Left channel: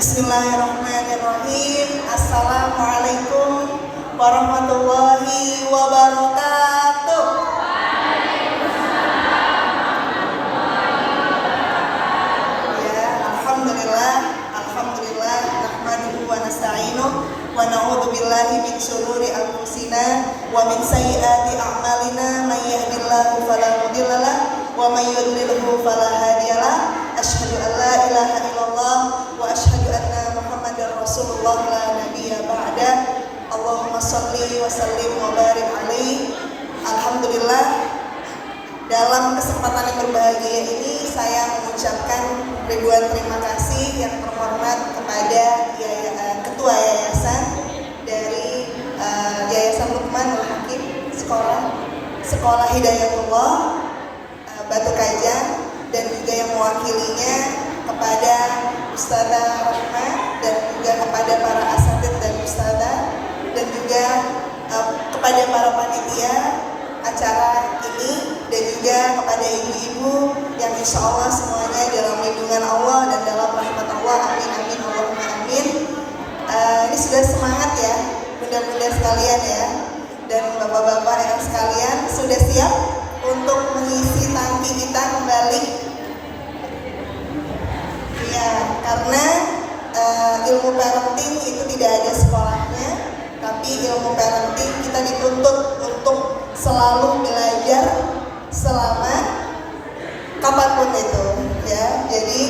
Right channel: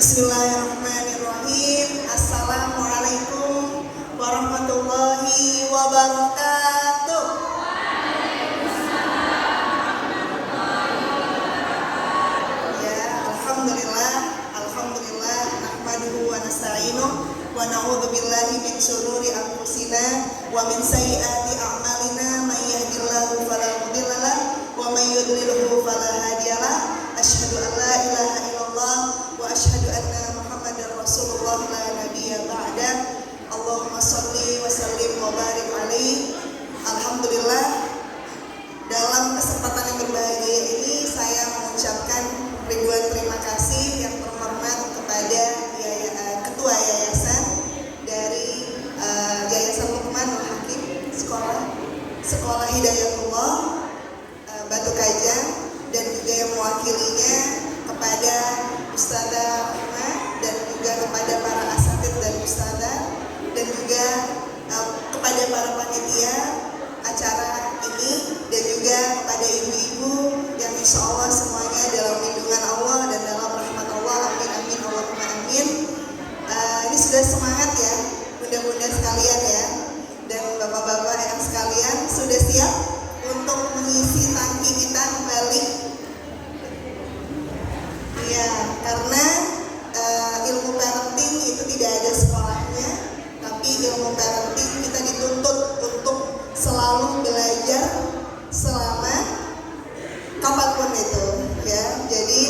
Bismillahirrahmanirrahim. Assalamualaikum warahmatullahi wabarakatuh. Ya, alhamdulillah, nahmaduhu wa nasta'inuh wa na'udzu billahi min syururi anfusina wa min sayyiati a'malina may yahdihillahu fala mudilla lahu wa may yudlilhu fala hadiyalah. Asyhadu an la ilaha illallah wa asyhadu anna Muhammadar Rasulullah la nabiyya ba'da. Allahumma shalli wa sallim wa barik alaihi. Alhamdulillah, dalam kesempatan yang berbahagia ini saya mengucapkan ribuan terima kasih yang terhormat kepada Ketua Yayasan dari Yayasan Luqmanul Hakim Sekolah Hidayatullah Batu Kajang, dan juga yang mewakilinya kepada Ustazah Rahma dan juga kepada para asatidz dan ustazah, dan juga kepada para panitia acara ini, dan juga kepada ibu-ibu yang insya Allah semuanya dalam lindungan Allah dan dalam rahmat Allah. Amin amin Allahumma amin. Ini sudah semangat ya bunda-bunda sekalian ya, dan bapak-bapak yang sekalian sudah siap untuk mengisi tangki kita kembali. Ya, karena ilmu parenting itu tidak ada sekolahnya, tapi ilmu parenting kita dituntut untuk selalu belajar selama kapanpun itu ya. Jadi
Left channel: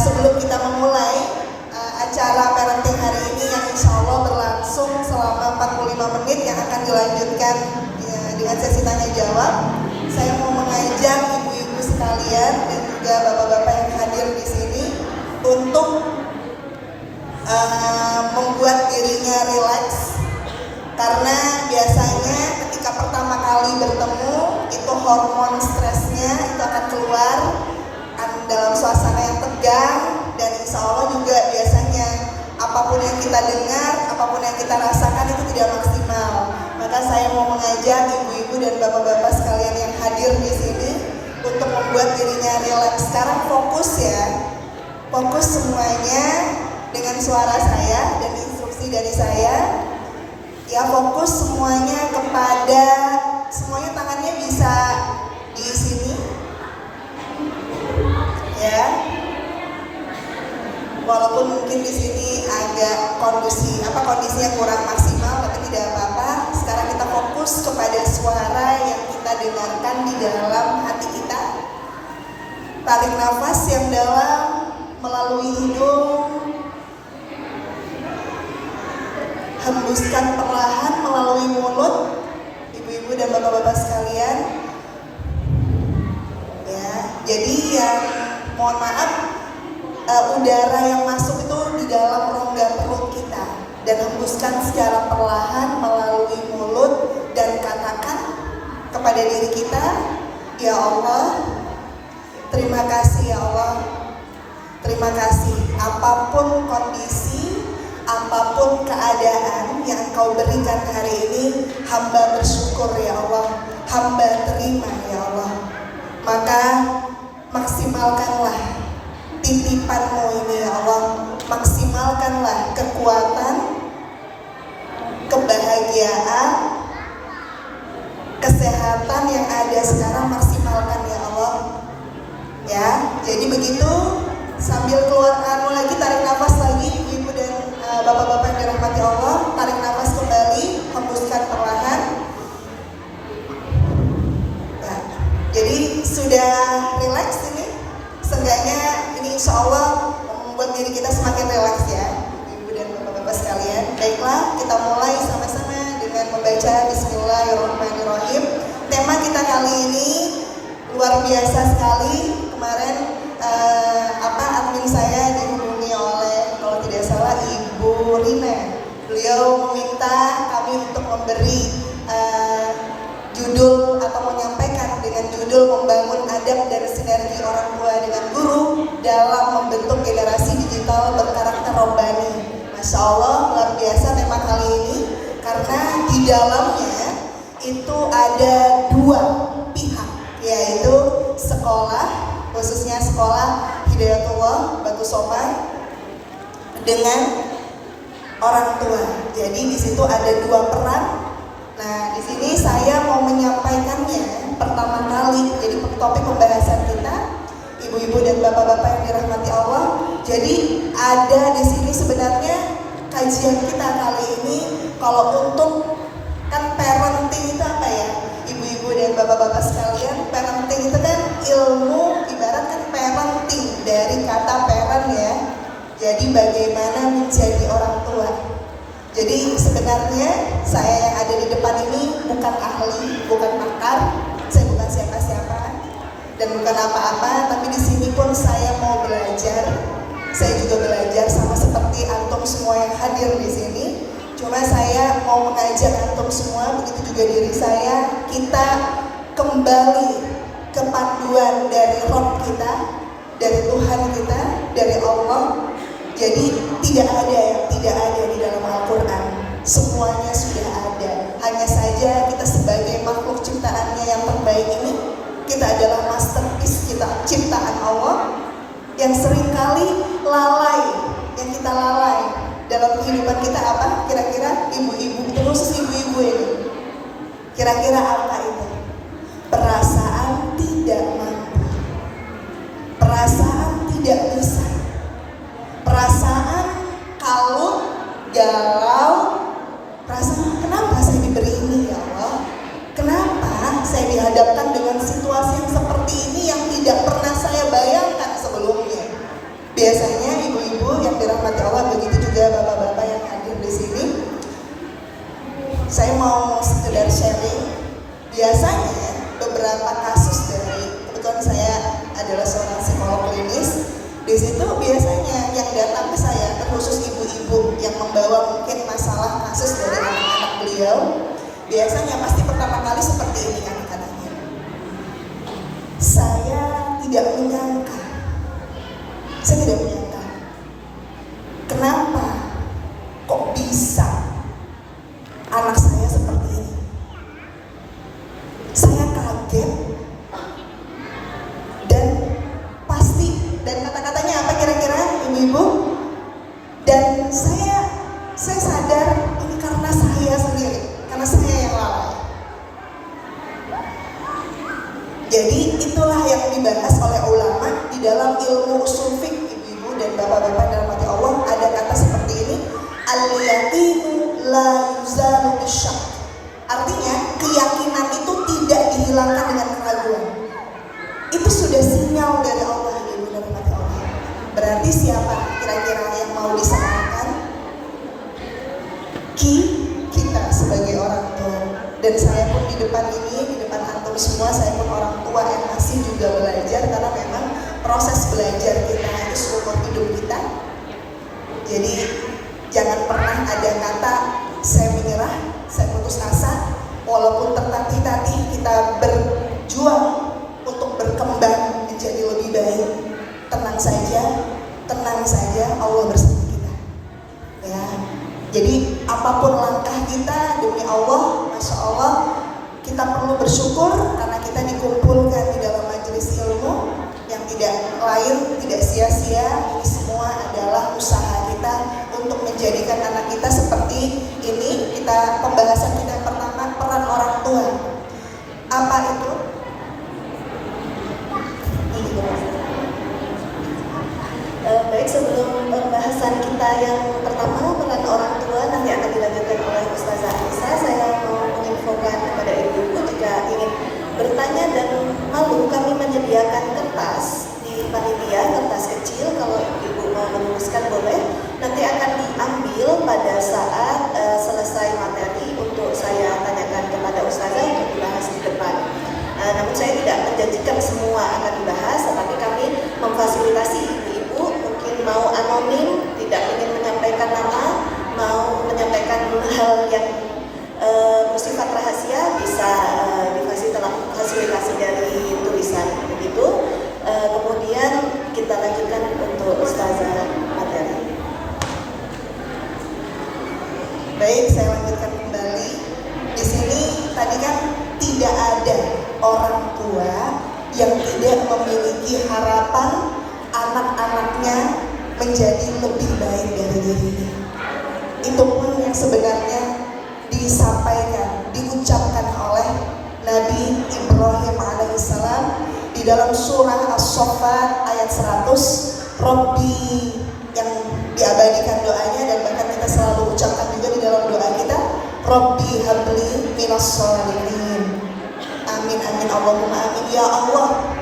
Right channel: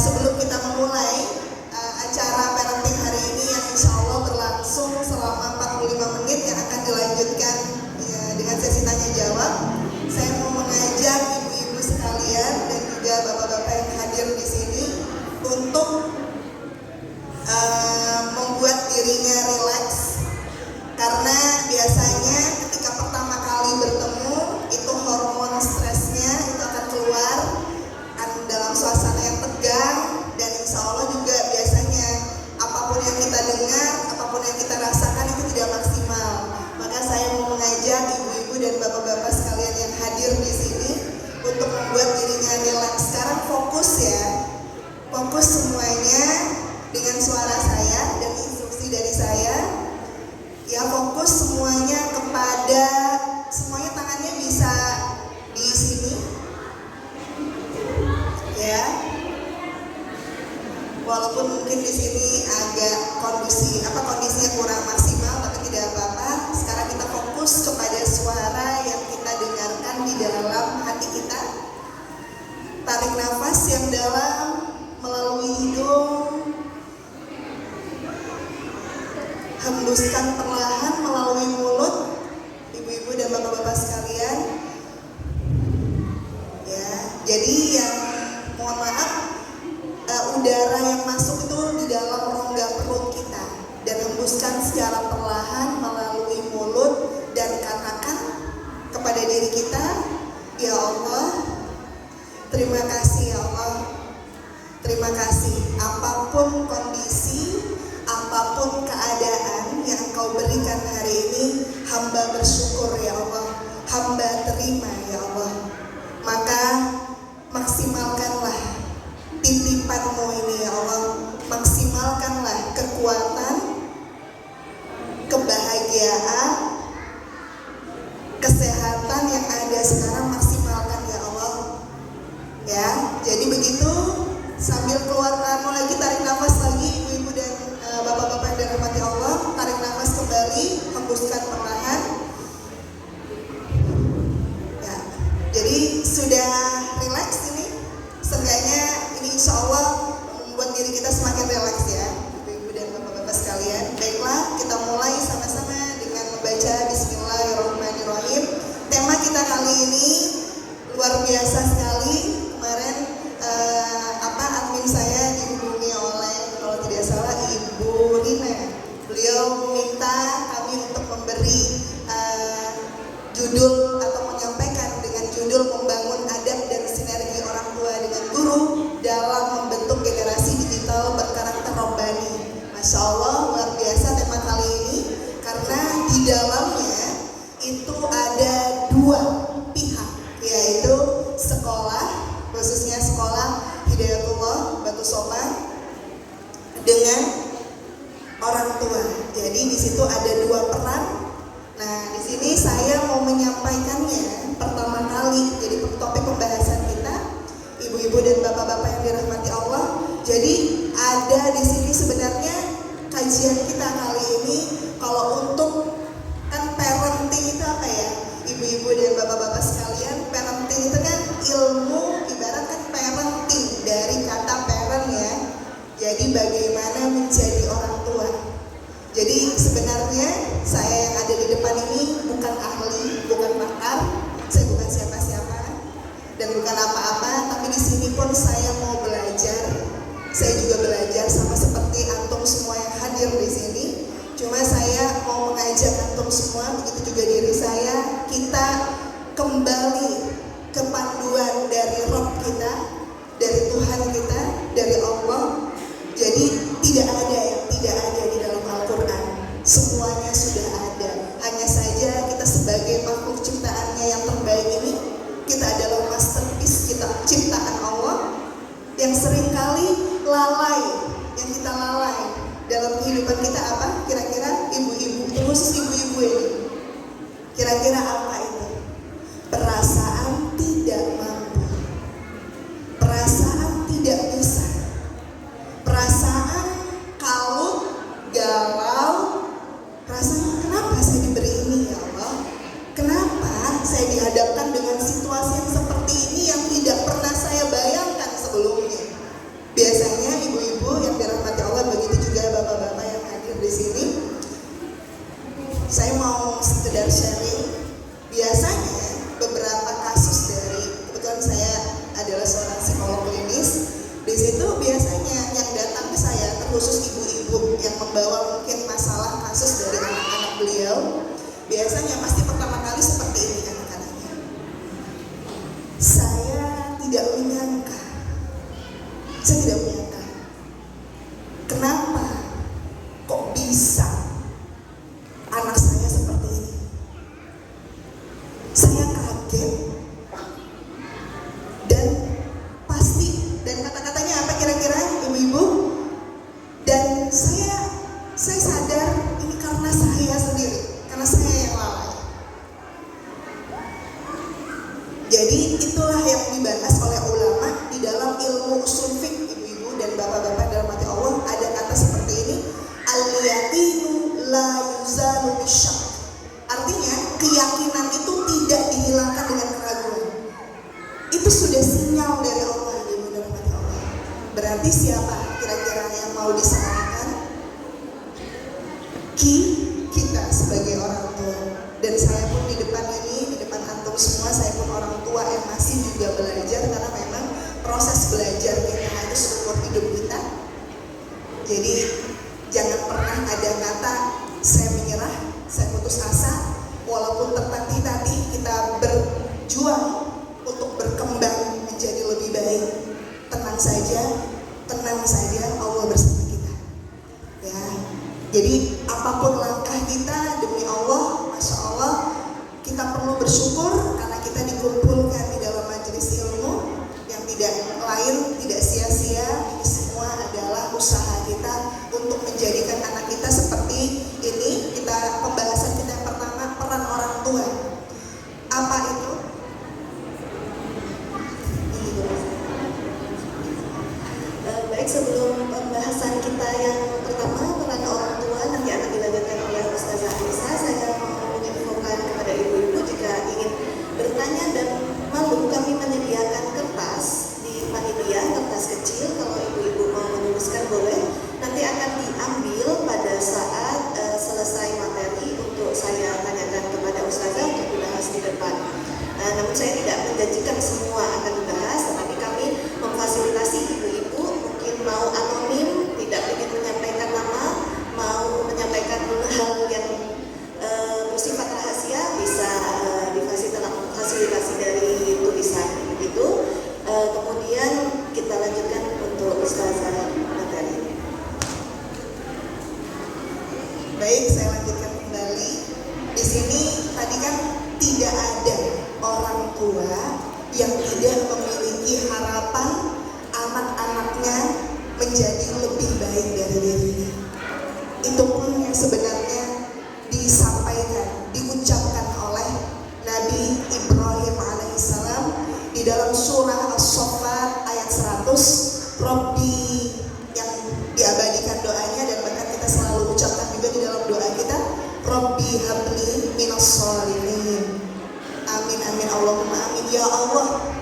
sebelum kita memulai acara parenting hari ini yang insya Allah berlangsung selama 45 menit yang akan dilanjutkan dengan sesi tanya jawab, saya mau mengajak ibu-ibu sekalian dan juga bapak-bapak yang hadir di sini untuk membuat dirinya rileks, karena biasanya ketika pertama kali bertemu itu hormon stresnya itu akan keluar dalam suasana yang tegang, dan insya Allah juga biasanya apapun yang kita dengar, apapun yang kita rasakan itu tidak maksimal. Maka saya mau mengajak ibu-ibu dan bapak-bapak sekalian yang hadir di sini untuk membuat dirinya rileks. Sekarang fokus ya, fokus semuanya dengan suara saya dan instruksi dari saya. Ya, fokus semuanya kepada, semuanya tangannya bisa di sini ya. Walaupun mungkin di sini agak kondisinya kurang maksimal, tapi tidak apa-apa. Sekarang kita fokus kepada suara yang kita dengarkan di dalam hati kita. Tarik nafas yang dalam melalui hidung, hembuskan perlahan melalui mulut, ibu-ibu dan bapak-bapak sekalian. Ya, jadi yang mohon maaf, udara yang masuk itu di dalam rongga perut kita, dan hembuskan secara perlahan melalui mulut dan katakan kepada diri kita, ya Allah, terima kasih ya Allah, terima kasih apapun kondisi, apapun keadaan yang Engkau beri dengan orang tua. Jadi di situ ada dua peran. Nah, di sini saya mau menyampaikannya pertama kali. Jadi topik pembahasan kita, ibu-ibu dan bapak-bapak yang dirahmati Allah. Jadi ada di sini sebenarnya kajian kita kali ini kalau untuk kan parenting itu apa ya? Ibu-ibu dan bapak-bapak sekalian, parenting itu kan ilmu, ibarat kan parenting dari kata parent ya. Jadi bagaimana menjadi orang tua. Jadi sebenarnya saya yang ada di depan ini bukan ahli, bukan pakar, saya bukan siapa-siapa dan bukan apa-apa, tapi di sini pun saya mau belajar. Saya juga belajar sama seperti antum semua yang hadir di sini. Cuma saya mau mengajak antum semua, begitu juga diri saya, kita kembali ke panduan dari Rabb kita, dari Tuhan kita, dari Allah. Jadi tidak ada yang tidak ada di dalam Al-Quran. Semuanya sudah ada. Hanya saja kita sebagai makhluk ciptaannya yang terbaik ini, kita adalah masterpiece kita, ciptaan Allah yang seringkali lalai, yang kita lalai dalam kehidupan kita apa? Kira-kira ibu-ibu, terus ibu-ibu ini, kira-kira apa itu? Perasaan tidak mampu, perasaan tidak bisa, perasaan kalau galau, perasaan kenapa saya diberi ini ya Allah? Kenapa saya dihadapkan dengan situasi yang seperti ini yang tidak pernah saya bayangkan sebelumnya? Biasanya ibu-ibu yang dirahmati Allah, begitu juga bapak-bapak yang hadir di sini. Saya mau sekedar sharing. Biasanya beberapa kasus dari, kebetulan saya adalah seorang psikolog klinis. Di situ biasanya yang datang ke saya, terkhusus ibu-ibu yang membawa mungkin masalah kasus dari anak-anak beliau, biasanya pasti pertama kali seperti ini anak-anaknya. Saya tidak menyangka. Saya tidak menyangka. Kenapa kok bisa anak saya seperti ini? Saya kaget dan pasti, dan kata-katanya apa kira-kira ibu-ibu? Dan saya sadar ini karena saya sendiri, karena saya yang lalai. Jadi itulah yang dibahas oleh ulama di dalam ilmu usul fiqh, ibu-ibu dan bapak-bapak dalam hati Allah, ada kata seperti ini, al-yaqinu la yuzalu bisyak. Artinya keyakinan itu tidak dihilangkan dengan keraguan. Itu sudah sinyal dari Allah, ibu dan bapak Allah. Berarti siapa kira-kira yang mau disalahkan? Kita sebagai orang tua. Dan saya pun di depan ini, di depan antum semua, saya pun orang tua yang masih juga belajar, karena memang proses belajar kita itu seumur hidup kita. Jadi jangan pernah ada kata saya menyerah, saya putus asa. Walaupun tertatih-tatih, kita berjuang untuk berkembang menjadi lebih baik. Tenang saja, Allah bersama kita. Ya, jadi apapun langkah kita demi Allah, masya Allah, kita perlu bersyukur karena kita dikumpulkan di dalam majelis ilmu yang tidak lain, tidak sia-sia. Ini semua adalah usaha kita untuk menjadikan anak kita seperti ini. Pembahasan kita yang pertama, peran orang tua. Apa itu? Baik, sebelum pembahasan kita yang pertama, peran orang tua, nanti akan dilanjutkan oleh Ustazah Anissa. Saya mau menginfokan kepada ibu-ibu, jika ingin bertanya dan malu, kami menyediakan kertas di panitia, kertas kecil. Kalau ibu-ibu mau menuliskan boleh, nanti akan diambil pada saat selesai materi untuk saya tanyakan kepada Ustazah untuk dibahas di depan. Namun saya tidak menjanjikan semua akan dibahas, tetapi kami memfasilitasi ibu-ibu mungkin mau anonim, tidak ingin menyampaikan nama, mau menyampaikan hal yang bersifat rahasia, bisa difasilitasi dari tulisan begitu. Kemudian kita lanjutkan untuk Ustazah materi. Baik, saya lanjutkan kembali. Di sini tadi kan tidak ada orang tua yang tidak memiliki harapan anak-anaknya menjadi lebih baik dari dirinya. Itu pun yang sebenarnya disampaikan, diucapkan oleh Nabi Ibrahim alaihissalam di dalam surah As-Saffat ayat 100. Rabbi, yang diabadikan doanya dan bahkan kita selalu ucapkan juga di dalam doa kita, Rabbi habli minas sholihin. Amin amin Allahumma amin. Ya Allah,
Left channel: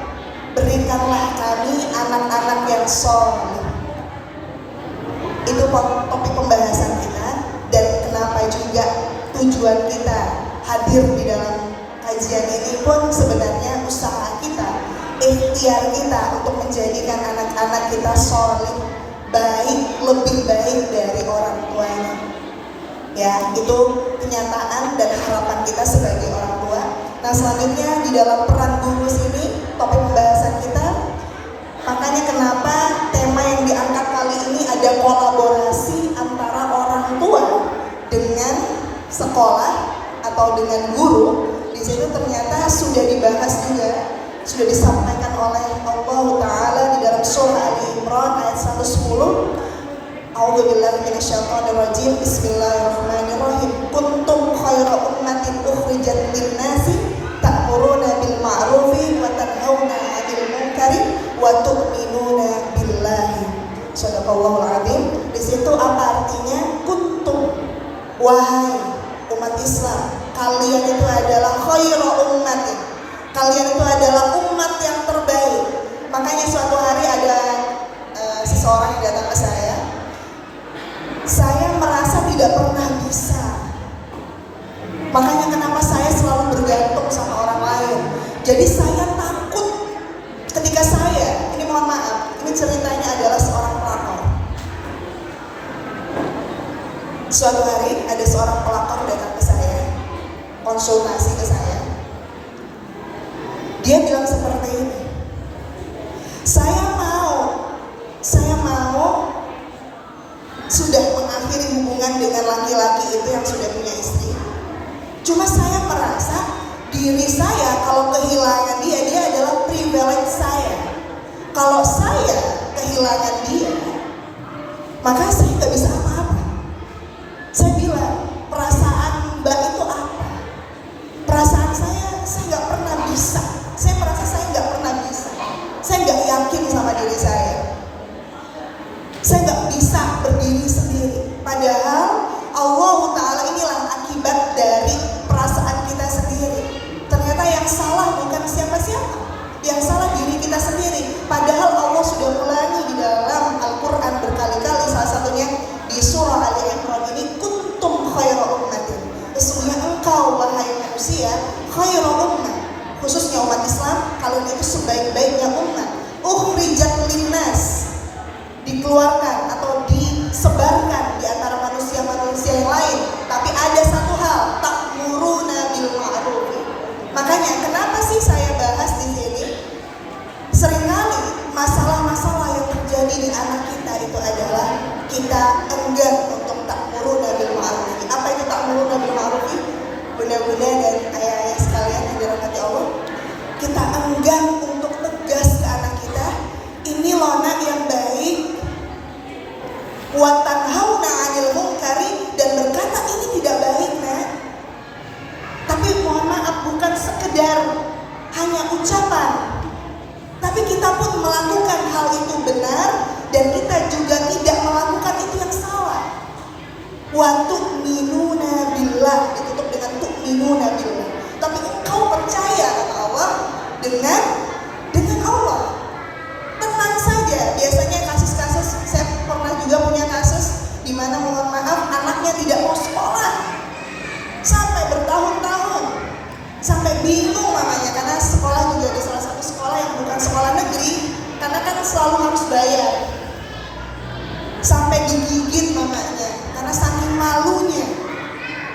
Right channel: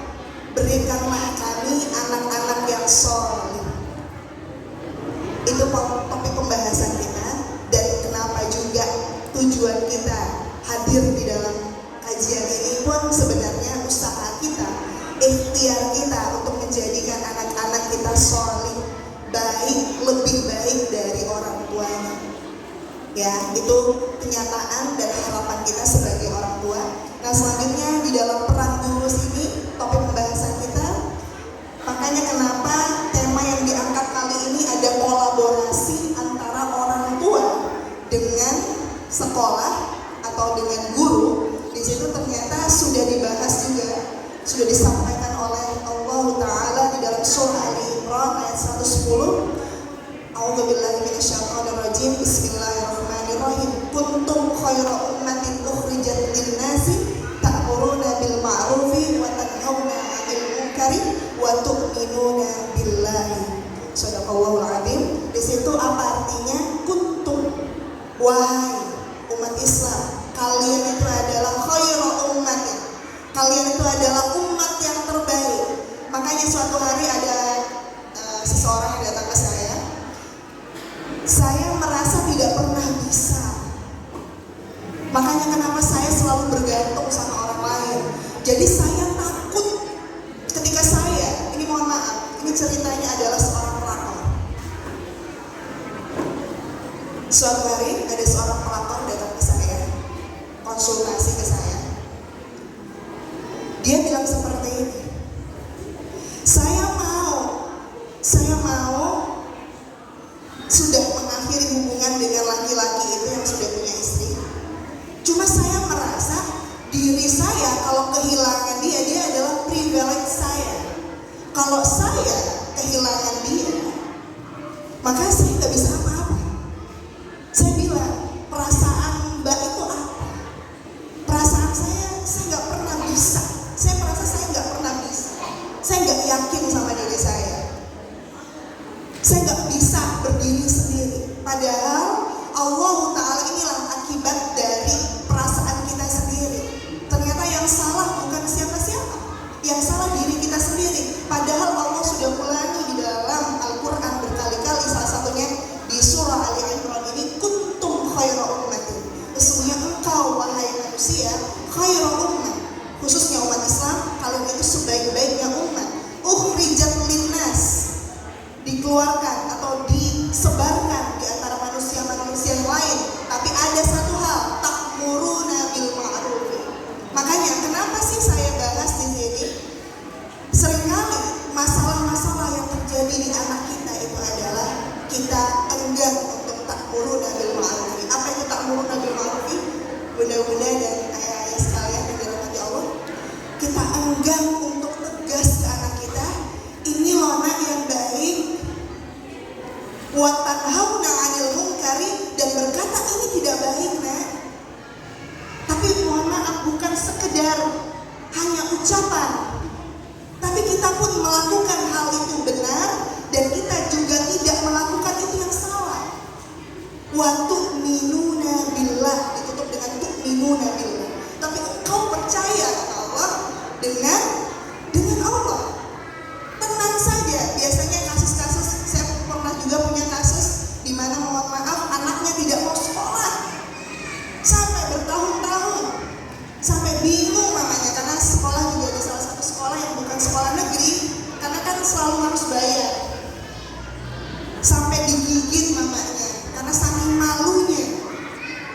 berikanlah kami anak-anak yang soleh. Itu topik pembahasan kita, dan kenapa juga tujuan kita hadir di dalam kajian ini pun sebenarnya usaha kita, ikhtiar kita untuk menjadikan anak-anak kita soleh, baik, lebih baik dari orang tuanya. Ya, itu kenyataan dan harapan kita sebagai orang tua. Nah, selanjutnya di dalam peran guru sini, topik pembahasan kita. Makanya kenapa tema yang diangkat kali ini ada kolaborasi antara orang tua dengan sekolah atau dengan guru. Di situ ternyata sudah dibahas juga, sudah disampaikan oleh Allah Ta'ala di dalam surah Ali Imran ayat 110. A'udzubillahi minasyaitonirrajim. Bismillahirrahmanirrahim. Kuntum khayra ummatin ukhrijat lin-nasi ta'muruna bil ma'rufi wa tanhauna 'anil munkari wa tu'minuna billahi. Shadaqallahul 'adzim. Di situ apa artinya kuntum? Wahai umat Islam, kalian itu adalah khayra ummatin. Kalian itu adalah umat yang terbaik. Makanya suatu hari ada seseorang yang datang ke saya merasa tidak pernah bisa. Makanya kenapa saya selalu bergantung sama orang lain. Jadi saya takut ketika saya, ini mohon maaf, ini ceritanya adalah seorang pelakor. Suatu hari ada seorang pelakor datang ke saya, konsultasi ke saya. Dia bilang seperti ini, saya mau sudah mengakhiri hubungan dengan laki-laki itu yang sudah punya istri. Cuma saya merasa diri saya kalau kehilangan dia adalah privilege saya. Kalau saya kehilangan dia, maka saya nggak bisa apa-apa. Saya bilang, perasaan Mbak itu apa? Perasaan saya nggak pernah bisa. Saya merasa saya nggak pernah bisa. Saya nggak yakin sama diri saya. Saya nggak bisa berdiri sendiri. Padahal Allah Ta'ala inilah akibat dari perasaan kita sendiri. Ternyata yang salah bukan siapa-siapa, yang salah diri kita sendiri. Padahal Allah sudah ulangi di dalam Al-Quran berkali-kali, salah satunya di surah Ali Imran ini, kuntum khayra ummatin. Sesungguhnya engkau wahai manusia khayra ummah, khususnya umat Islam, kalian itu sebaik-baiknya umat. Ukhrijat linnas, dikeluarkan atau disebarkan di antara manusia-manusia yang lain. Tapi ada satu hal, ta'muruna bil ma'ruf. Makanya kenapa sih saya bahas di sini? Seringkali masalah-masalah yang terjadi di anak kita itu adalah kita enggan untuk ta'muruna bil ma'ruf. Apa itu ta'muruna bil ma'ruf? Bunda-bunda dan ayah-ayah sekalian yang dirahmati Allah, kita enggan untuk tegas ke anak kita, ini loh nak yang baik, wa tanhauna 'anil munkari, dan berkata ini tidak baik nak. Tapi mohon maaf, bukan sekedar hanya ucapan, tapi kita pun melakukan hal itu benar, dan kita juga tidak melakukan itu yang salah. Wa tu'minuna billah, ditutup dengan tu'minuna billah. Tapi engkau percaya Allah dengan Allah. Tenang saja. Biasanya kasus-kasus, saya pernah juga punya kasus di mana mohon maaf anaknya tidak mau sekolah sampai bertahun-tahun, sampai bingung mamanya, karena sekolah juga ada salah satu sekolah yang bukan sekolah negeri, karena kan selalu harus bayar. Sampai digigit mamanya karena saking malunya.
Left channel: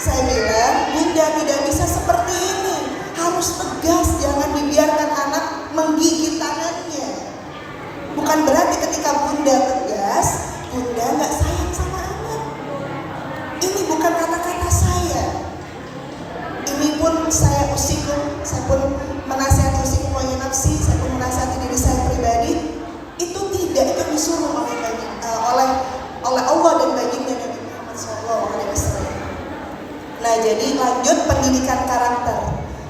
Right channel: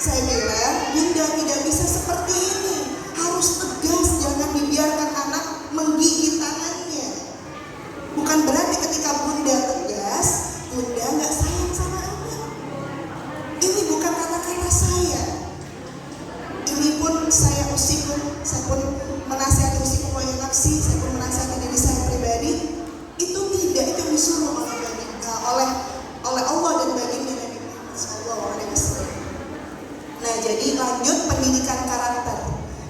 Saya bilang, bunda tidak bisa seperti ini, harus tegas, jangan dibiarkan anak menggigit tangannya. Bukan berarti ketika bunda tegas, bunda nggak sayang sama anak. Ini bukan Jadi lanjut pendidikan karakter.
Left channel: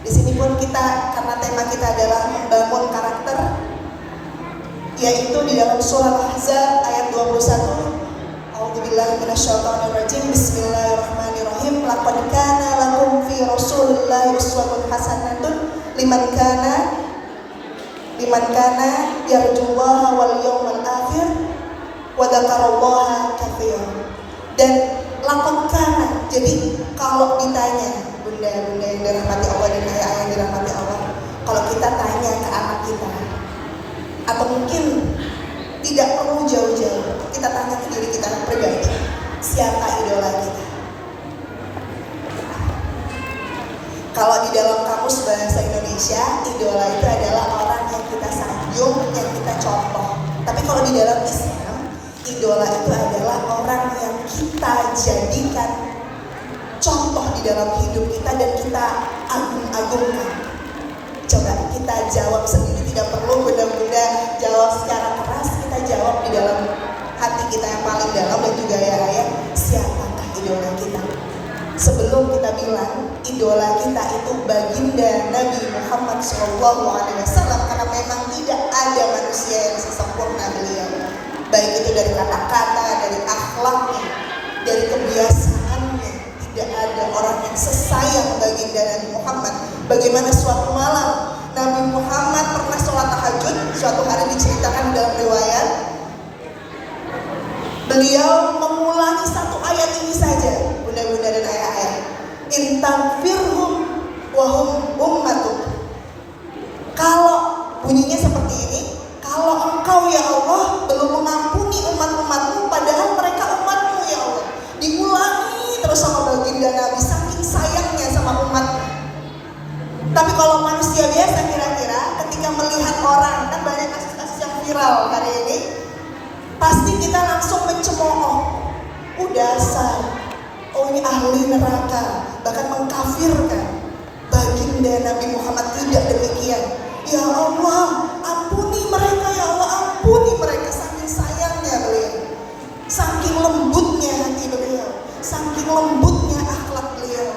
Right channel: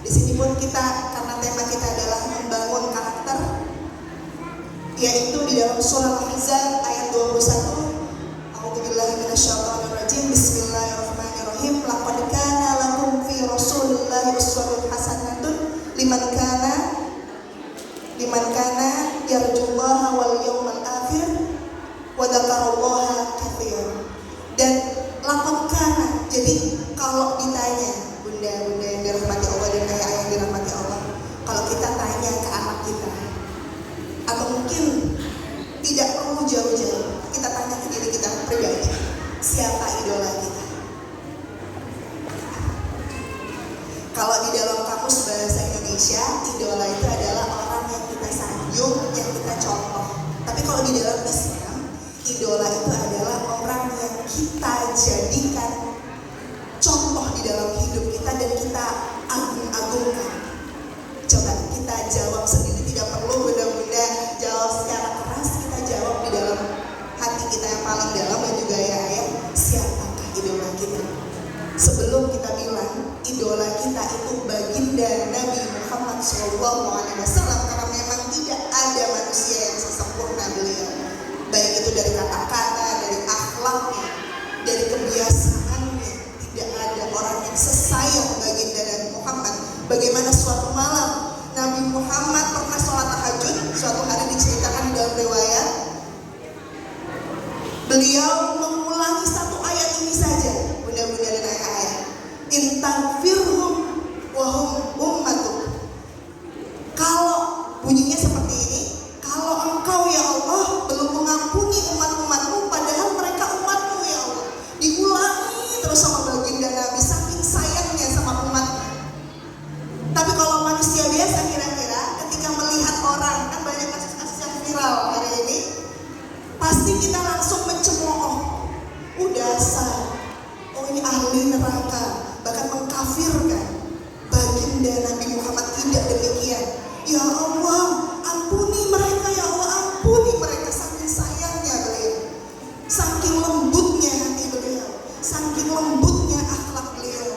Di sini pun kita, karena tema kita adalah membangun karakter, yaitu di dalam surah Al-Ahzab ayat 21. A'udzubillahi minasyaitonirrajim. Bismillahirrahmanirrahim. Laqad kana lakum fi Rasulillahi uswatun hasanatun liman kana yarjullaha wal yawmal akhir wa dzakarallaha katsiran. Dan laqad kana, jadi kalau ditanya bunda-bunda yang dirahmati Allah dan ayah yang dirahmati Allah, kalau kita tanya ke anak kita, atau mungkin tidak perlu jauh-jauh, kita tanya ke diri kita pribadi, siapa idola kita? Kalau di dalam kamus bahasa Indonesia, idola itu adalah orang yang kita sanjung, yang kita contoh. Tapi kalau di dalam Islam, idola itu adalah orang yang kita jadikan contoh di dalam hidup kita dan kita agung-agungkan. Coba kita jawab sendiri, tidak perlu bunda-bunda jawab secara keras, kita jawab di dalam hati kita yang paling dalam dan juga ya, siapakah idola kita? Sebelum kita bilang idola kita itu baginda Nabi Muhammad SAW, karena memang tidak ada manusia yang sesempurna beliau, baik itu dari kata-kata, dari akhlaknya, dari kebiasaannya. Tidak ada orang yang sesayang baginda Nabi Muhammad. Bagaimana suatu malam Nabi Muhammad pernah sholat tahajud. Suatu hari diceritakan dalam riwayat, beliau mengulangi satu ayat ini saja, bunda-bunda dan ayah-ayah. Intaghfirhum wa hum ummatuk. Kalau bunyinya seperti ini, kalau engkau ya Allah belum mengampuni umat-umatmu padahal mereka umatmu ya Allah. Diulangi terus sama baginda Nabi saking sayangnya sama umatnya. Tapi kalau manusia biasa kira-kira ketika melihat orang, kan banyak kasus-kasus yang viral hari ini, pasti kita langsung mencemooh, dasar, oh ini ahli neraka, bahkan mengkafirkan baginda Nabi Muhammad. Tidak demikian. Ya Allah, ampuni mereka ya Allah, ampuni mereka. Saking sayangnya beliau, saking lembutnya hati beliau, saking lembutnya akhlak beliau.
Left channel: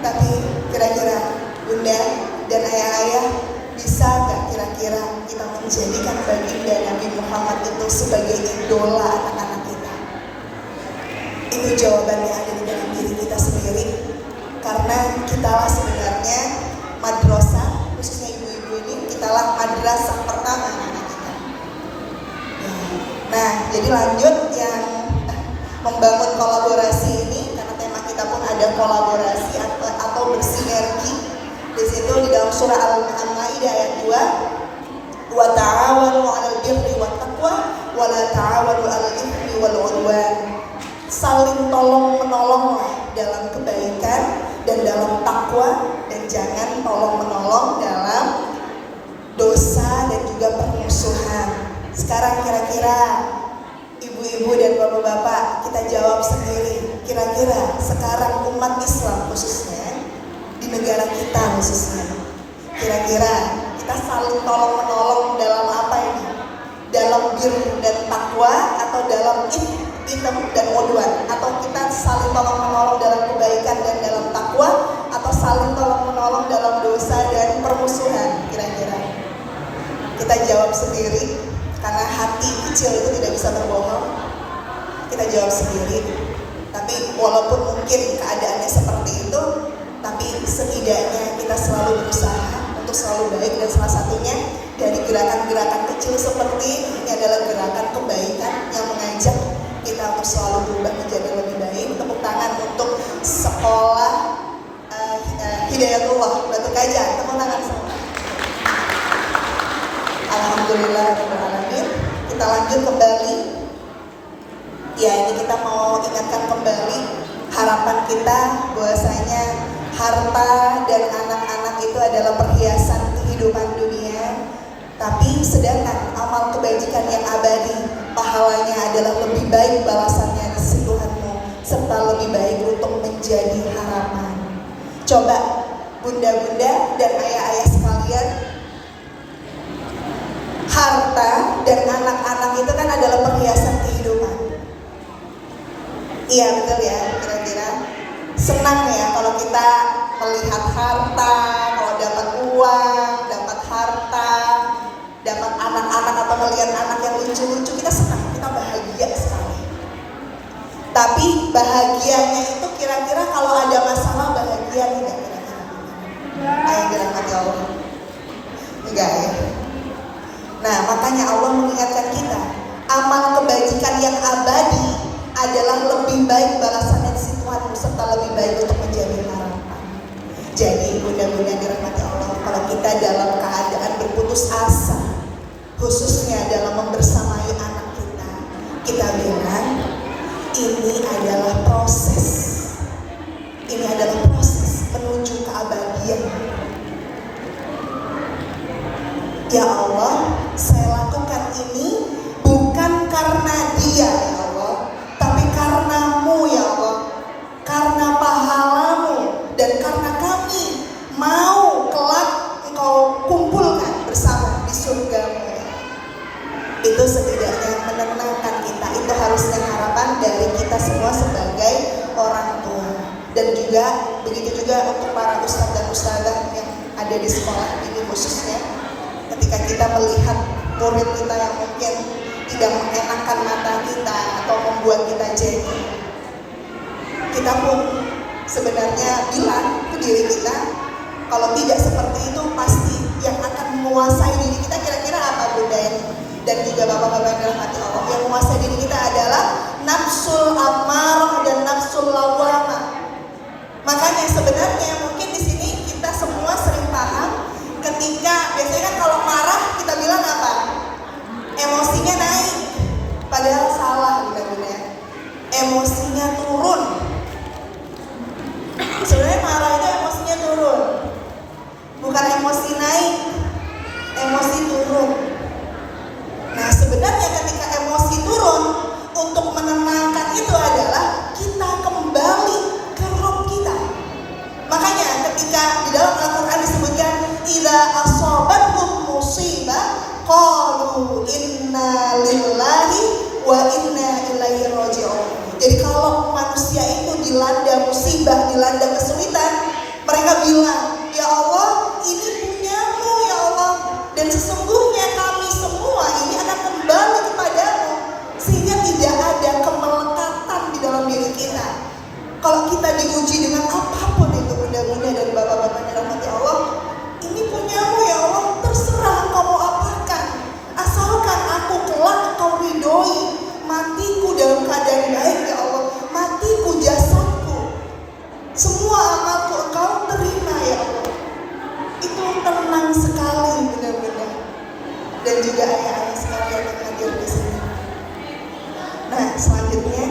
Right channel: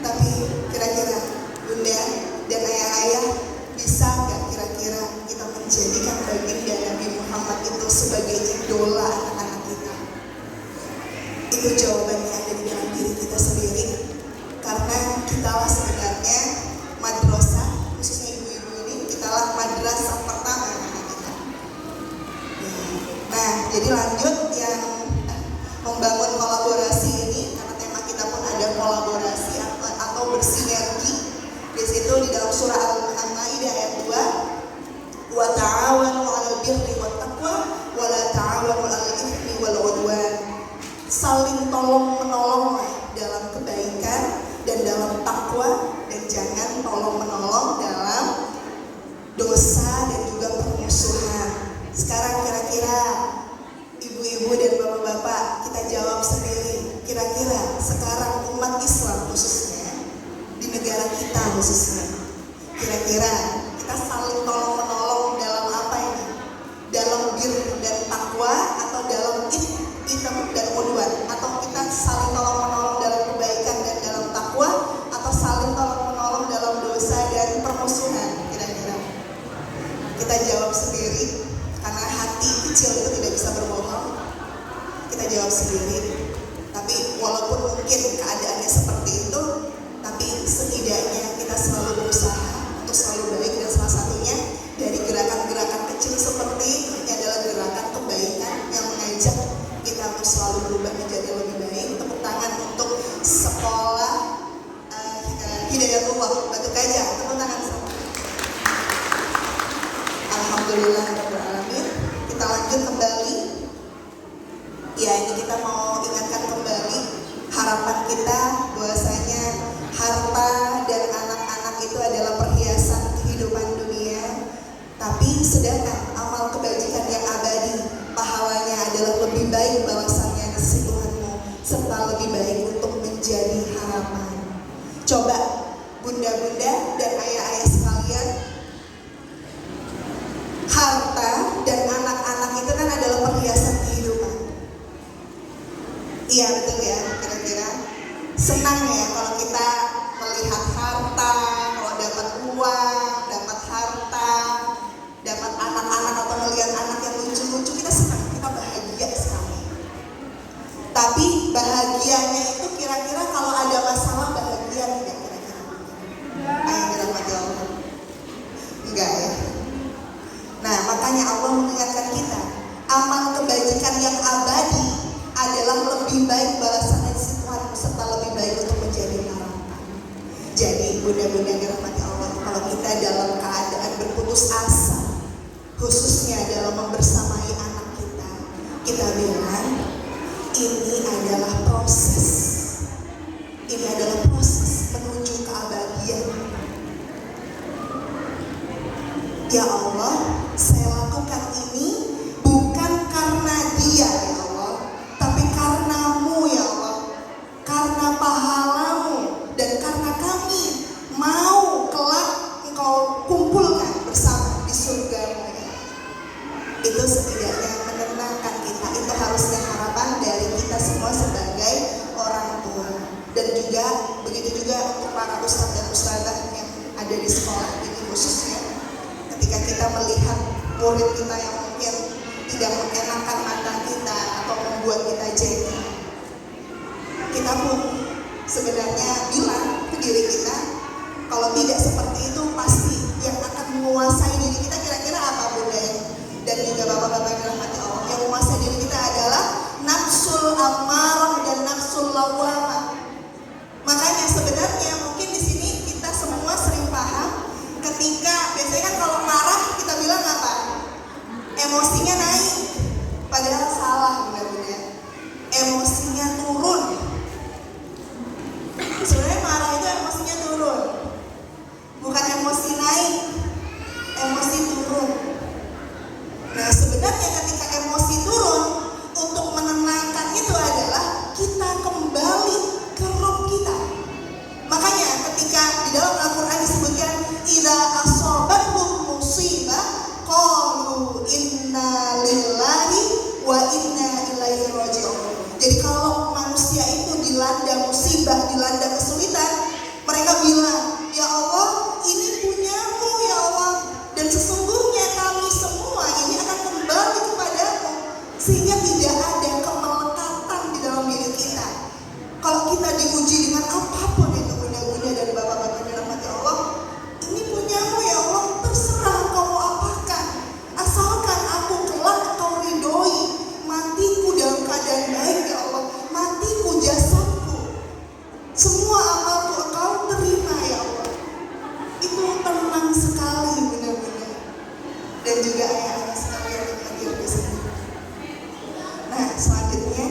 Tapi kira-kira bunda dan ayah-ayah, bisa gak kira-kira kita menjadikan baginda Nabi Muhammad itu sebagai idola anak-anak kita? Itu jawabannya ada di dalam diri kita sendiri. Karena kitalah sebenarnya madrasah, khususnya ibu-ibu ini, kitalah madrasah pertama anak kita. Nah, jadi lanjut yang membangun kolaborasi ini, karena tema kita pun ada kolaborasi atau bersinergi. Di situ di dalam surah Al-Maidah ayat 2, wa ta'awanu 'alal birri wat taqwa wa la ta'awanu 'alal itsmi wal 'udwan. Saling tolong-menolonglah dalam kebaikan dan dalam takwa, dan jangan tolong-menolong dalam dosa dan juga permusuhan. Sekarang kira-kira ibu-ibu dan bapak-bapak, kita jawab sendiri. Kira-kira sekarang umat Islam khususnya, di negara kita khususnya, kira-kira kita saling tolong-menolong dalam apa ini? Dalam birr dan takwa, atau dalam ithm dan udwan? Atau kita saling tolong-menolong dalam kebaikan dan dalam takwa, atau saling tolong-menolong dalam dosa dan permusuhan? Kira-kira kita jawab sendiri, karena hati kecil itu tidak bisa berbohong. Kita jawab sendiri. Tapi walaupun mungkin keadaannya seperti itu, tapi setidaknya kita selalu berusaha untuk selalu baik, dan salah satunya dari gerakan-gerakan kecil seperti ini adalah gerakan kebaikan yang mengajak kita untuk selalu berubah menjadi lebih baik. Tepuk tangan untuk sekolah Hidayatullah Batu Gajah. Tepuk tangan semua. Alhamdulillah. Kita lanjut kembali. Ya, ini kita mau ingatkan kembali harapan kita bahwasanya harta dan anak-anak itu adalah perhiasan kehidupan dunia. Tapi sedangkan amal kebajikan yang abadi, pahalanya adalah lebih baik balasannya di sisi Tuhanmu, serta lebih baik untuk menjadi harapan. Coba bunda-bunda dan ayah-ayah sekalian, harta dan anak-anak itu kan adalah perhiasan kehidupan. Iya betul ya, kira-kira senang ya kalau kita Tapi bahagianya itu kira-kira kalau ada masalah bahagia tidak kira-kira? Ayo dirahmati Allah. Enggak ya. Nah, makanya Allah mengingatkan kita, amal kebajikan yang abadi adalah lebih baik balasan di sisi Tuhan serta lebih baik untuk menjamin harapan. Jadi mudah-mudahan dirahmati Allah, kalau kita dalam keadaan berputus asa, khususnya dalam membersamai anak kita bilang ini adalah proses. Ini adalah proses menuju keabadian. Ya Allah, saya lakukan ini bukan karena dia ya Allah, tapi karenamu ya Allah, karena pahalamu dan karena kami mau kelak Engkau kumpulkan bersama di surga-Mu. Itu setidaknya menenangkan kita. Itu harusnya harapan dari kita semua sebagai orang tua. Dan juga begitu juga untuk para ustadz dan ustadzah yang ada di sekolah ini khususnya, ketika kita melihat murid kita yang mungkin tidak mengenakan mata kita atau membuat kita jengkel, kita pun sebenarnya bilang ke diri kita, kalau tidak seperti itu pasti yang akan menguasai diri kita kira-kira apa Bunda ya? Dan juga bapak-bapak yang dirahmati Allah, yang menguasai diri kita adalah nafsul ammar dan nafsul lawwamah. Makanya sebenarnya mungkin di sini kita semua sering paham ketika biasanya kan kalau marah kita bilang apa? Emosinya naik. Padahal salah benar-benar. Emosinya turun. Sebenarnya marah itu emosinya turun. Bukan emosi naik, emosi turun. Nah sebenarnya ketika emosi turun, untuk menenangkan itu adalah kita kembali ke roh kita. Makanya ketika di dalam Al-Quran disebutkan idza asabathum musibah qalu inna lillahi wa inna ilaihi raji'un. Jadi kalau manusia itu dilanda musibah, dilanda kesulitan, mereka bilang, ya Allah, ini punyamu ya Allah, dan sesungguhnya kami semua ini akan kembali kepadamu, sehingga tidak ada kemelekatan di dalam diri kita. Kalau kita diuji dengan apapun itu, mudah-mudahan dari bapak-bapak dirahmati Allah, ini punyamu ya Allah, terserah engkau mau apakan, asalkan aku kelak engkau ridhoi, matiku dalam keadaan baik ya Allah, matiku jasadku, semua amalku engkau terima ya Allah. Itu tenang sekali benar-benar. Dan juga ayah-ayah sekalian yang hadir di sini. Nah selanjutnya,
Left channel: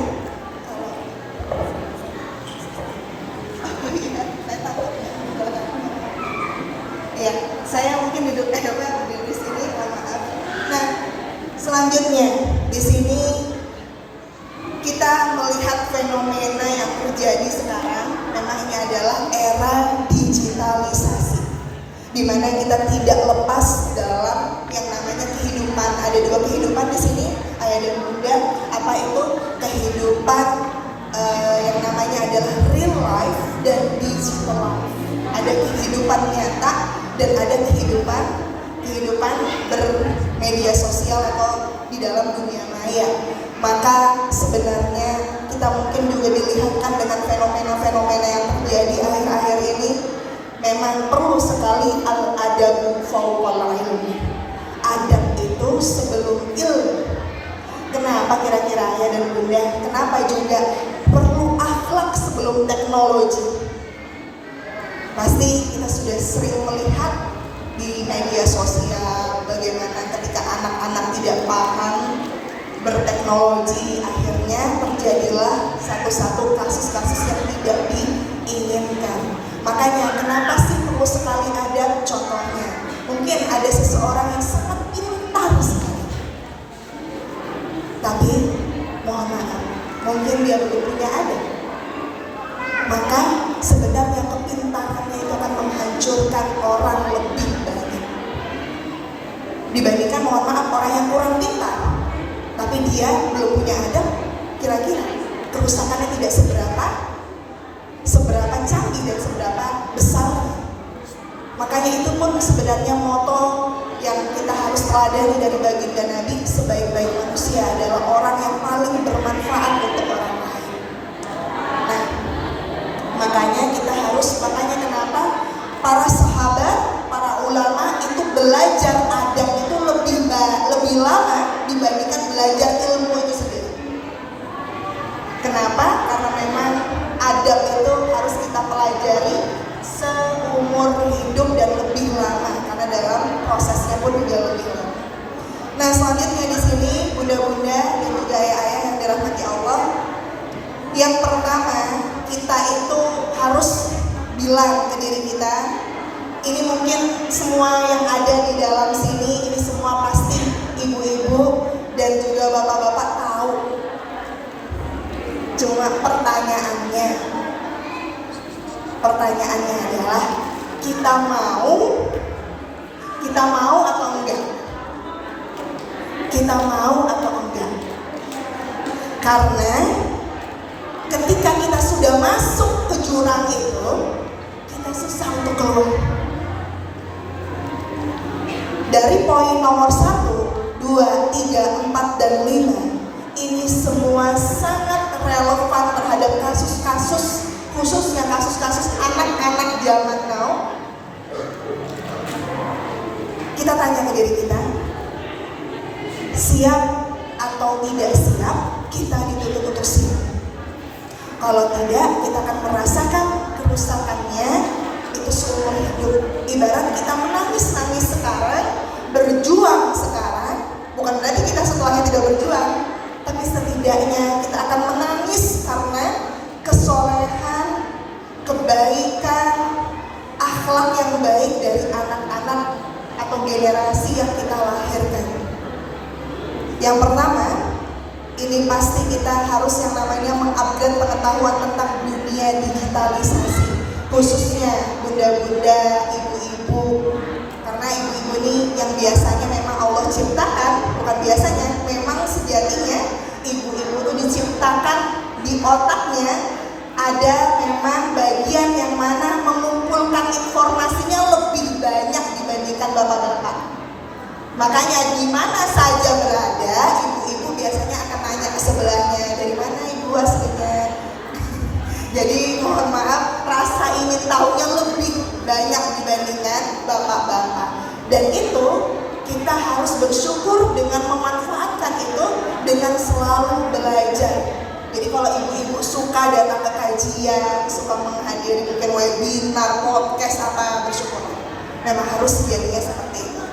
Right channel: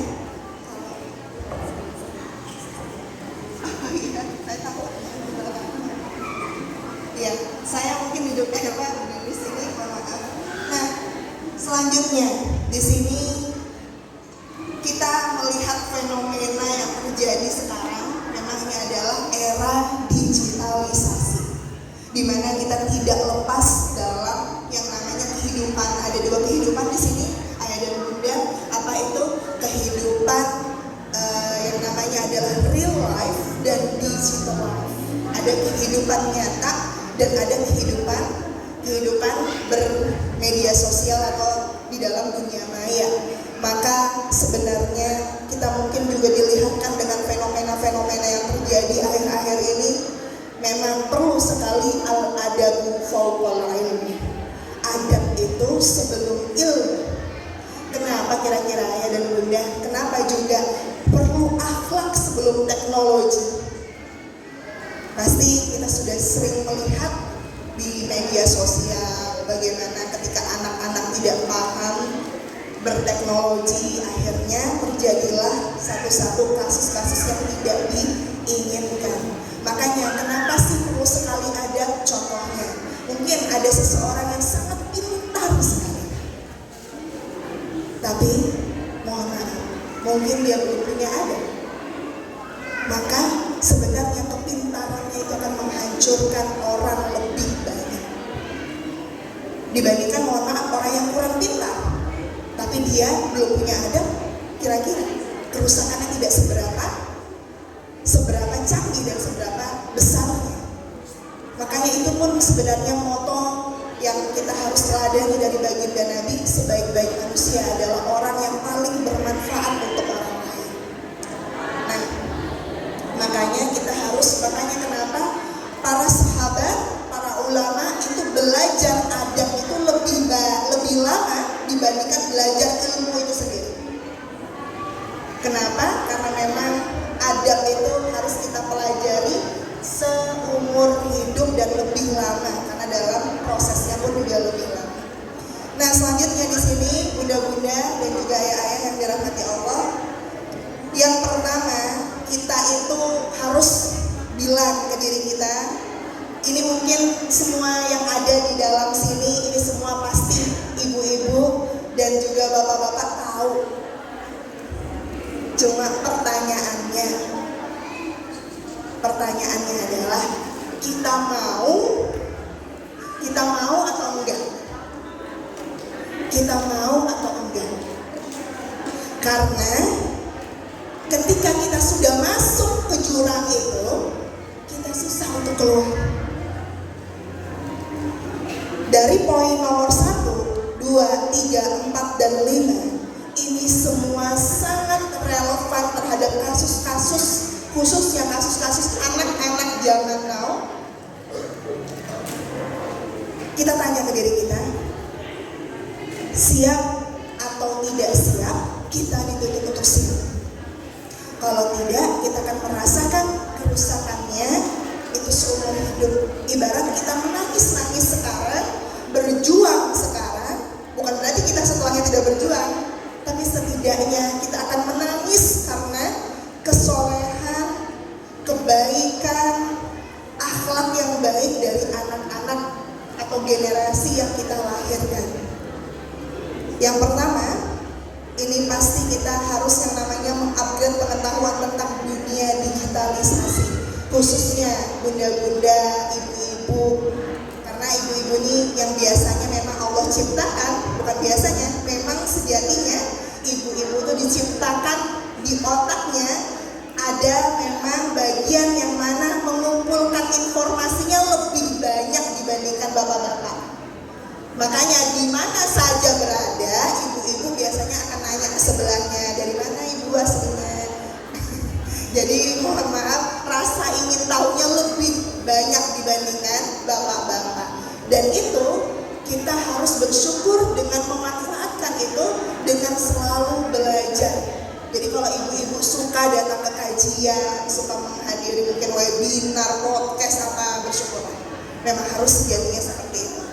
ya saya mungkin duduk di sini, maaf. Nah selanjutnya di sini kita melihat fenomena yang terjadi sekarang. Memang ini adalah era digitalisasi, di mana kita tidak lepas dalam yang namanya kehidupan. Ada dua kehidupan di sini, ayah dan bunda. Apa itu? Kehidupan yang namanya adalah real life dan digital life. Ada kehidupan nyata dan ada kehidupan bermedia sosial atau di dalam dunia maya. Maka sebenarnya kita mungkin juga dilihatkan dengan fenomena-fenomena yang terjadi akhir-akhir ini. Memang perlu sekali al-adabu fawqal ilmi. Adab itu sebelum ilmu. Kenapa kira-kira ayah dan bunda? Kenapa juga perlu akhlak sebelum teknologi? Pasti kita sudah sering melihat di media sosial bagaimana ketika anak-anak tidak paham berteknologi, akhirnya terjadilah satu-satu kasus-kasus yang tidak diinginkan. Makanya kenapa sih perlu sekali ada contohnya? Mungkin ada seseorang yang sangat pintar sekali, tapi mohon maaf, mungkin dia belum punya adab. Maka sebenarnya kepintarannya itu akan menghancurkan orang lebih banyak dibandingkan mohon maaf orang yang kurang pintar tapi dia belum punya adab. Kira-kira kerusakannya tidak seberapa canggih dan seberapa besar. Makanya itu pun sebenarnya moto yang kita harus teladani dari baginda Nabi, sebaik-baik manusia adalah orang yang paling bermanfaat untuk orang lain. Kenapa? Karena memang adab itu harus kita pelajari seumur hidup dan lebih lama, karena dalam prosesnya pun juga lebih lama. Nah, selanjutnya di sini bunda-bunda dan juga ayah-ayah yang dirahmati Allah, yang pertama kita itu harus bilang ke diri kita, ini mungkin semua yang ada di dalam sini, ini semua pasti ibu-ibu dan juga bapak-bapak tahu. Cuma pertanyaannya adalah kita mau atau enggak? Kita mau atau enggak? Karena ketika kita sudah masuk ke jurang itu, kita susah untuk keluar. Dari poin nomor 1, 2, 3, 4, dan 5, ini semua sangat relevan terhadap kasus-kasus, khususnya kasus-kasus anak-anak zaman now. Kita tanya ke diri kita, siap atau tidak siap kita dituntut untuk siap. Kalau tidak, kita akan merasakan kerusakannya itu seumur hidup. Ibarat kita menangis-nangis sekarang, berjuang sekarang, bukan berarti kita setelahnya tidak berjuang, tapi setidaknya kita akan menangis karena kesolehan, kebaikan, akhlak yang baik dari anak-anak atau generasi yang kita lahirkan. Yang pertama, ini pasti kita harus yang namanya mengupgrade pengetahuan tentang dunia digitalisasi, khususnya bunda-bunda, ibu-ibu, karena ibu-ibu ini yang biasanya memang Allah ciptakan, bukan biasanya, memang sejatinya ibu-ibu itu diciptakan di otaknya ada memang bagian yang mana mengumpulkan informasinya lebih banyak dibandingkan bapak-bapak. Makanya di mana saja berada, ibu-ibu biasanya akan nanya ke sebelahnya, dari mana ibu aslinya. Jadi mohon maaf, rasa ingin tahunya lebih banyak dibandingkan bapak-bapak. Dan itu kita harus bersyukur dengan memanfaatkan itu dengan selalu belajar. Jadi kalau ibu-ibu suka datang ke kajian, suka menghadiri mungkin webinar, podcast, apa, bersyukur. Memang harus sejatinya seperti itu.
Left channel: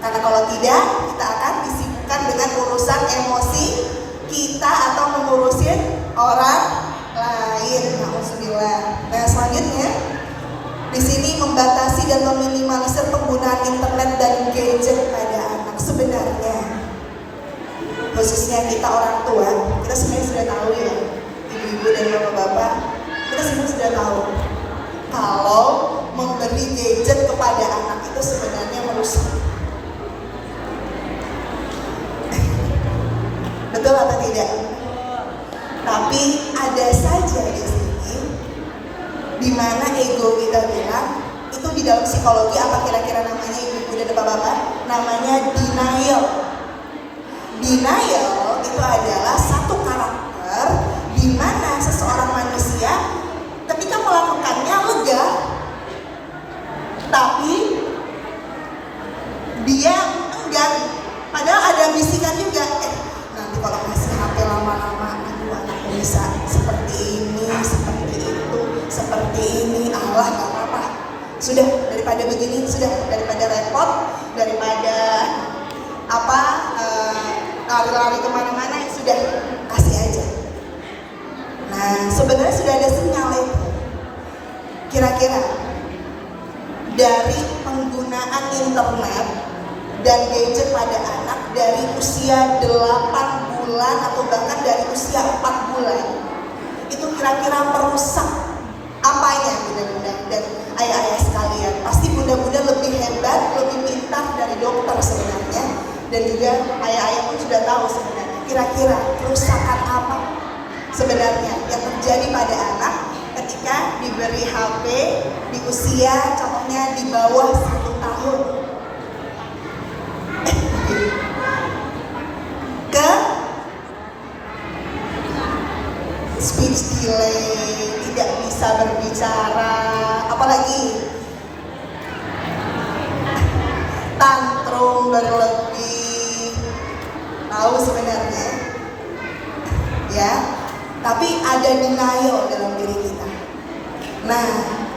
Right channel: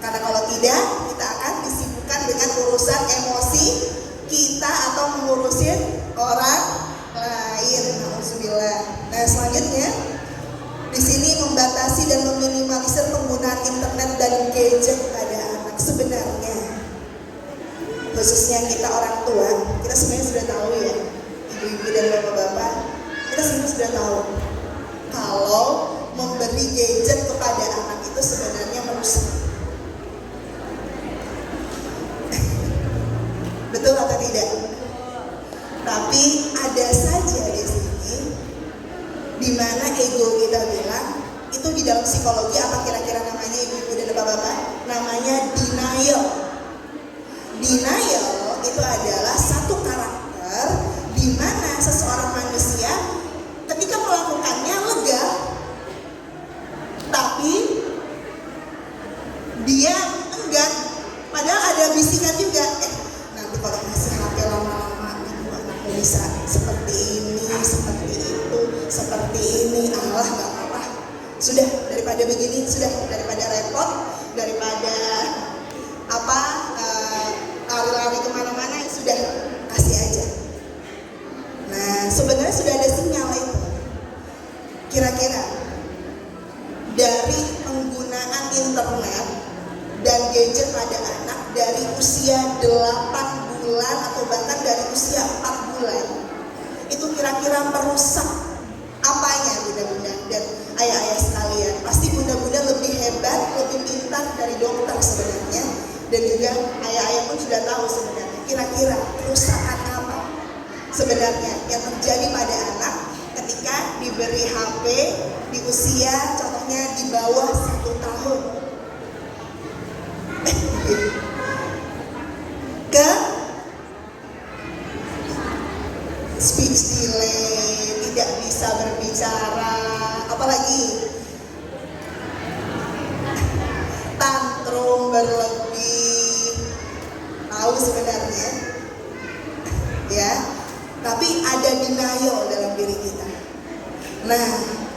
Karena kalau tidak, kita akan disibukkan dengan urusan emosi kita atau mengurusin orang lain. Alhamdulillah. Nah, selanjutnya di sini membatasi dan meminimalisir penggunaan internet dan gadget pada anak. Sebenarnya, khususnya kita orang tua, kita sebenarnya sudah tahu ya, ibu-ibu dan bapak-bapak, kita sebenarnya sudah tahu kalau memberi gadget kepada anak itu sebenarnya merusak. Betul atau tidak? Tapi ada saja di sini di mana ego kita bilang itu di dalam psikologi apa kira-kira namanya ibu-ibu dan bapak-bapak? Namanya denial. Denial itu adalah satu karakter di mana seseorang manusia ketika melakukannya lega, tapi dia enggan. Padahal ada bisikan juga, nanti kalau masih HP lama-lama itu anak bisa seperti ini, seperti itu, seperti ini, Allah gak apa-apa. Sudah, daripada begini, sudah, daripada repot, daripada lari-lari kemana-mana, sudah, kasih aja. Nah, sebenarnya sudah ada sinyal itu. Kira-kira dari penggunaan internet dan gadget pada anak dari usia 8 bulan atau bahkan dari usia 4 bulan, itu kira-kira merusak apanya bunda-bunda dan ayah-ayah sekalian? Pasti bunda-bunda lebih hebat, lebih pintar dari dokter sebenarnya, dan juga ayah-ayah pun sudah tahu sebenarnya kira-kira kerusakan apa sebenarnya yang terjadi pada anak ketika diberi HP di usia contohnya di bawah 1 tahun. Ke speech delay, tidak bisa berbicara, apalagi tantrum berlebih, tahu sebenarnya ya. Tapi denial dalam diri kita. Nah,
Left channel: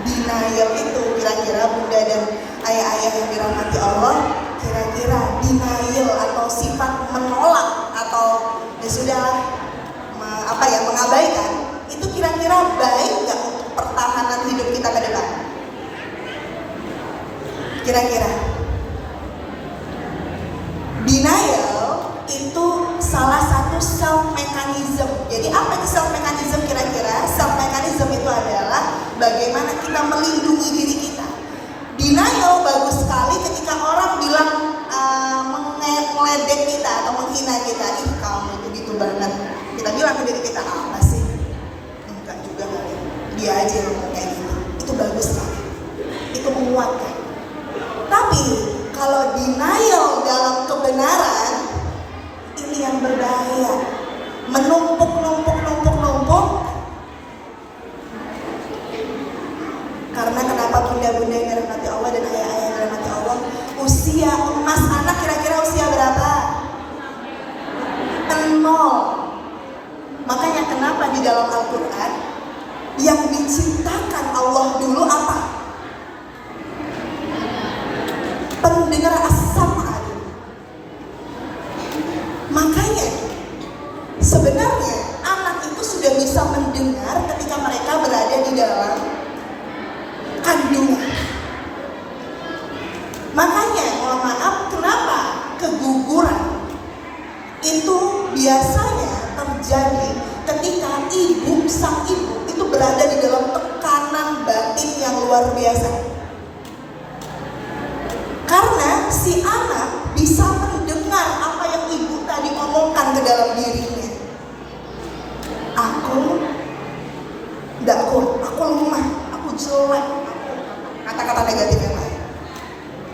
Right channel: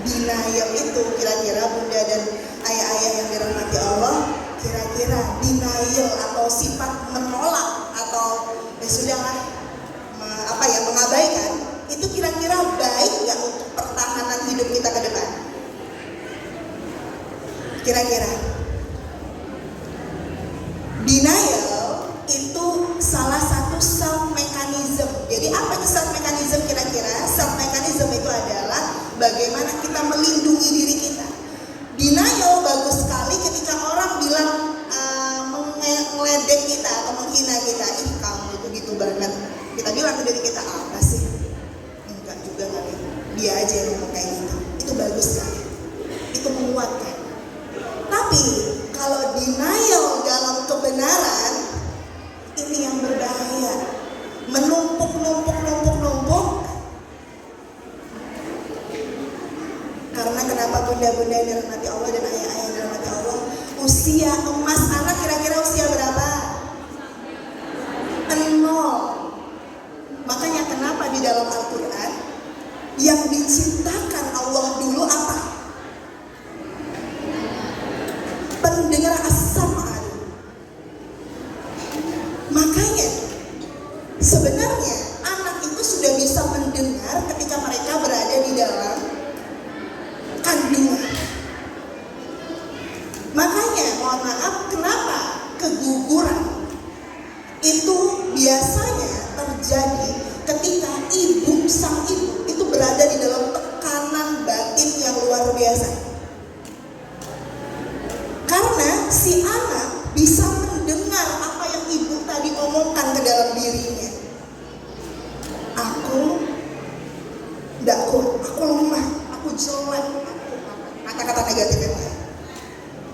denial itu kira-kira bunda dan ayah-ayah yang dirahmati Allah, kira-kira denial atau sifat menolak atau ya sudahlah mengabaikan, itu kira-kira baik nggak untuk pertahanan hidup kita ke depan? Kira-kira denial itu salah satu self mechanism. Jadi apa itu self mechanism kira-kira? Self mechanism itu adalah bagaimana kita melindungi diri kita. Denial bagus sekali ketika orang bilang meledek kita atau menghina kita. Ih, kamu itu gitu banget. Kita bilang ke diri kita, apa sih? Enggak juga kali. Dia aja yang kayak gitu. Itu bagus sekali. Itu menguatkan. Tapi kalau denial dalam kebenaran, ini yang berbahaya. Menumpuk. Karena kenapa bunda-bunda yang dirahmati Allah dan ayah-ayah yang dirahmati Allah, usia emas anak kira-kira usia berapa? 0. Makanya kenapa di dalam Al-Quran yang diciptakan Allah dulu apa? Pendengar as-sam'a. Makanya sebenarnya anak itu sudah bisa mendengar ketika mereka berada di dalam kandungan. Makanya mohon maaf, kenapa keguguran itu biasanya terjadi ketika sang ibu itu berada di dalam tekanan batin yang luar biasa. Karena si anak bisa mendengar apa yang ibu tadi ngomongkan ke dalam dirinya. Aku lemah, aku jelek, kata-kata negatif yang lain.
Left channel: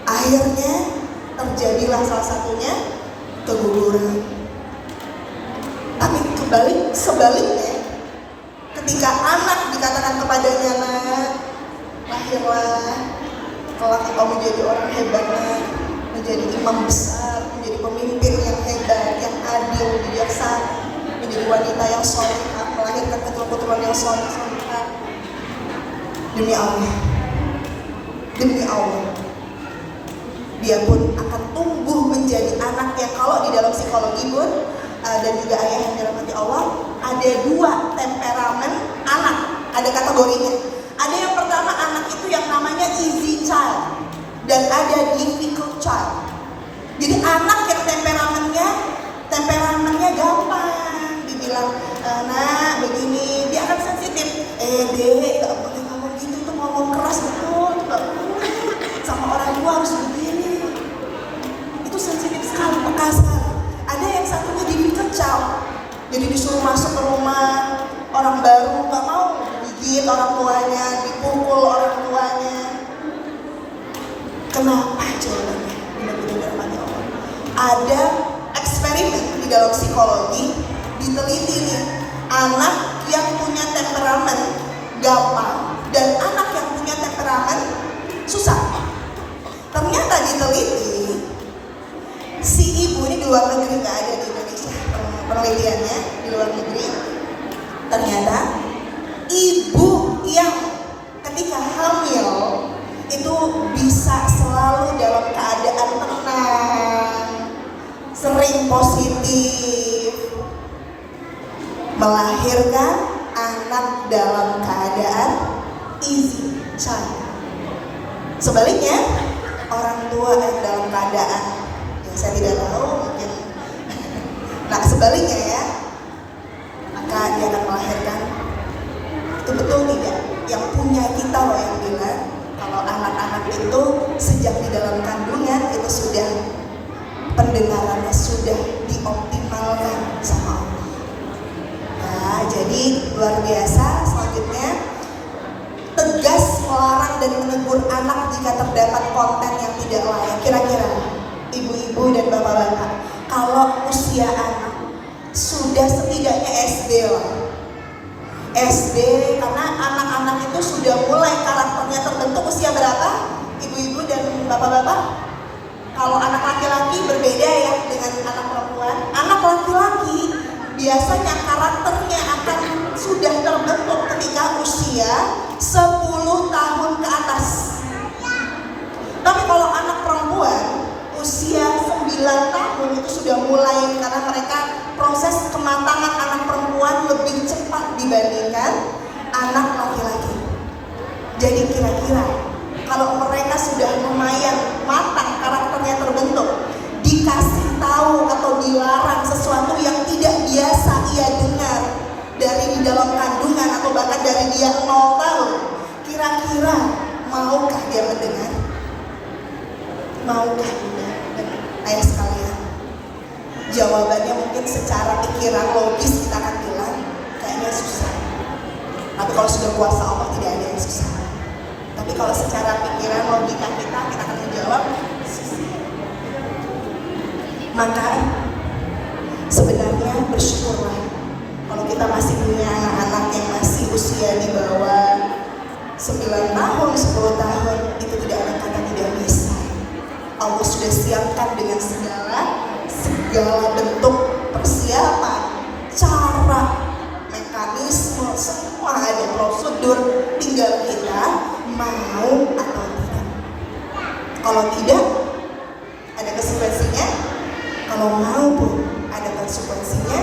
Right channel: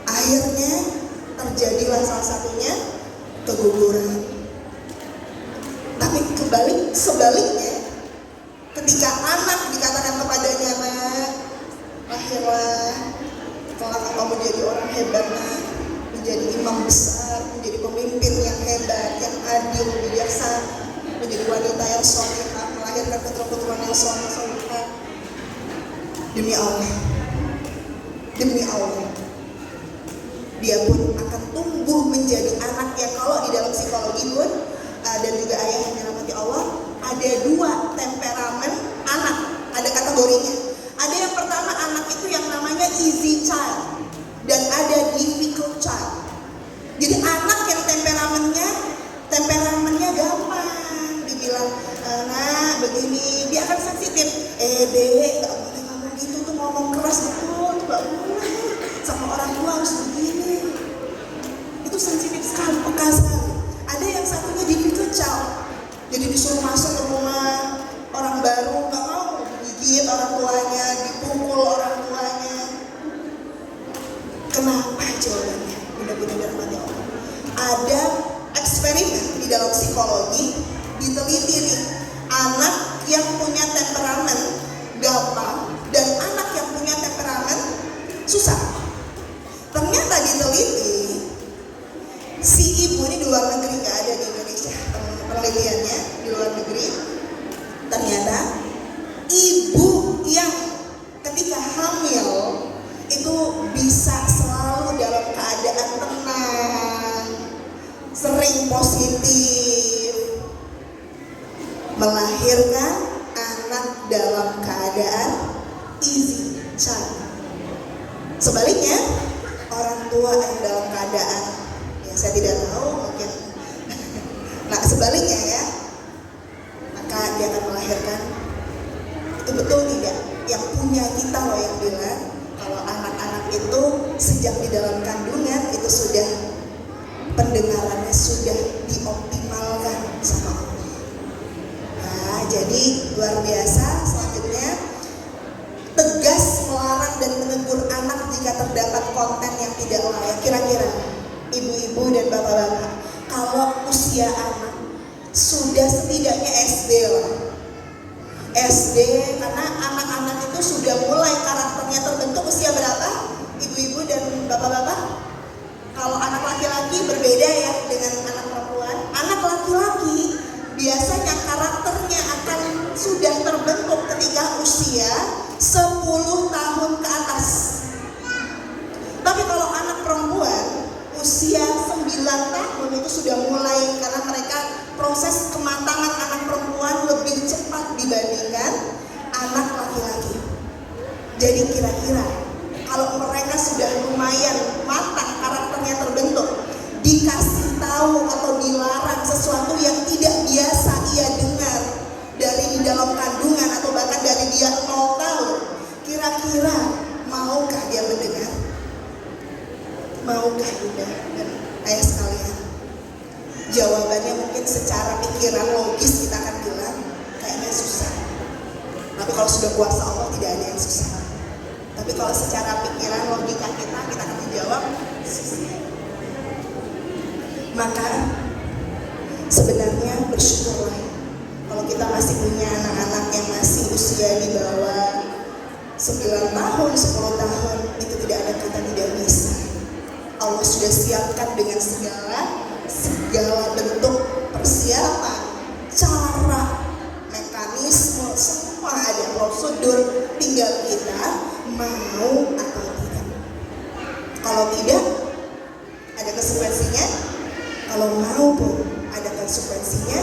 Akhirnya terjadilah salah satunya keguguran. Tapi sebaliknya, ketika anak dikatakan kepadanya, nak, lahirlah, kelak engkau menjadi orang hebat, menjadi imam besar, menjadi pemimpin yang hebat, yang adil, bijaksana, menjadi wanita yang solehah, melahirkan keturunan yang solehah. Demi Allah, dia pun akan tumbuh menjadi anak yang, kalau di dalam psikologi pun dan juga ayah yang dirahmati Allah, ada 2 temperamen anak, ada kategorinya. Ada yang pertama, anak itu yang namanya easy child dan ada difficult child. Jadi anak yang temperamennya gampang, dibilang nah begini, dia akan sensitif. Dek, gak boleh ngomong gitu, itu ngomong keras betul, itu gak boleh, sama orang tua harus begini. Itu sensitif sekali, peka sekali. Ada yang satunya difficult child, jadi disuruh masuk ke rumah orang baru, gak mau, digigit orang tuanya, dipukul orang tuanya. Kenapa jawabannya? Benar-benar pada orang. Ada eksperimen di dalam psikologi, diteliti nih, anak yang punya temperamen gampang dan anak yang punya temperamen susah. Ternyata diteliti, si ibu ini di luar negeri, nggak ada di Indonesia penelitiannya, di luar negeri. Ternyata ibu yang ketika hamil itu bisa selalu dalam keadaan tenang, sering positif, melahirkan anak dalam keadaan easy child. Sebaliknya, orang tua yang dalam keadaan, ya saya tidak tahu mungkin. Nah sebaliknya ya, maka dia akan melahirkan. Itu betul tidak? Yang punya kita loh yang bilang kalau anak-anak itu sejak di dalam kandungan itu sudah pendengarannya sudah dioptimalkan sama Allah. Nah, jadi luar biasa. Selanjutnya, tegas melarang dan menegur anak jika terdapat konten yang tidak layak. Kira-kira ibu-ibu dan bapak-bapak, kalau usia anak sudah setidaknya SD lah. SD, karena anak-anak itu sudah mulai karakternya terbentuk usia berapa? Ibu-ibu dan bapak-bapak? Kalau anak laki-laki berbeda ya dengan anak perempuan. Anak laki-laki biasanya karakternya akan sudah terbentuk Jadi kira-kira kalau mereka sudah lumayan matang, karakternya terbentuk, dikasih tahu atau dilarang sesuatu yang tidak biasa ia dengar dari di dalam kandungan atau bahkan dari dia 0 tahun, kira-kira maukah dia mendengar? Maukah bunda dan ayah sekalian? Jawabannya mungkin secara pikiran logis kita akan bilang kayaknya susah. Tapi kalau sudah kuasa Allah tidak ada yang susah. Tapi kalau secara pikiran logika kita akan menjawab susah. Maka sebenarnya bersyukurlah kalau kita masih punya anak-anak yang masih usia di bawah 9 tahun, 10 tahun, itu tidak ada kata tidak bisa. Allah sudah siapkan dengan segala bentuk persiapan, cara, mekanisme, semua ada prosedur, tinggal kita mau atau tidak. Kalau tidak, ada konsekuensinya. Kalau mau pun ada konsekuensinya.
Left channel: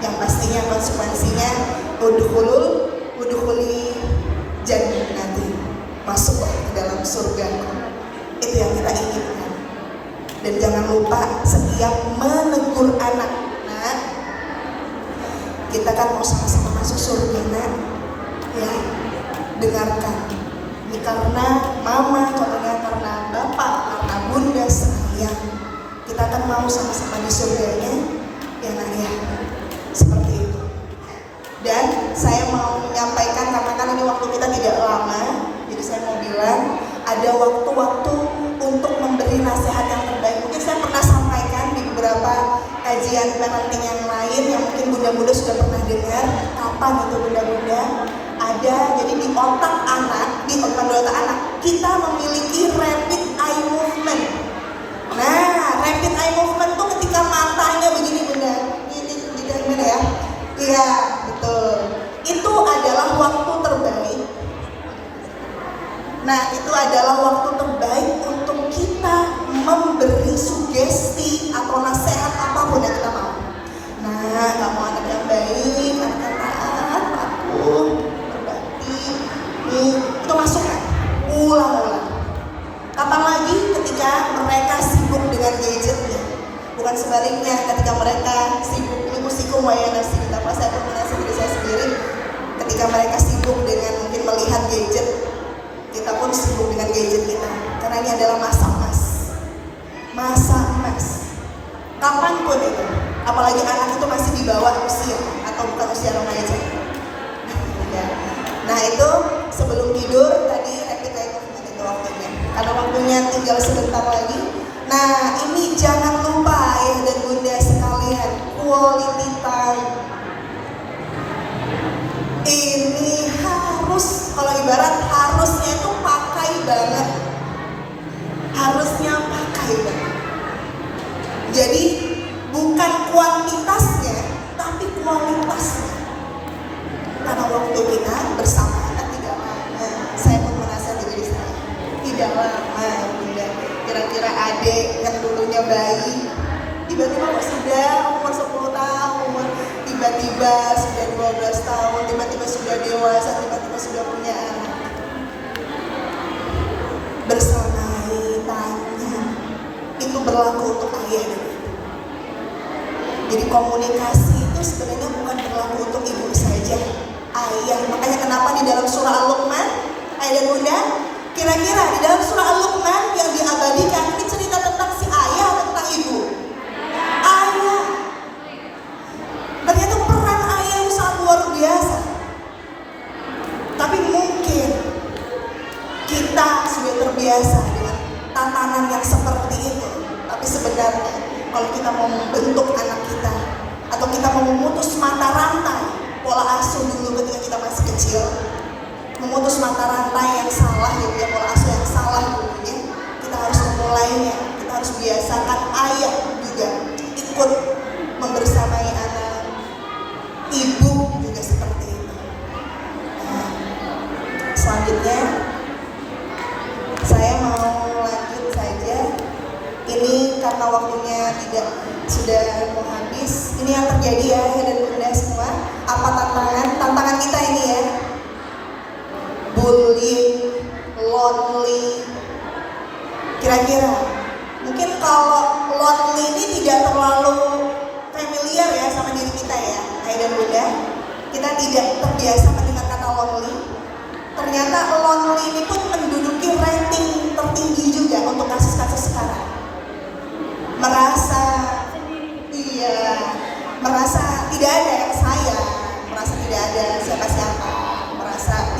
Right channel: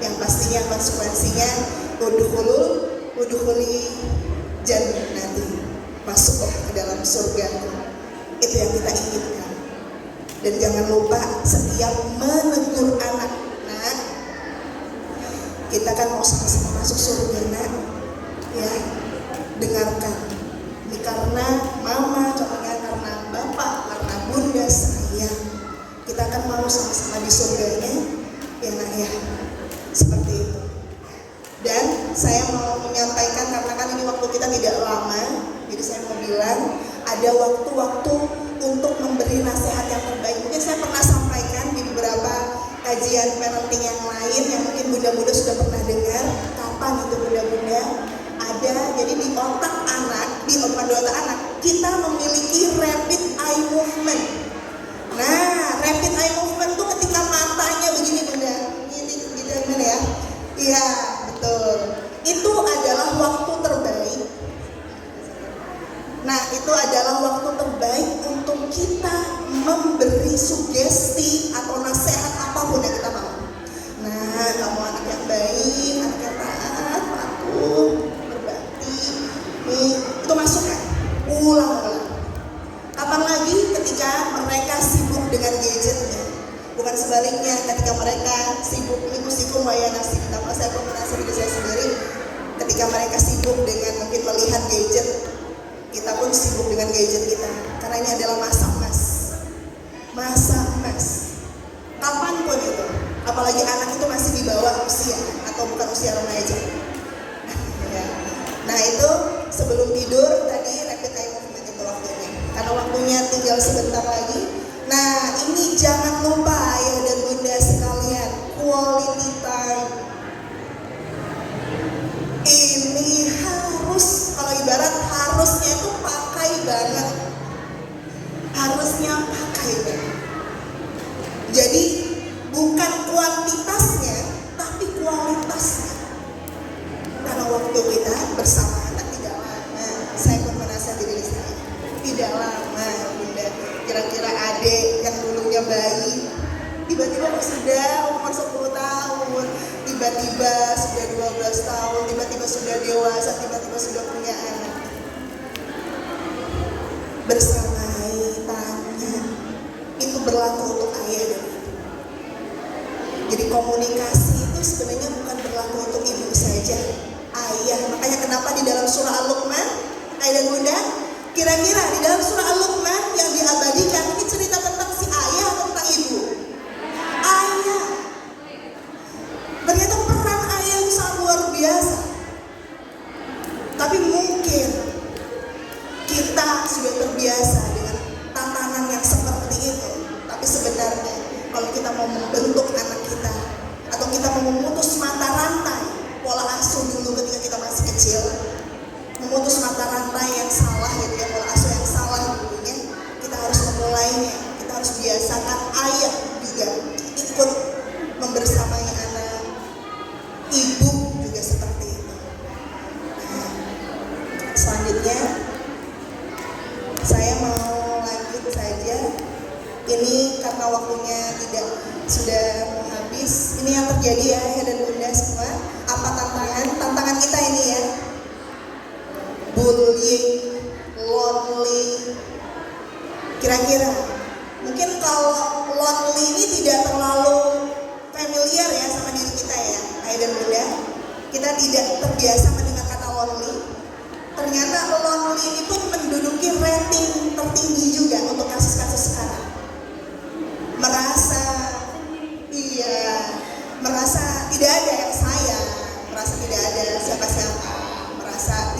Yang pastinya konsekuensinya udkhuli jannati, masuklah ke dalam surga. Itu yang kita inginkan. Dan jangan lupa setiap menegur anak, nah, kita kan mau sama-sama masuk surga, nah, ya, dengarkan. Ini karena mama, contohnya karena bapak, karena bunda sayang, kita kan mau sama-sama di surganya, ya nah ya, seperti itu. Dan saya mau menyampaikan, karena kan ini waktu kita tidak lama, jadi saya mau bilang ada waktu-waktu untuk memberi nasihat yang terbaik. Mungkin saya pernah sampaikan di beberapa kajian parenting yang lain yang mungkin bunda-bunda sudah pernah dengar. Kapan itu bunda-bunda? Ada, jadi di otak anak, di otak anak, kita memiliki rapid eye movement. Nah, rapid eye movement itu ketika matanya begini bunda, gini ya. Iya, betul. Itu adalah waktu terbaik. Nah, itu adalah waktu terbaik untuk kita memberi sugesti atau nasihat apapun yang kita mau. Nah, kamu anak yang baik, anak yang taat, patuh, berbakti, itu masukan. Ulang-ulang. Kapan lagi ketika mereka sibuk dengan gadgetnya? Bukan sebaliknya, ketika mereka sibuk musikum waya nasi. Karena saya pernah diri saya sendiri, ketika mereka sibuk dengan mungkin melihat gadget, kita pun sibuk dengan gadget kita. Karena ini adalah masa emas. Kapanpun itu, apalagi anak itu masih di bawah usia atau bukan usia remaja. Nah itu sebelum tidur tadi rapid eye movement itu waktunya. Ada waktunya tinggal sebentar lagi. Nah ini jangan lupa ayah dan bunda sekalian, quality time. Ini harus, kalau ibarat harusnya itu pakai banget. Harusnya pakai banget. Jadi bukan kuantitasnya, tapi kualitasnya. Karena waktu kita bersama anak tidak lama. Saya pun merasa diri saya tidak lama, bunda. Kira-kira adik yang dulunya bayi, tiba-tiba sudah umur 10 tahun, tiba-tiba sudah 12 tahun, tiba-tiba sudah dewasa, tiba-tiba sudah punya anak. Bersama tanya, itu berlaku untuk ayah dan ibu. Jadi komunikasi itu sebenarnya bukan berlaku untuk ibu saja, ayah. Makanya kenapa di dalam surah Al-Luqman, ayah dan bunda, kira-kira di dalam surah Al-Luqman yang diabadikan ini cerita tentang si ayah atau tentang ibu? Ayah. Ternyata peran ayah itu sangat luar biasa. Tapi mungkin kita sudah terbiasa dengan tatanan yang seperti itu. Tapi sebenarnya kalau kita mau membentuk anak kita, atau kita mau memutus mata rantai pola asuh dulu ketika kita masih kecil, memutus mata rantai yang salah gitu ya, pola asuh yang salah dulunya, kita harus memulainya. Kita harus biasakan ayah juga ikut membersamai anak, ibu juga seperti itu. Nah, selanjutnya saya mau lanjut saja. Ini karena waktunya sudah mau habis. Ini yang terjadi ya ayah dan bunda semua. Apa tantangan kita ini ya? Bullying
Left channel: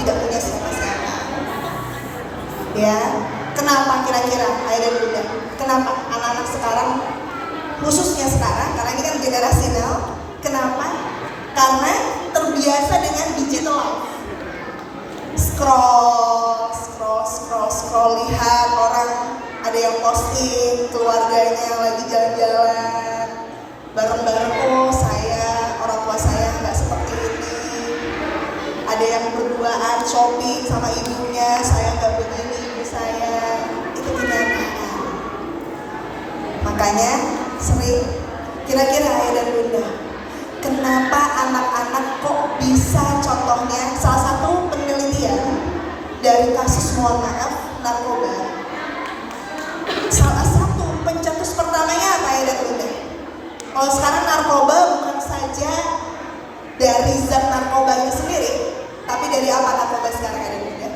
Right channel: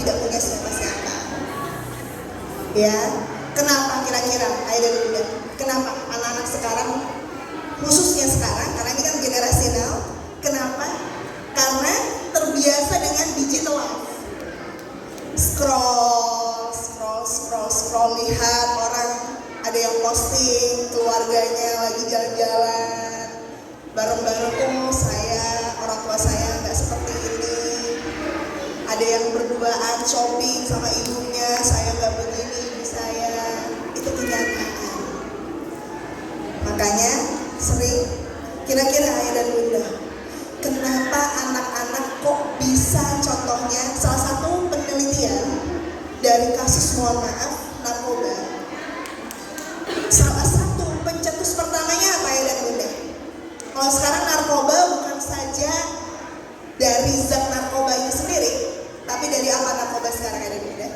tidak punya siapa-siapa. Ya, kenapa kira-kira ayah dan bunda? Kenapa anak-anak sekarang, khususnya sekarang, karena ini kan generasi now, kenapa? Karena terbiasa dengan digital life. Scroll, lihat orang ada yang posting keluarganya lagi jalan-jalan bareng-bareng, oh saya, orang tua saya nggak seperti ini. Ada yang berduaan shopping sama ibunya, saya nggak begini, ibu saya. Itu kenyataan. Makanya sering, kira-kira ayah dan bunda, kenapa anak-anak kok bisa, contohnya salah satu penelitian dari kasus, mohon maaf, narkoba. Salah satu pencetus pertamanya apa ya dan bunda? Kalau sekarang narkoba bukan saja dari zat narkoba itu sendiri, tapi dari apa narkoba sekarang ya dan bunda?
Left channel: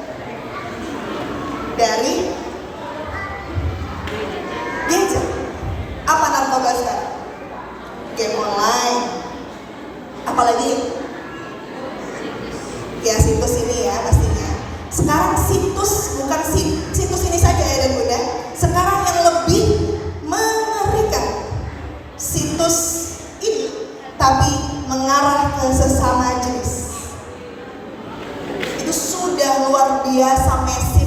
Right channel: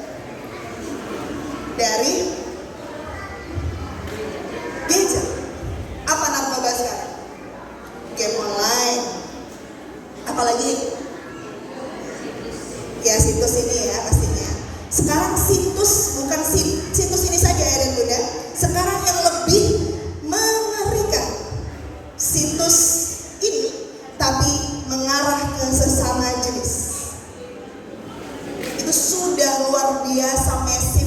Dari gadget. Apa narkoba sekarang? Game online. Apalagi? Ya situs ini ya pastinya. Sekarang situs, bukan situs ini saja ya dan bunda. Sekarang yang lebih mengerikan, situs ini tapi mengarah ke sesama jenis. Itu sudah luar biasa masif,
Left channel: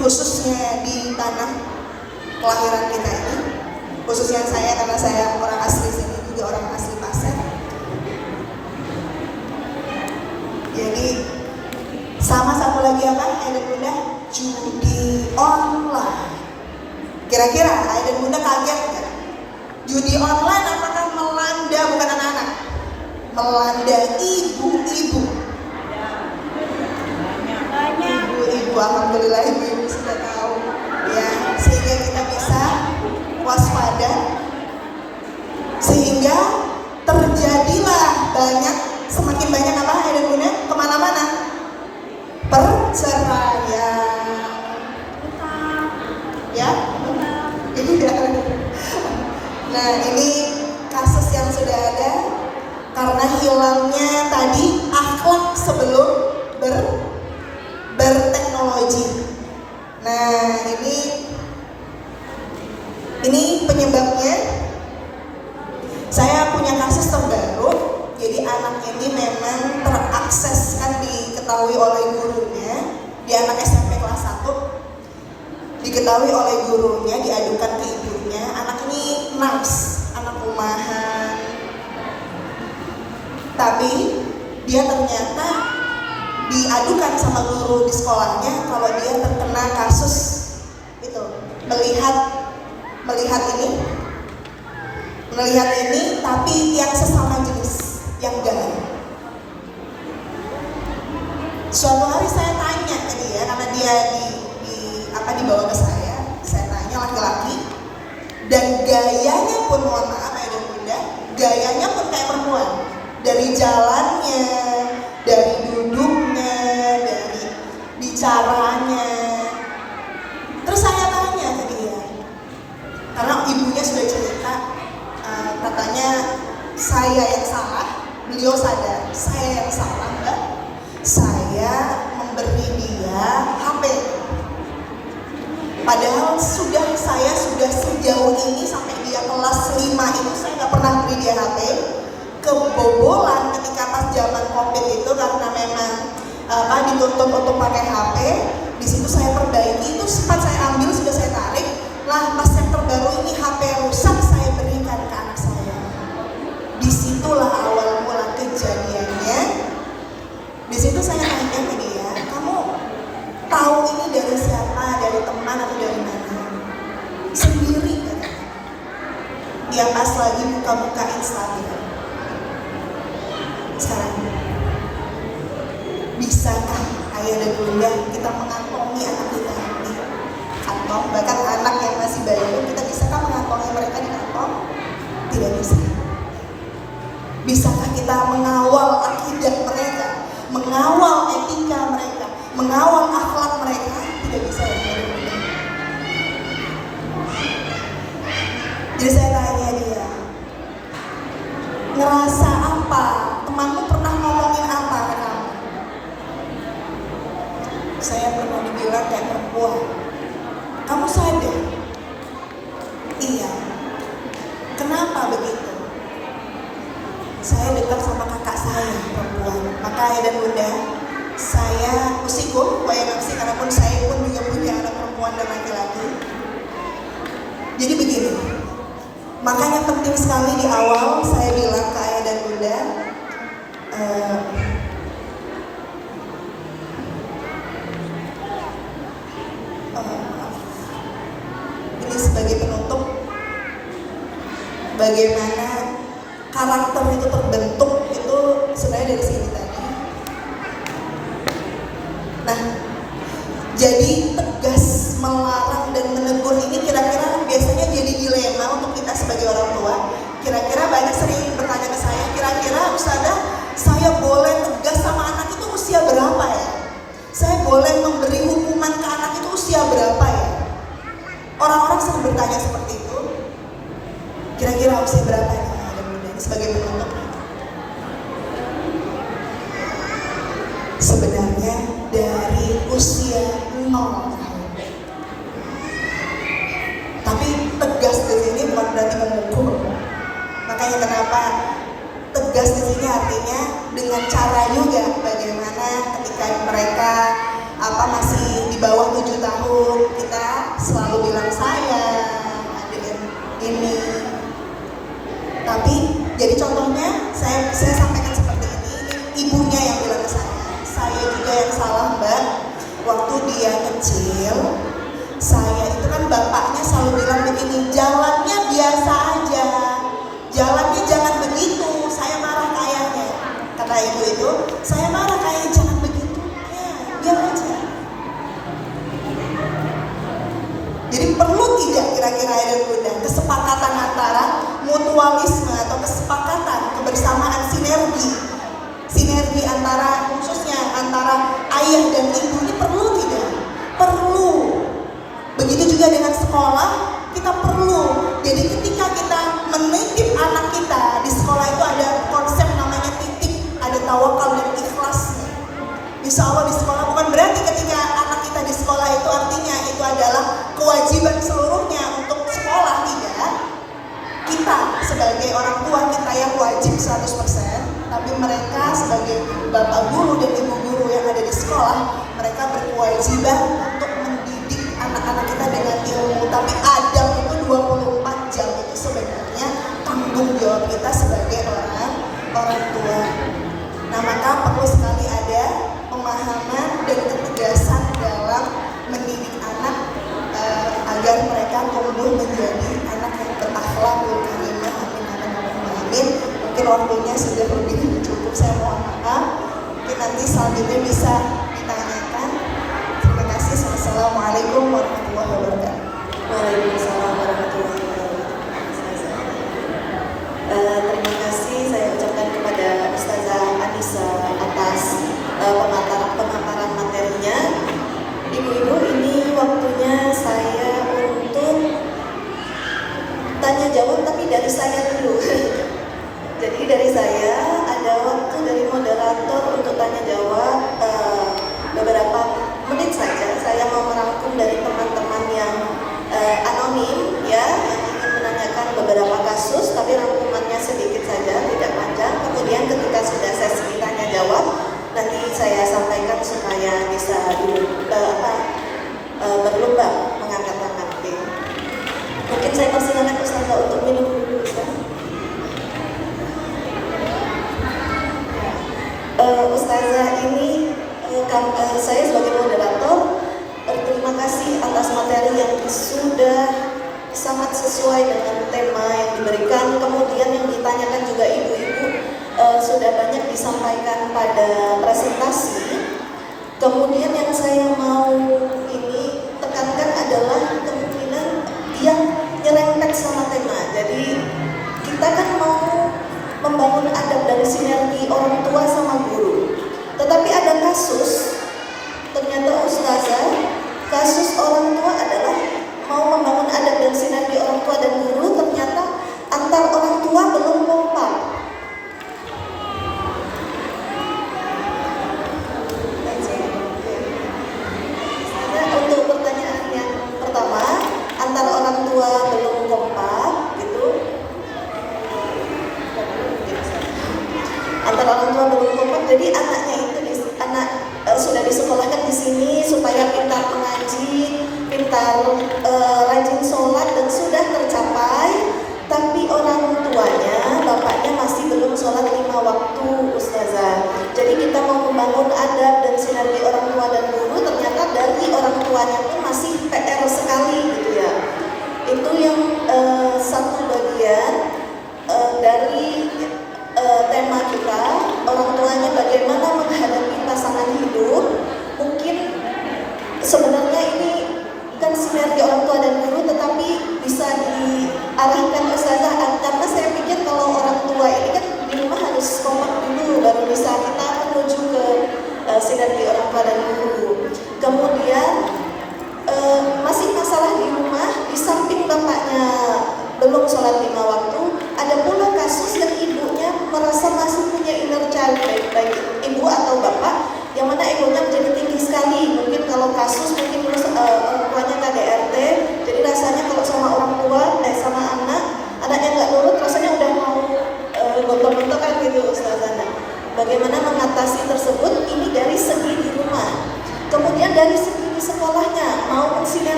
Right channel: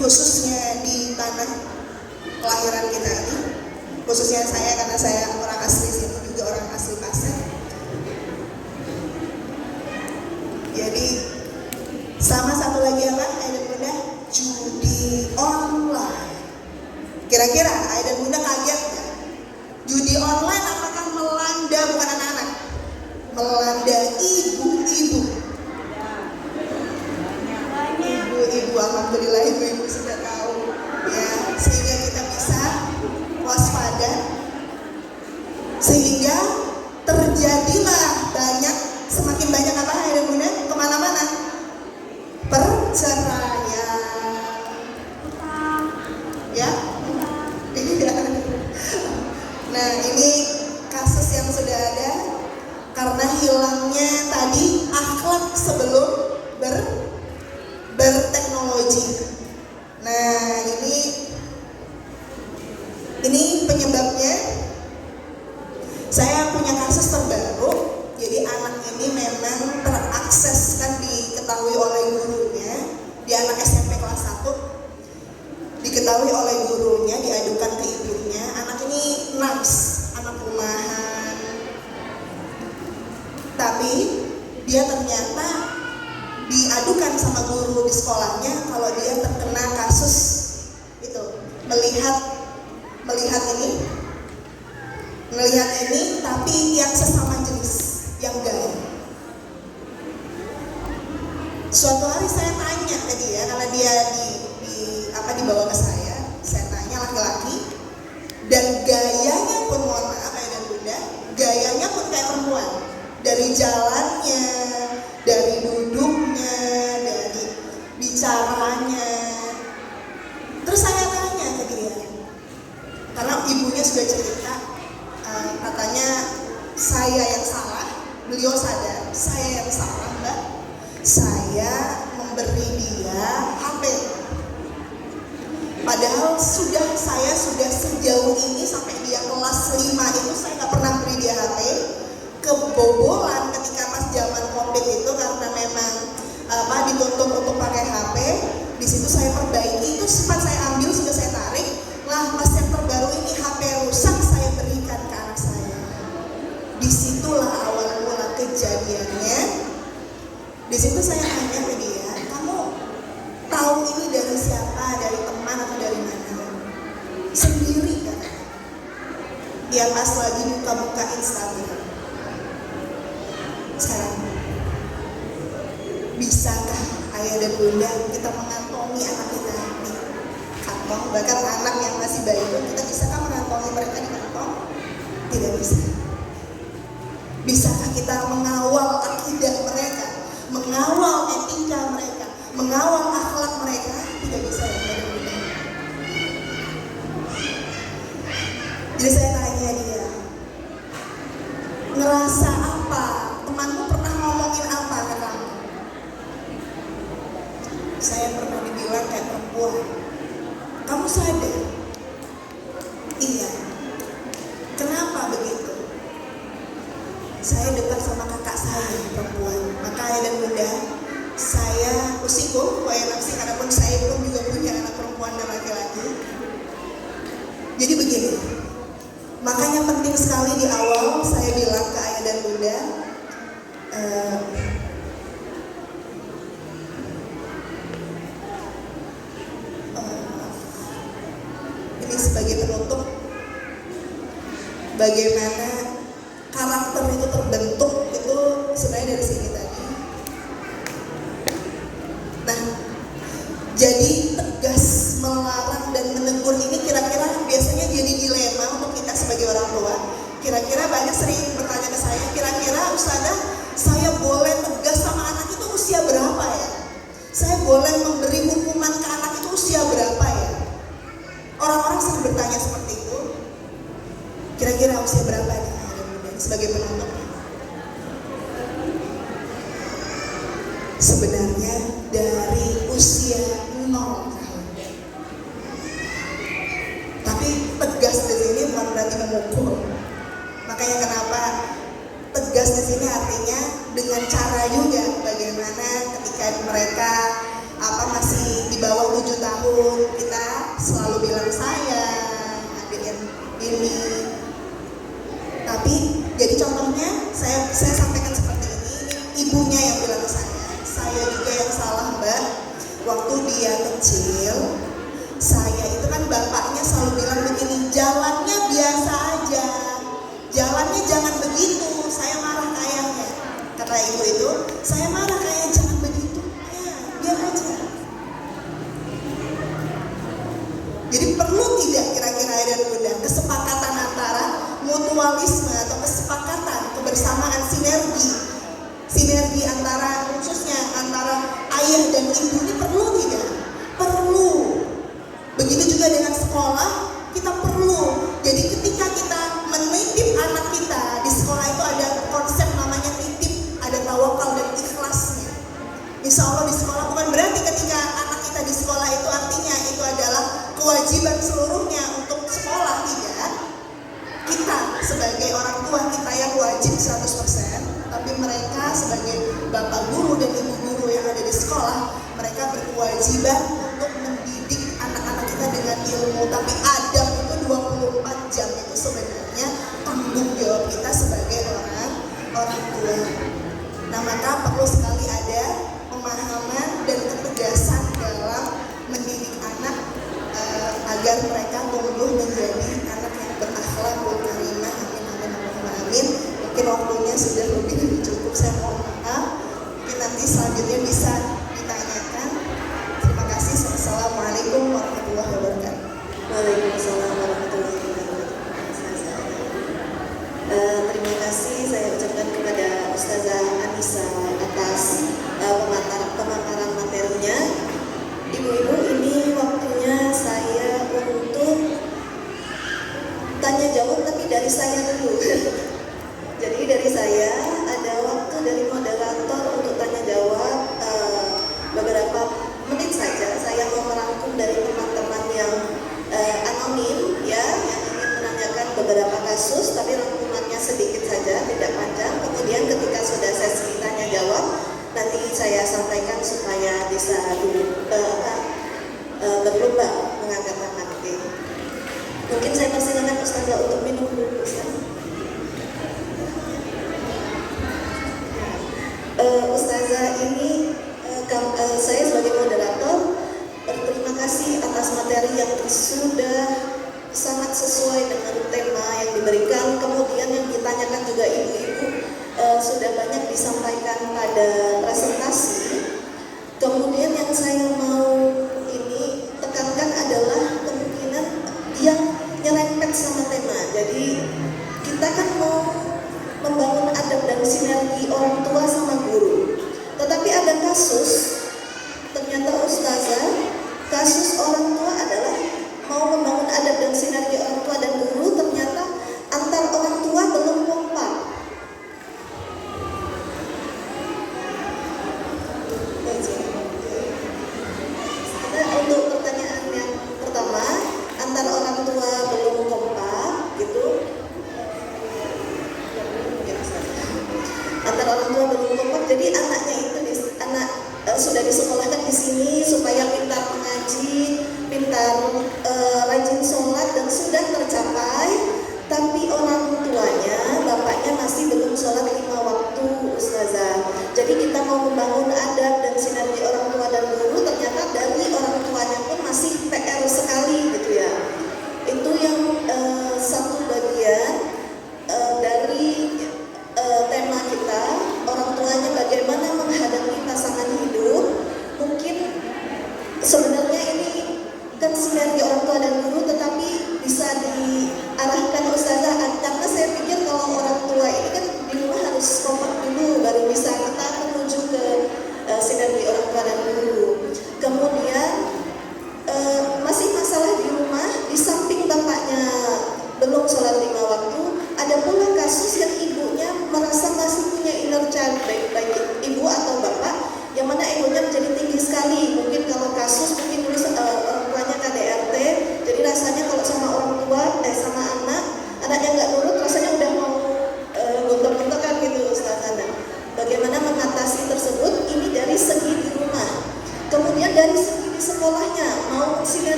khususnya di tanah kelahiran kita ini. Khususnya saya, karena saya orang asli sini, juga orang asli Pasir. Jadi sama satu lagi apa ayah dan bunda? Judi online. Kira-kira ayah dan bunda kaget nggak? Judi online apakah melanda bukan anak-anak, melanda ibu-ibu? Ibu-ibu, alhamdulillah ibu-ibu sudah tahu ya, sehingga kita bisa waspada, sehingga terjadilah semakin banyak apa ayah dan bunda? Kemana-mana perceraian, ya. Nah ini kasus yang sudah ada karena hilangnya tadi akhlak sebelum berteknologi. Nah ini penyebabnya. Saya punya kasus terbaru. Jadi anak ini memang terakses, kan diketahui oleh gurunya, di anak SMP kelas 1, diketahui oleh gurunya, diadukan ke ibunya. Anak ini nars, anak rumahan, tapi dia ternyata diadukan sama guru di sekolahnya kalau dia terkena kasus itu, melihat ini tapi yang sesama jenis, yang gay. Suatu hari saya tanya ke dia, karena dia dibawa ke saya tanya laki-laki, dan gayanya pun, mohon maaf ya dan bunda, gayanya pun kayak perempuan, dari jalannya, dari duduknya, dari bicaranya. Terus saya tanya ke dia, karena ibunya sudah cerita, katanya saya yang salah, beliau sadar saya yang salah mbak, saya memberi dia HP. Padahal saya sudah sejauh ini sampai dia kelas 5 itu saya nggak pernah beri dia HP. Kebobolan ketika pas zaman COVID itu, karena memang dituntut untuk pakai HP. Di situ saya perbaiki, itu sempat saya ambil, sudah saya tarik. Lah pas yang terbaru ini HP rusak, saya berikan ke anak saya. Disitulah awal mula kejadiannya. Di situ saya tanya ke dia, kamu tahu ini dari siapa, dari teman atau dari mana? Sendiri katanya. Dia pas lagi buka-buka Instagram. Sekarang, bisakah ayah dan bunda kita mengantongi anak kita di kantong? Bahkan anak yang masih bayi pun kita bisakah mengantongi mereka di kantong? Tidak bisa. Bisakah kita mengawal akidah mereka, mengawal etika mereka, mengawal akhlak mereka? Tidak bisa ya ayah dan bunda. Jadi saya tanya dia, ngerasa apa? Temanmu pernah ngomongin apa ke kamu? Kakak dan Bunda, saya usiku, YMFC, karena pun saya pun juga punya anak perempuan dan laki-laki. Jadi begini, makanya penting sekali di awal saya bilang ke ayah dan bunda, ini sebagai penutup, bagaimana karakter itu terbentuk itu sebenarnya dari sini tadi. Nah, jadi tegas melarang dan menegur ini kira-kira biasanya jadi dilema untuk kita sebagai orang tua. Kira-kira banyak sering bertanya ke saya, kira-kira Ustazah, saya boleh tegas sama anak itu usia berapa ya? Saya boleh memberi hukuman ke anak itu usia berapa ya? Orang-orang sering bertanya seperti itu. Kira-kira usia berapa ya? Sebagai penutup, sebenarnya dari usia 0 tahun. Tapi tegas di sini bukan berarti memukul. Makanya kenapa tegas di sini artinya dengan cara juga bagaimana ketika mereka masih di bawah 7 tahun kita selalu bilang sayang, adik ini. Tapi jadi contohnya saya sampaikan seperti ini ibunya yang bilang ke saya juga yang salah mbak. Waktu dia kecil, saya itu kan bapaknya selalu bilang begini, jalannya biasa aja, jalannya jangan begitu. Saya marah kayaknya, kata ibu itu, saya marah kayak jangan begitu, ya biar aja. Jadi perlu tidak kira-kira ada kesepakatan antara mutualisme atau kesepakatan kebersamaan sinergi antara khususnya antara ayah dan ibu ini perlu tidak? Perlu. Begitu juga dengan sekolah kita perlu. Jadi ketika kita menitip anak kita di sekolah itu ada konsep namanya titip, ada tawakal dan ikhlas. Insya Allah di sekolah bukan berarti ketika anak kita di sekolah itu artinya itu adalah kewajiban seluruhnya untuk sekolah, tidak. Kita sebagai orang tua kita yang wajib 100%, tapi mereka sebagai bapak guru dan ibu guru yang ada di sekolah, mereka berkewajiban untuk mendidik anak-anak kita dengan ilmu. Tapi adab itu 24 jam itu sebenarnya tanggung jawab kita sebagai orang tua. Nah, maka perlu sekali ada pemahaman dan ketegasan dalam mendidik anak agar mereka tumbuh menjadi anak yang berakhlakul karimah. Amin. Mungkin waktunya sudah lebih dari cukup, saya mohon maaf. Mungkin nanti selanjutnya bisa ditanyakan. Terima kasih. Assalamualaikum warahmatullahi wabarakatuh. Waalaikumsalam warahmatullahi wabarakatuh. Terima kasih saya ucapkan kepada Ustazah Anissa atas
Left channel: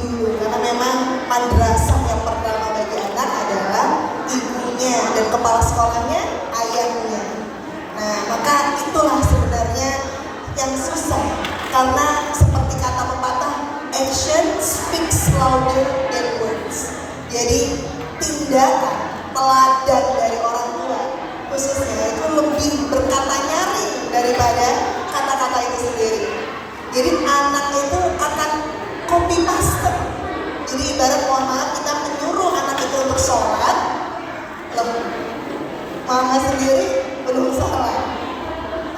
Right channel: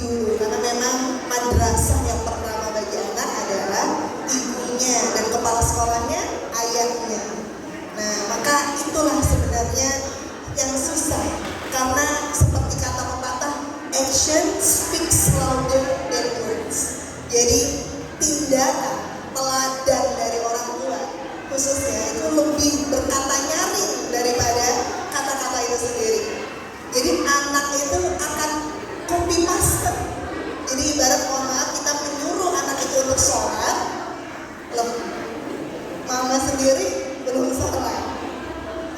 dulu, karena memang madrasah yang pertama bagi anak adalah ibunya dan kepala sekolahnya ayahnya. Nah, maka itulah sebenarnya yang susah, karena seperti kata pepatah, action speaks louder than words. Jadi tindakan teladan dari orang tua khususnya itu lebih berkata nyaring daripada kata-kata itu sendiri. Jadi anak itu akan copy paste. Jadi ibarat mohon maaf kita menyuruh anak itu untuk sholat, mama sendiri belum sholat.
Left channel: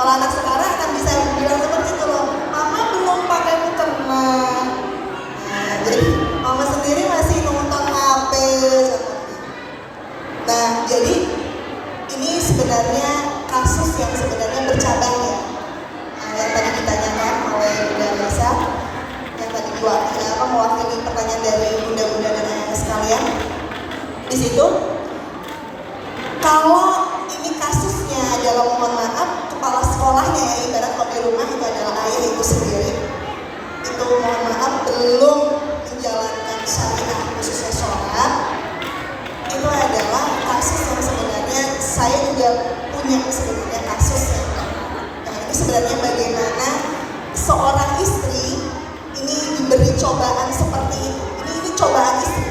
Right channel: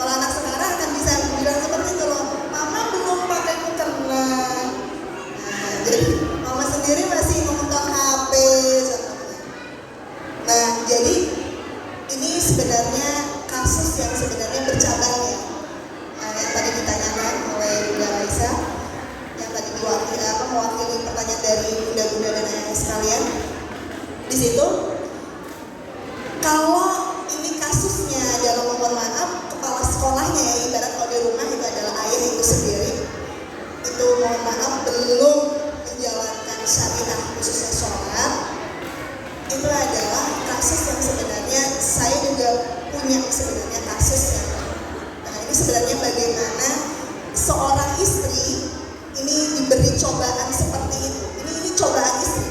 Kalau anak sekarang akan bisa bilang seperti itu loh, mama belum pakai mukena. Nah, jadi mama sendiri masih nonton HP. Nah, jadi ini sebenarnya kasus yang sebenarnya bercabang ya. Yang tadi ditanyakan oleh Bunda Raisa, yang tadi mewakili pertanyaan dari bunda-bunda dan ayah sekalian. Di situ, kalau ini kasusnya adalah mohon maaf kepala sekolahnya ya, ibarat kalau di rumah itu adalah ayah itu sendiri, itu mohon maaf belum menjalankan syariat khususnya sholat, itu adalah kasus yang sebenarnya saya juga punya sebenarnya kasusnya. Nah, ini sebenarnya bagaimana seorang istri ini diberi cobaan seperti itu. Ini cobaan istri.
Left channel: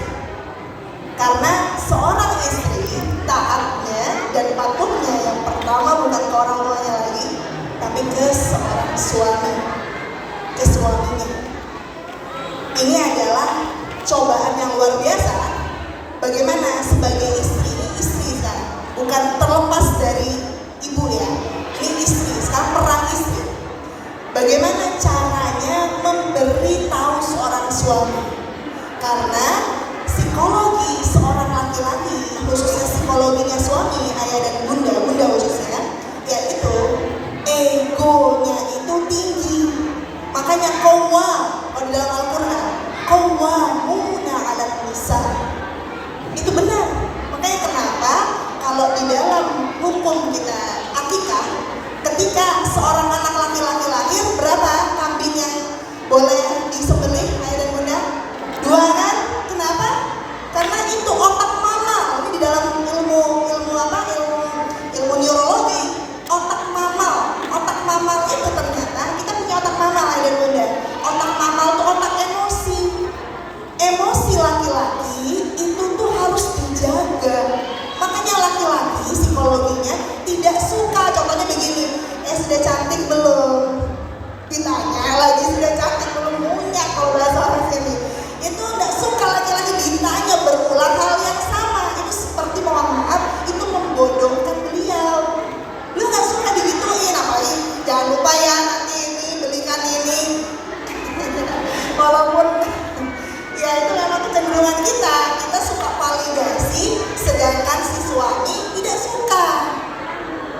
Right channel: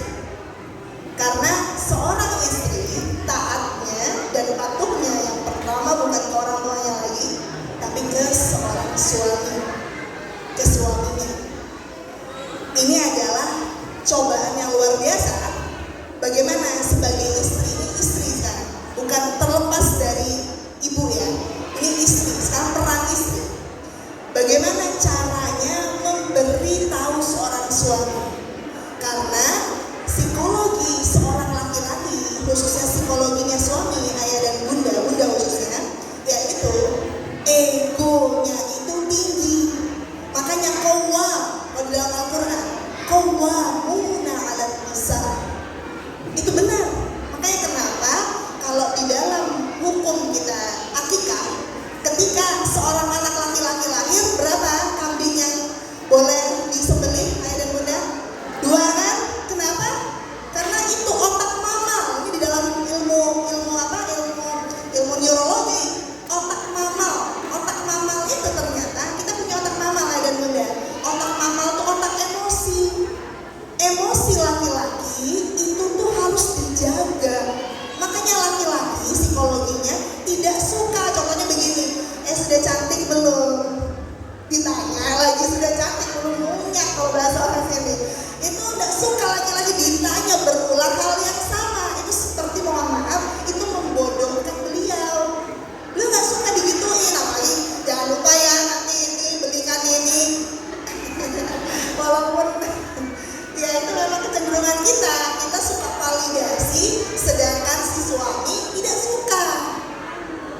Karena seorang istri taatnya dan patuhnya yang pertama bukan ke orang tuanya lagi, tapi ke seorang suami, ke suaminya. Ini adalah cobaan yang luar biasa. Bagaimana sebagai istri, ini istri sekarang, bukan terlepas dari ibu ya, ini istri, sekarang peran istri. Bagaimana caranya memberi tahu seorang suami? Karena psikologi seorang laki-laki, khususnya psikologinya suami, ayah dan bunda khususnya, yaitu egonya itu tinggi. Makanya kalau dalam Al-Quran, qawwamuna 'alan nisa. Itu benar. Makanya kenapa kalau di dalam hukum kita akikah, ketika seorang anak laki-laki lahir, berapa kambing yang boleh disembelih ayah dan bunda? 2 kan? Kenapa? Karena itu otak mamal. Ini di dalam ilmu neurologi, otak mamal itu ternyata kita punya otak mamal ayah dan bunda. Otak mamal itu otak emosi laki-laki itu tuh harus dijaga. Makanya laki-laki psikologinya tidak suka, contohnya begini, sudah cantik belum? Ditanya lagi sudah cantik belum, munyak kalau bahasa orang sini. Itu tidak suka laki-laki ditanya berulang hal yang sama. Itu seperti mohon maaf, itu membodohkan beliau. Beliau nggak suka digituin, apalagi jangan lupa ya nanti ini belikan ini. Walaupun ya itu memang kecenderungan kita suka validasi, sedangkan si suami tidak suka.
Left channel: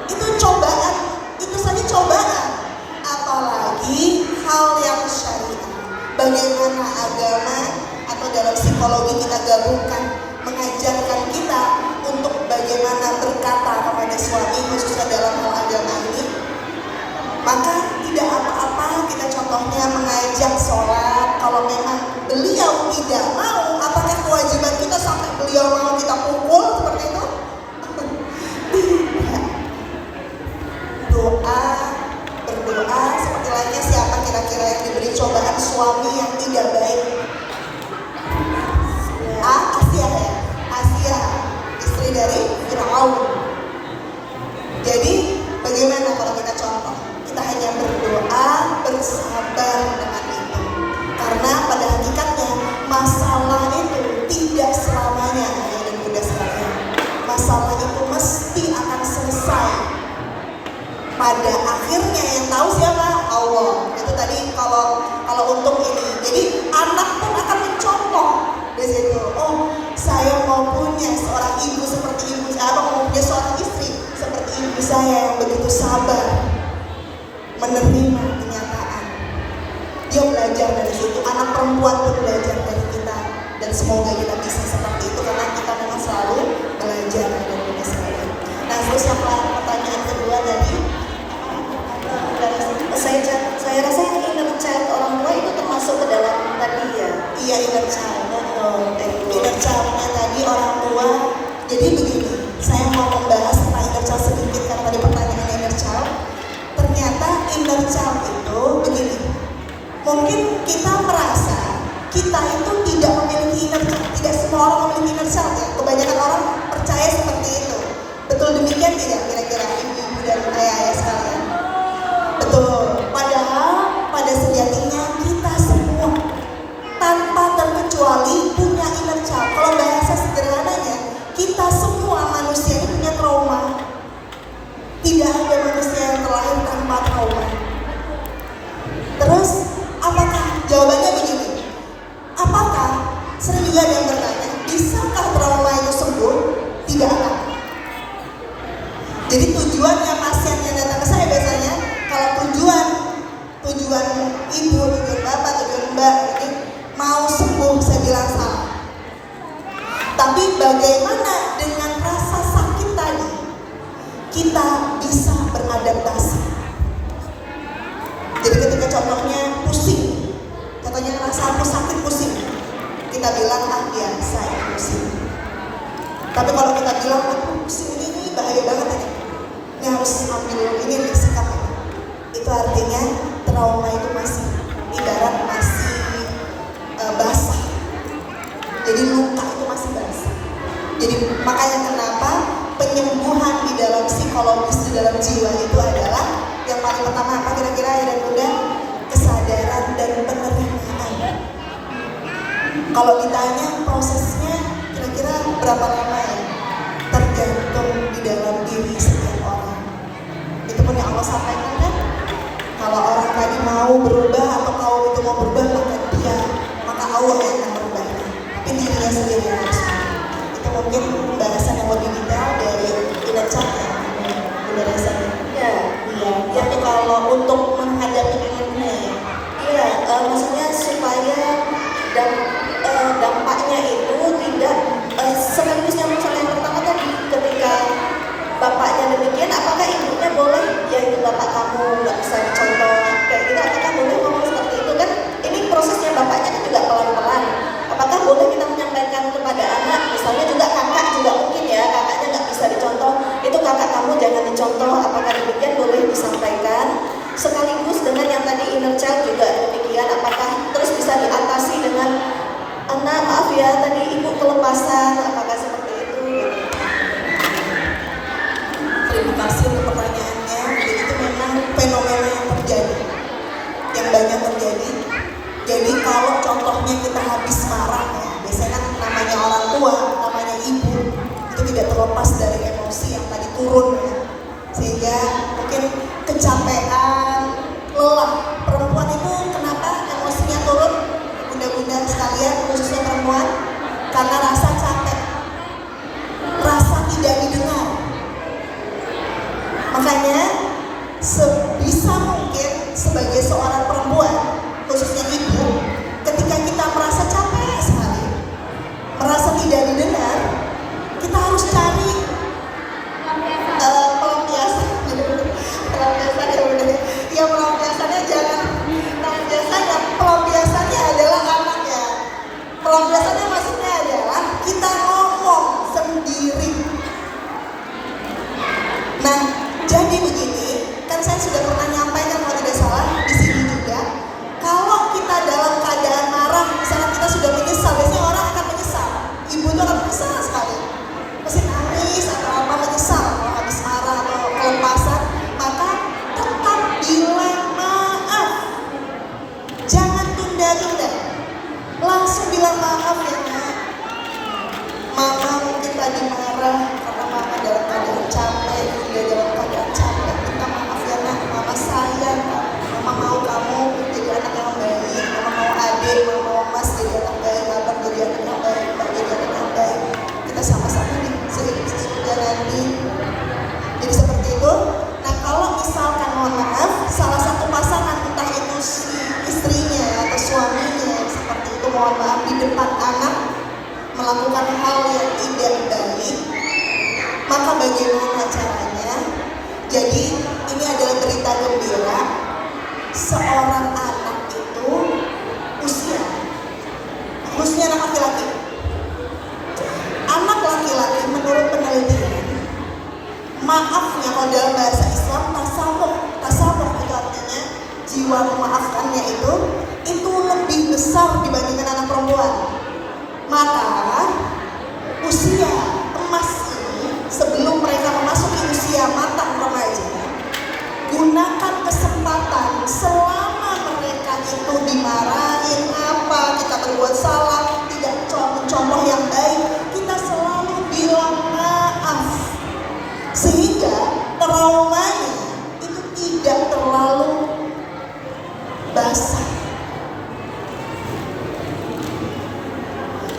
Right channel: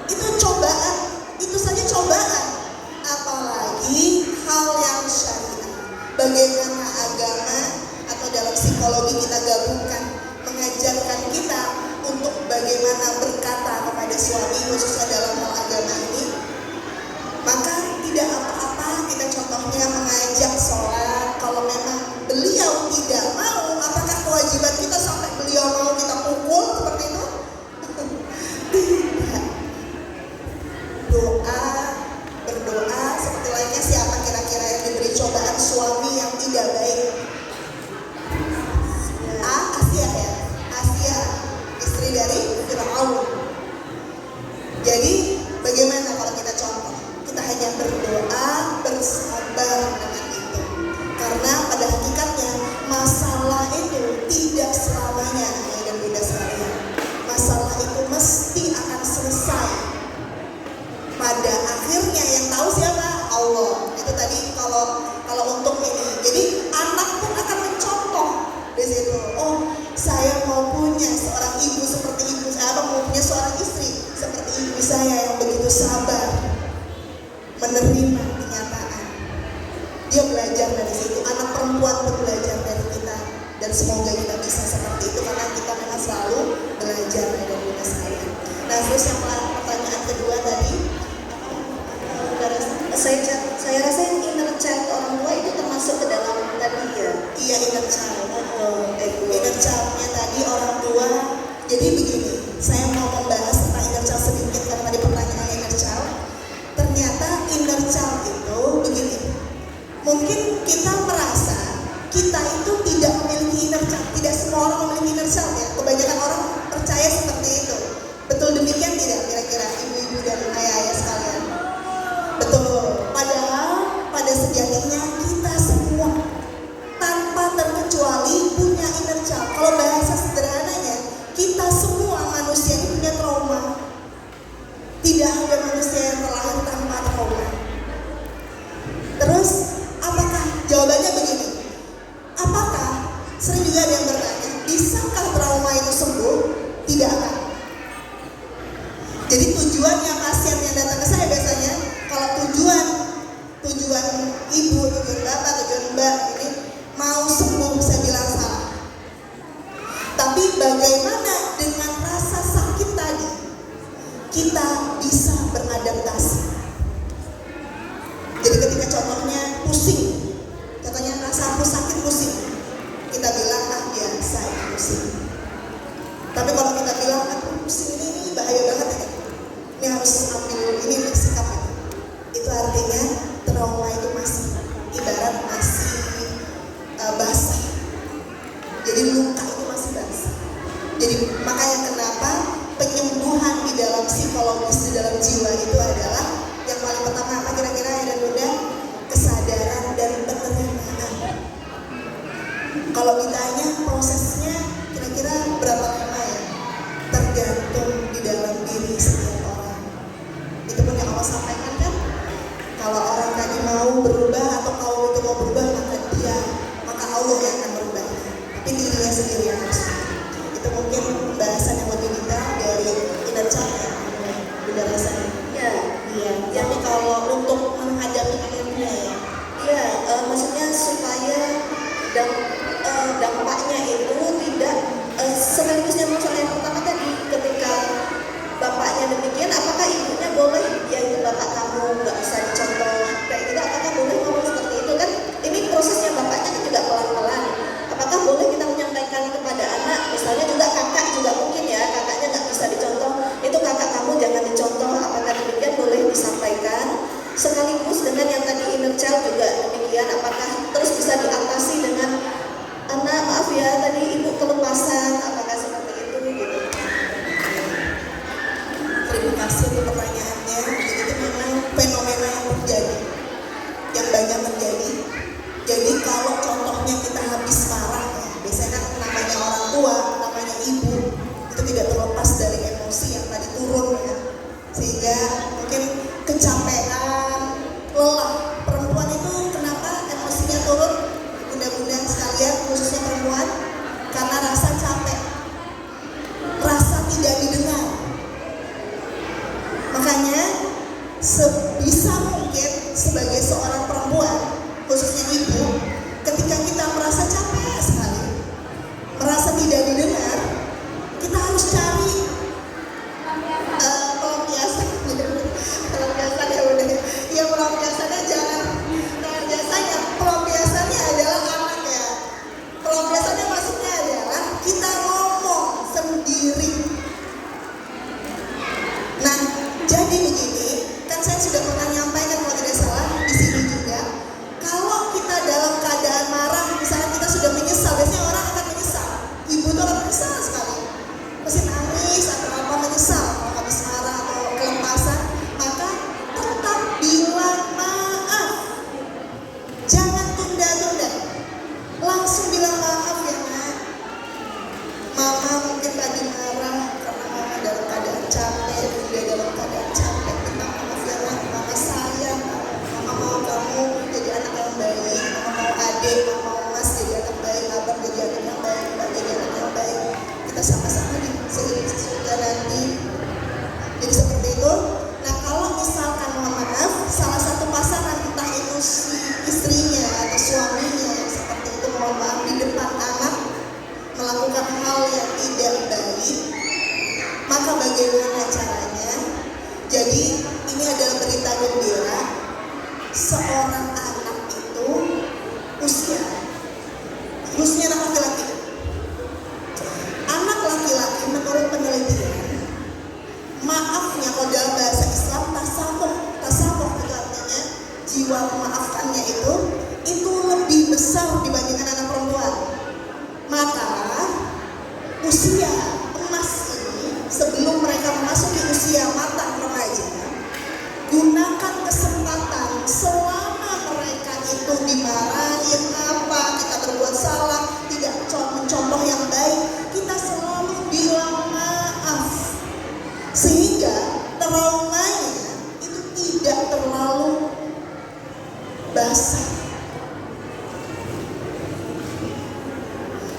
Itu cobaan, itu saja cobaan. Apalagi hal yang syariat. Bagaimana agama atau dalam psikologi kita gabungkan, mengajarkan kita untuk bagaimana berkata kepada suami khususnya dalam hal agama ini. Maka tidak apa-apa kita contohnya mengajak sholat. Kalau memang beliau tidak mau, apakah kewajiban kita sampai beliau mau kita pukul seperti itu? Tidak. Berdoa seperti lainnya. Siapa kira-kira yang diberi cobaan suami yang tidak baik? Asia ya, Asia, istri dari Fir'aun. Jadi bagaimana kalau kita contoh? Kita hanya berdoa, bersabar dengan itu. Karena pada hakikatnya masalah itu tidak selamanya ayah dan bunda sekalian. Masalah itu mesti akan selesai. Pada akhirnya yang tahu siapa? Allah. Itu tadi kalau untuk ini. Jadi anak pun akan mencontoh di situ. Oh, saya mau punya seorang ibu seperti ibu saya, mau punya seorang istri seperti ibu saya yang begitu sabar menerima kenyataan. Dia belajar dari situ. Anak perempuan pun belajar dari kita. Dan semoga kita bisa seperti itu karena kita memang selalu belajar dari kita sekalian. Nah, terus yang pertanyaan kedua dari saya rasa yang inner child orang tua itu termasuk ke dalam tadi ya. Iya, inner punya inner child. Kalau bahasa sederhananya, kita semua manusia ini punya trauma. Tidak ada manusia yang terlahir tanpa trauma. Terus, apakah jawabannya begini? Apakah sering juga ada yang bertanya, bisakah trauma itu sembuh? Tidak akan. Jadi tujuannya pasien yang datang ke saya biasanya, kalau tujuan ibu, tujuan bapak, tujuan mbak ini mau sembuh, saya bilang salah. Tapi bagaimana dengan rasa sakit tadi kita bisa beradaptasi? Jadi ketika contohnya pusing, contohnya rasa sakit pusing, kita bilang biasa ya pusing. Tapi kalau kita bilang pusing ini bahaya banget ini harus ambil ini sikap, itu artinya trauma itu masih ibarat masih basah. Jadi luka itu masih basah. Jadi makanya kenapa penyembuhan di dalam psikologis, di dalam jiwa itu adalah yang paling pertama apa kira-kira ya dan bunda? Kesadaran dan penerimaan. Kalau ditanya prosesnya kira-kira berapa lama ya? Tergantung di dalam diri setiap orang. Itu pun yang Allah sampaikan kan? Kalau orang tadi mau berubah atau kau itu mau berubah maka Allah yang akan berubahnya. Tapi dirinya sendiri yang harus berubah. Itu mungkin pembahasan yang lebih detail dari inner child ya. Pembahasannya. Iya. Tapi kalau untuk menghadapi dengannya ya, Maksudnya supaya dampaknya itu tidak sekaligus yang yang pertama tadi, ketika bapaknya demikian, apakah ibunya boleh ya itu bapak kamu nggak bisa dicontoh kayak gitu, apakah boleh ngomong seperti itu kan? Ini prosesnya bapaknya kan juga pelan-pelan. Apakah boleh kita menyampaikan kepada anak, misalnya juga kakak juga mungkin ya, kakaknya nggak bisa dicontoh, itu kakak kamu jangan dicontoh, apakah demikian boleh disampaikan? Sekaligus dengan yang tadi inner child juga demikian, apakah terus bisa diatasi dengan anak, maaf ya tadi ibu kelepasan, apakah seperti itu gitu. Terima kasih untuk pertanyaannya. Jadi itu memang fenomena yang terjadi, yang banyak terjadi. Jadi kalau contohnya kita habis marah ya, biasanya kan namanya orang tua, namanya ibu, itu tidak terlepas dari emosi yang tadi turun ya. Sehingga mungkin kecapean, lelah. Perempuan itu kenapa emosinya turun? Bunda-bunda sekalian, khususnya perempuan, karena rasa capek.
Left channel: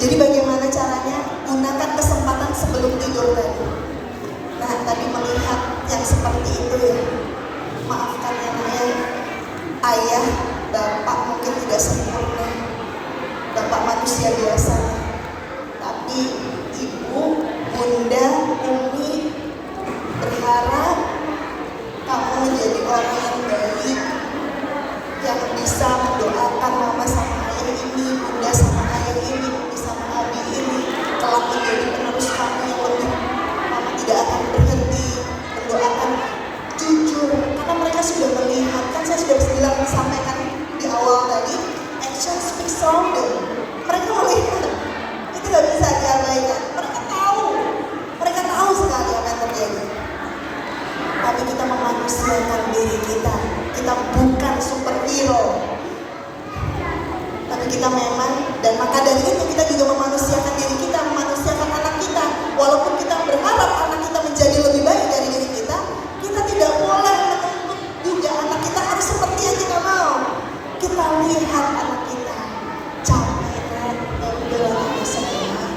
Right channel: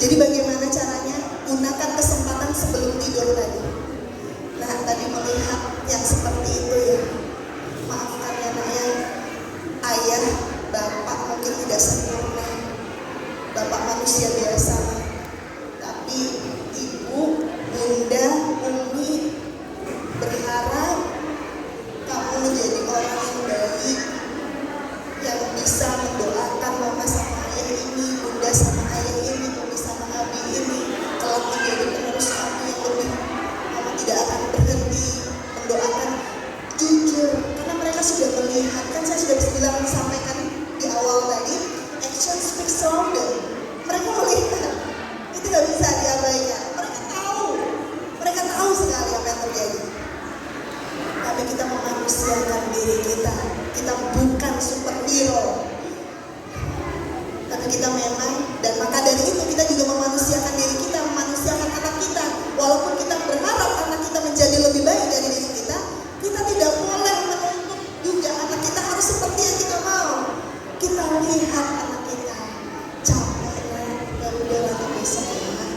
Jadi bagaimana caranya? Gunakan kesempatan sebelum tidur tadi. Nah, tadi melihat yang seperti itu ya, maafkan ya nak ya, ayah, bapak mungkin tidak sempurna, bapak manusia biasa, tapi ibu, bunda, umi berharap kamu menjadi orang yang baik, yang bisa mendoakan mama sama ayah ini, bunda sama ayah ini, umi sama abi ini, kelak menjadi penerus kamu yang lebih. Mama tidak akan berhenti mendoakan, jujur, karena mereka sudah melihat, kan saya sudah bilang sampaikan di awal tadi, action speaks louder. Mereka melihat, itu gak bisa diabaikan. Mereka tahu sekali apa yang terjadi. Tapi kita memanusiakan diri kita. Kita bukan superhero, tapi kita memang, dan maka dari itu kita juga memanusiakan diri kita, memanusiakan anak kita. Walaupun kita berharap anak kita menjadi lebih baik dari diri kita, kita tidak boleh menuntut juga anak kita harus seperti yang kita mau. Kita lihat anak kita capek, ya udahlah tapi sekolah.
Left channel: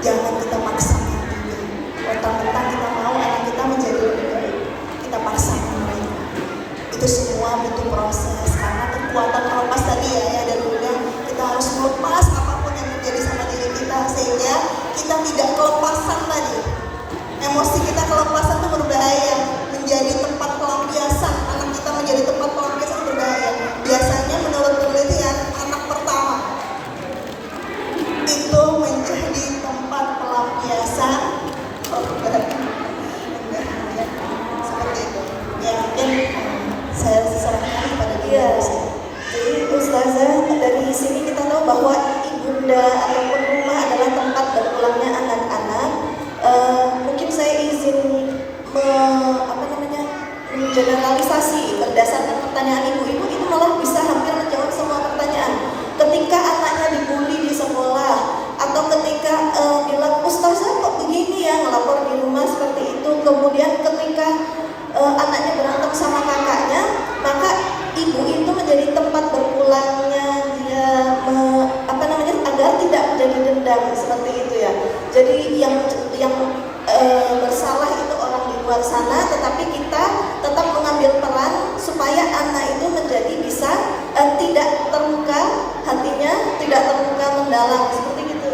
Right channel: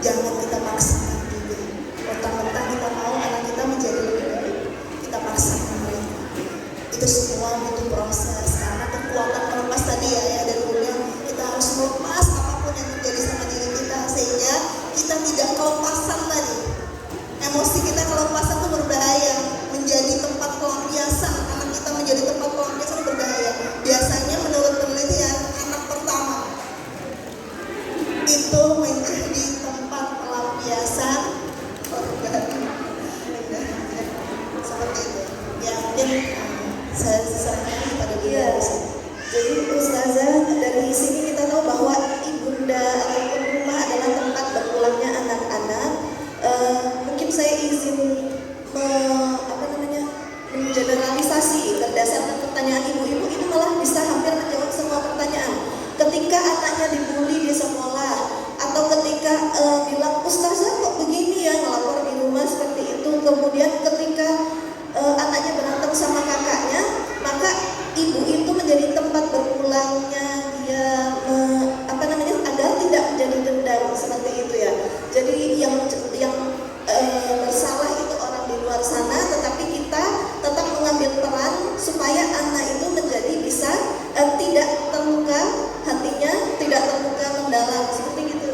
Jangan kita paksakan juga. Mentang-mentang kita mau anak kita menjadi lebih baik, kita paksakan mereka. Itu semua butuh proses, karena kekuatan terlepas tadi ya, dan udah kita harus melepas apapun yang terjadi sama diri kita, sehingga kita tidak kelepasan tadi. Emosi kita kelepasan itu berbahaya, menjadi tempat pelampiasan. Anak kita menjadi tempat pelampiasan berbahaya. Biasanya menurut penelitian, anak pertama itu menjadi tempat pelampiasan seperti itu. Ya mungkin saya serahkan pada dia. Jadi Ustazah, dari sini kita tahu bahwa ibunda ataupun rumah adalah tempat berpulangnya anak-anak. Mungkin saya izin mengeneralisasi berdasarkan pertanyaan ibu-ibu, itu malah bisa hampir menjawab semua pertanyaan. Ketika anaknya dibully di sekolah, atau ketika bilang Ustazah kok begini ya, ngelapor di rumah seperti itu. Kemudian ketika anaknya berantem sama kakaknya, maka ibu itu menjadi tempat berpulangnya dia agar tidak menjadi dendam seperti itu ya. Jadi yang bersalah itu orang di luar sana, tetapi kita tetap mengambil peran supaya anak itu menjadi bisa tidak terluka hatinya, tidak terluka mendalam seperti itu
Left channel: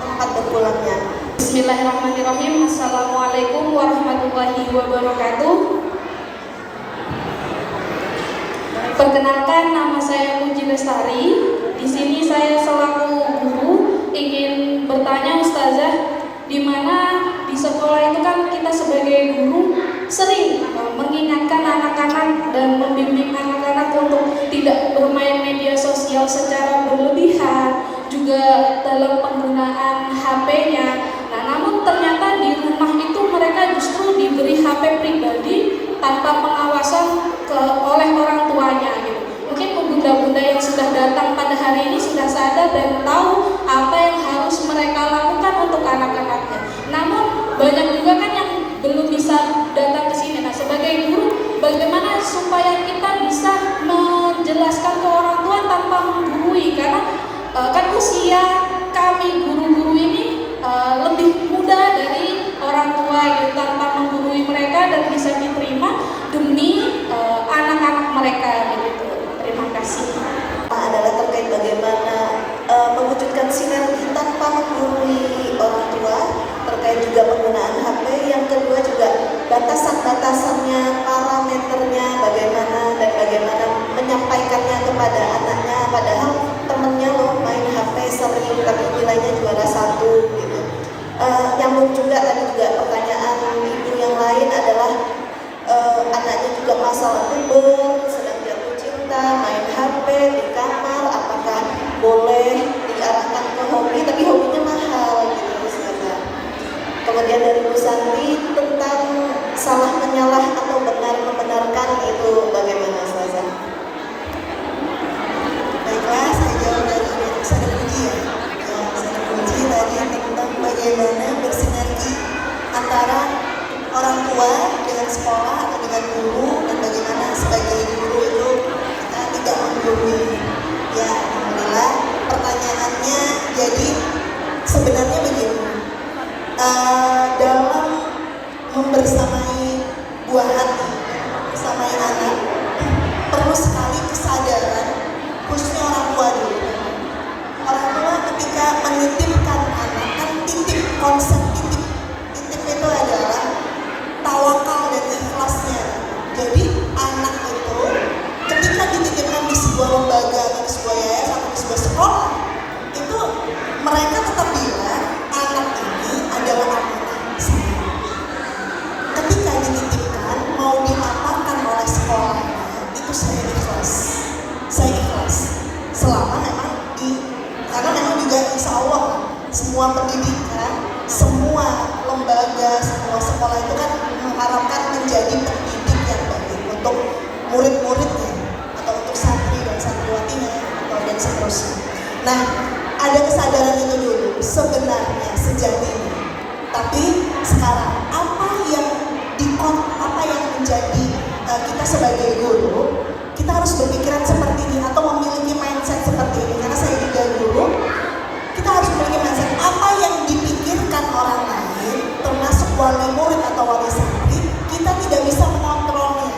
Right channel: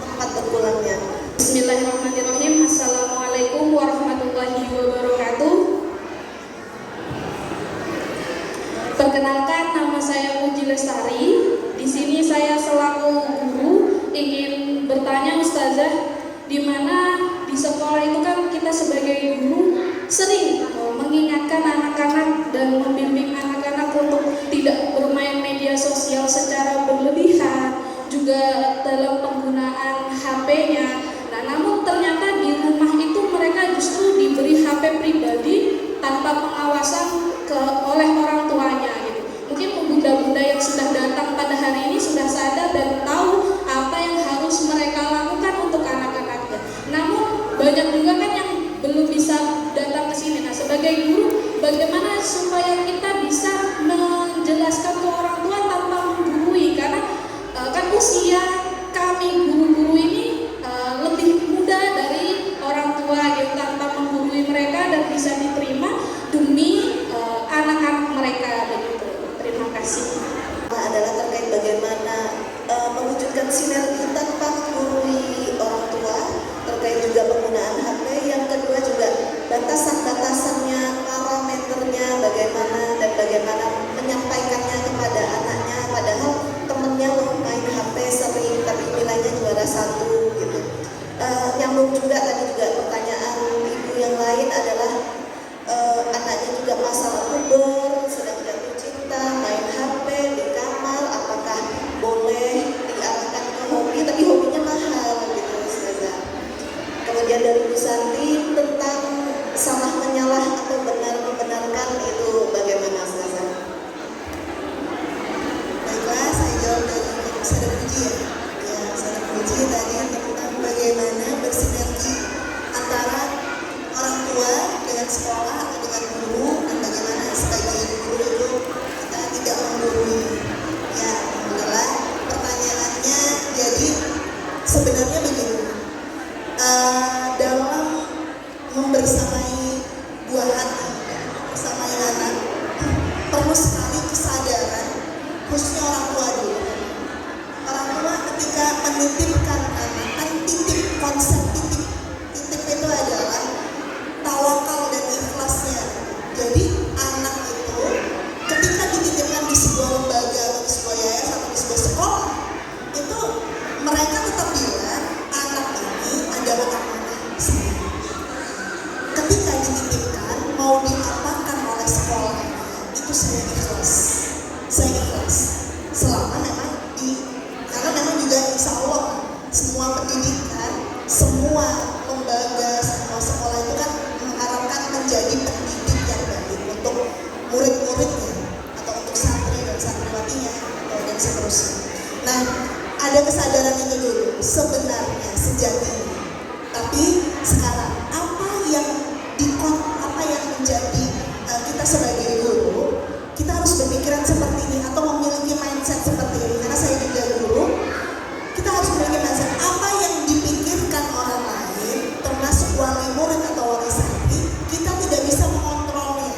tempat berpulangnya. Bismillahirrahmanirrahim. Assalamualaikum warahmatullahi wabarakatuh. Perkenalkan, nama saya Puji Lestari. Di sini saya selaku guru ingin bertanya Ustazah, di mana di sekolah itu kan kita sebagai guru sering mengingatkan anak-anak dan membimbing anak-anak untuk tidak bermain media sosial secara berlebihan, juga dalam penggunaan HP-nya. Nah, namun ternyata di rumah itu mereka justru diberi HP pribadi tanpa pengawasan oleh orang tuanya gitu. Mungkin bunda-bunda yang sudah datang pada hari ini sudah sadar dan tahu apa yang harus mereka lakukan untuk anak-anaknya. Namun banyak juga kan yang belum bisa datang ke sini. Nah, sebagai guru, bagaimana supaya kita bisa menjelaskan ke orang tua tanpa menggurui? Karena kan usia kami guru-guru ini seterusnya. Nah, ada kesadaran itu dulu sebenarnya sejatinya. Tapi sekarang apa yang menjadi kita sebagai guru, kita harus berpikiran seperti ini atau memiliki mindset seperti ini. Karena saya juga guru, kita harus memiliki mindset apa yang dipikirkan orang lain, termasuk wali murid atau wali santri, kita tidak bisa mengontrolnya.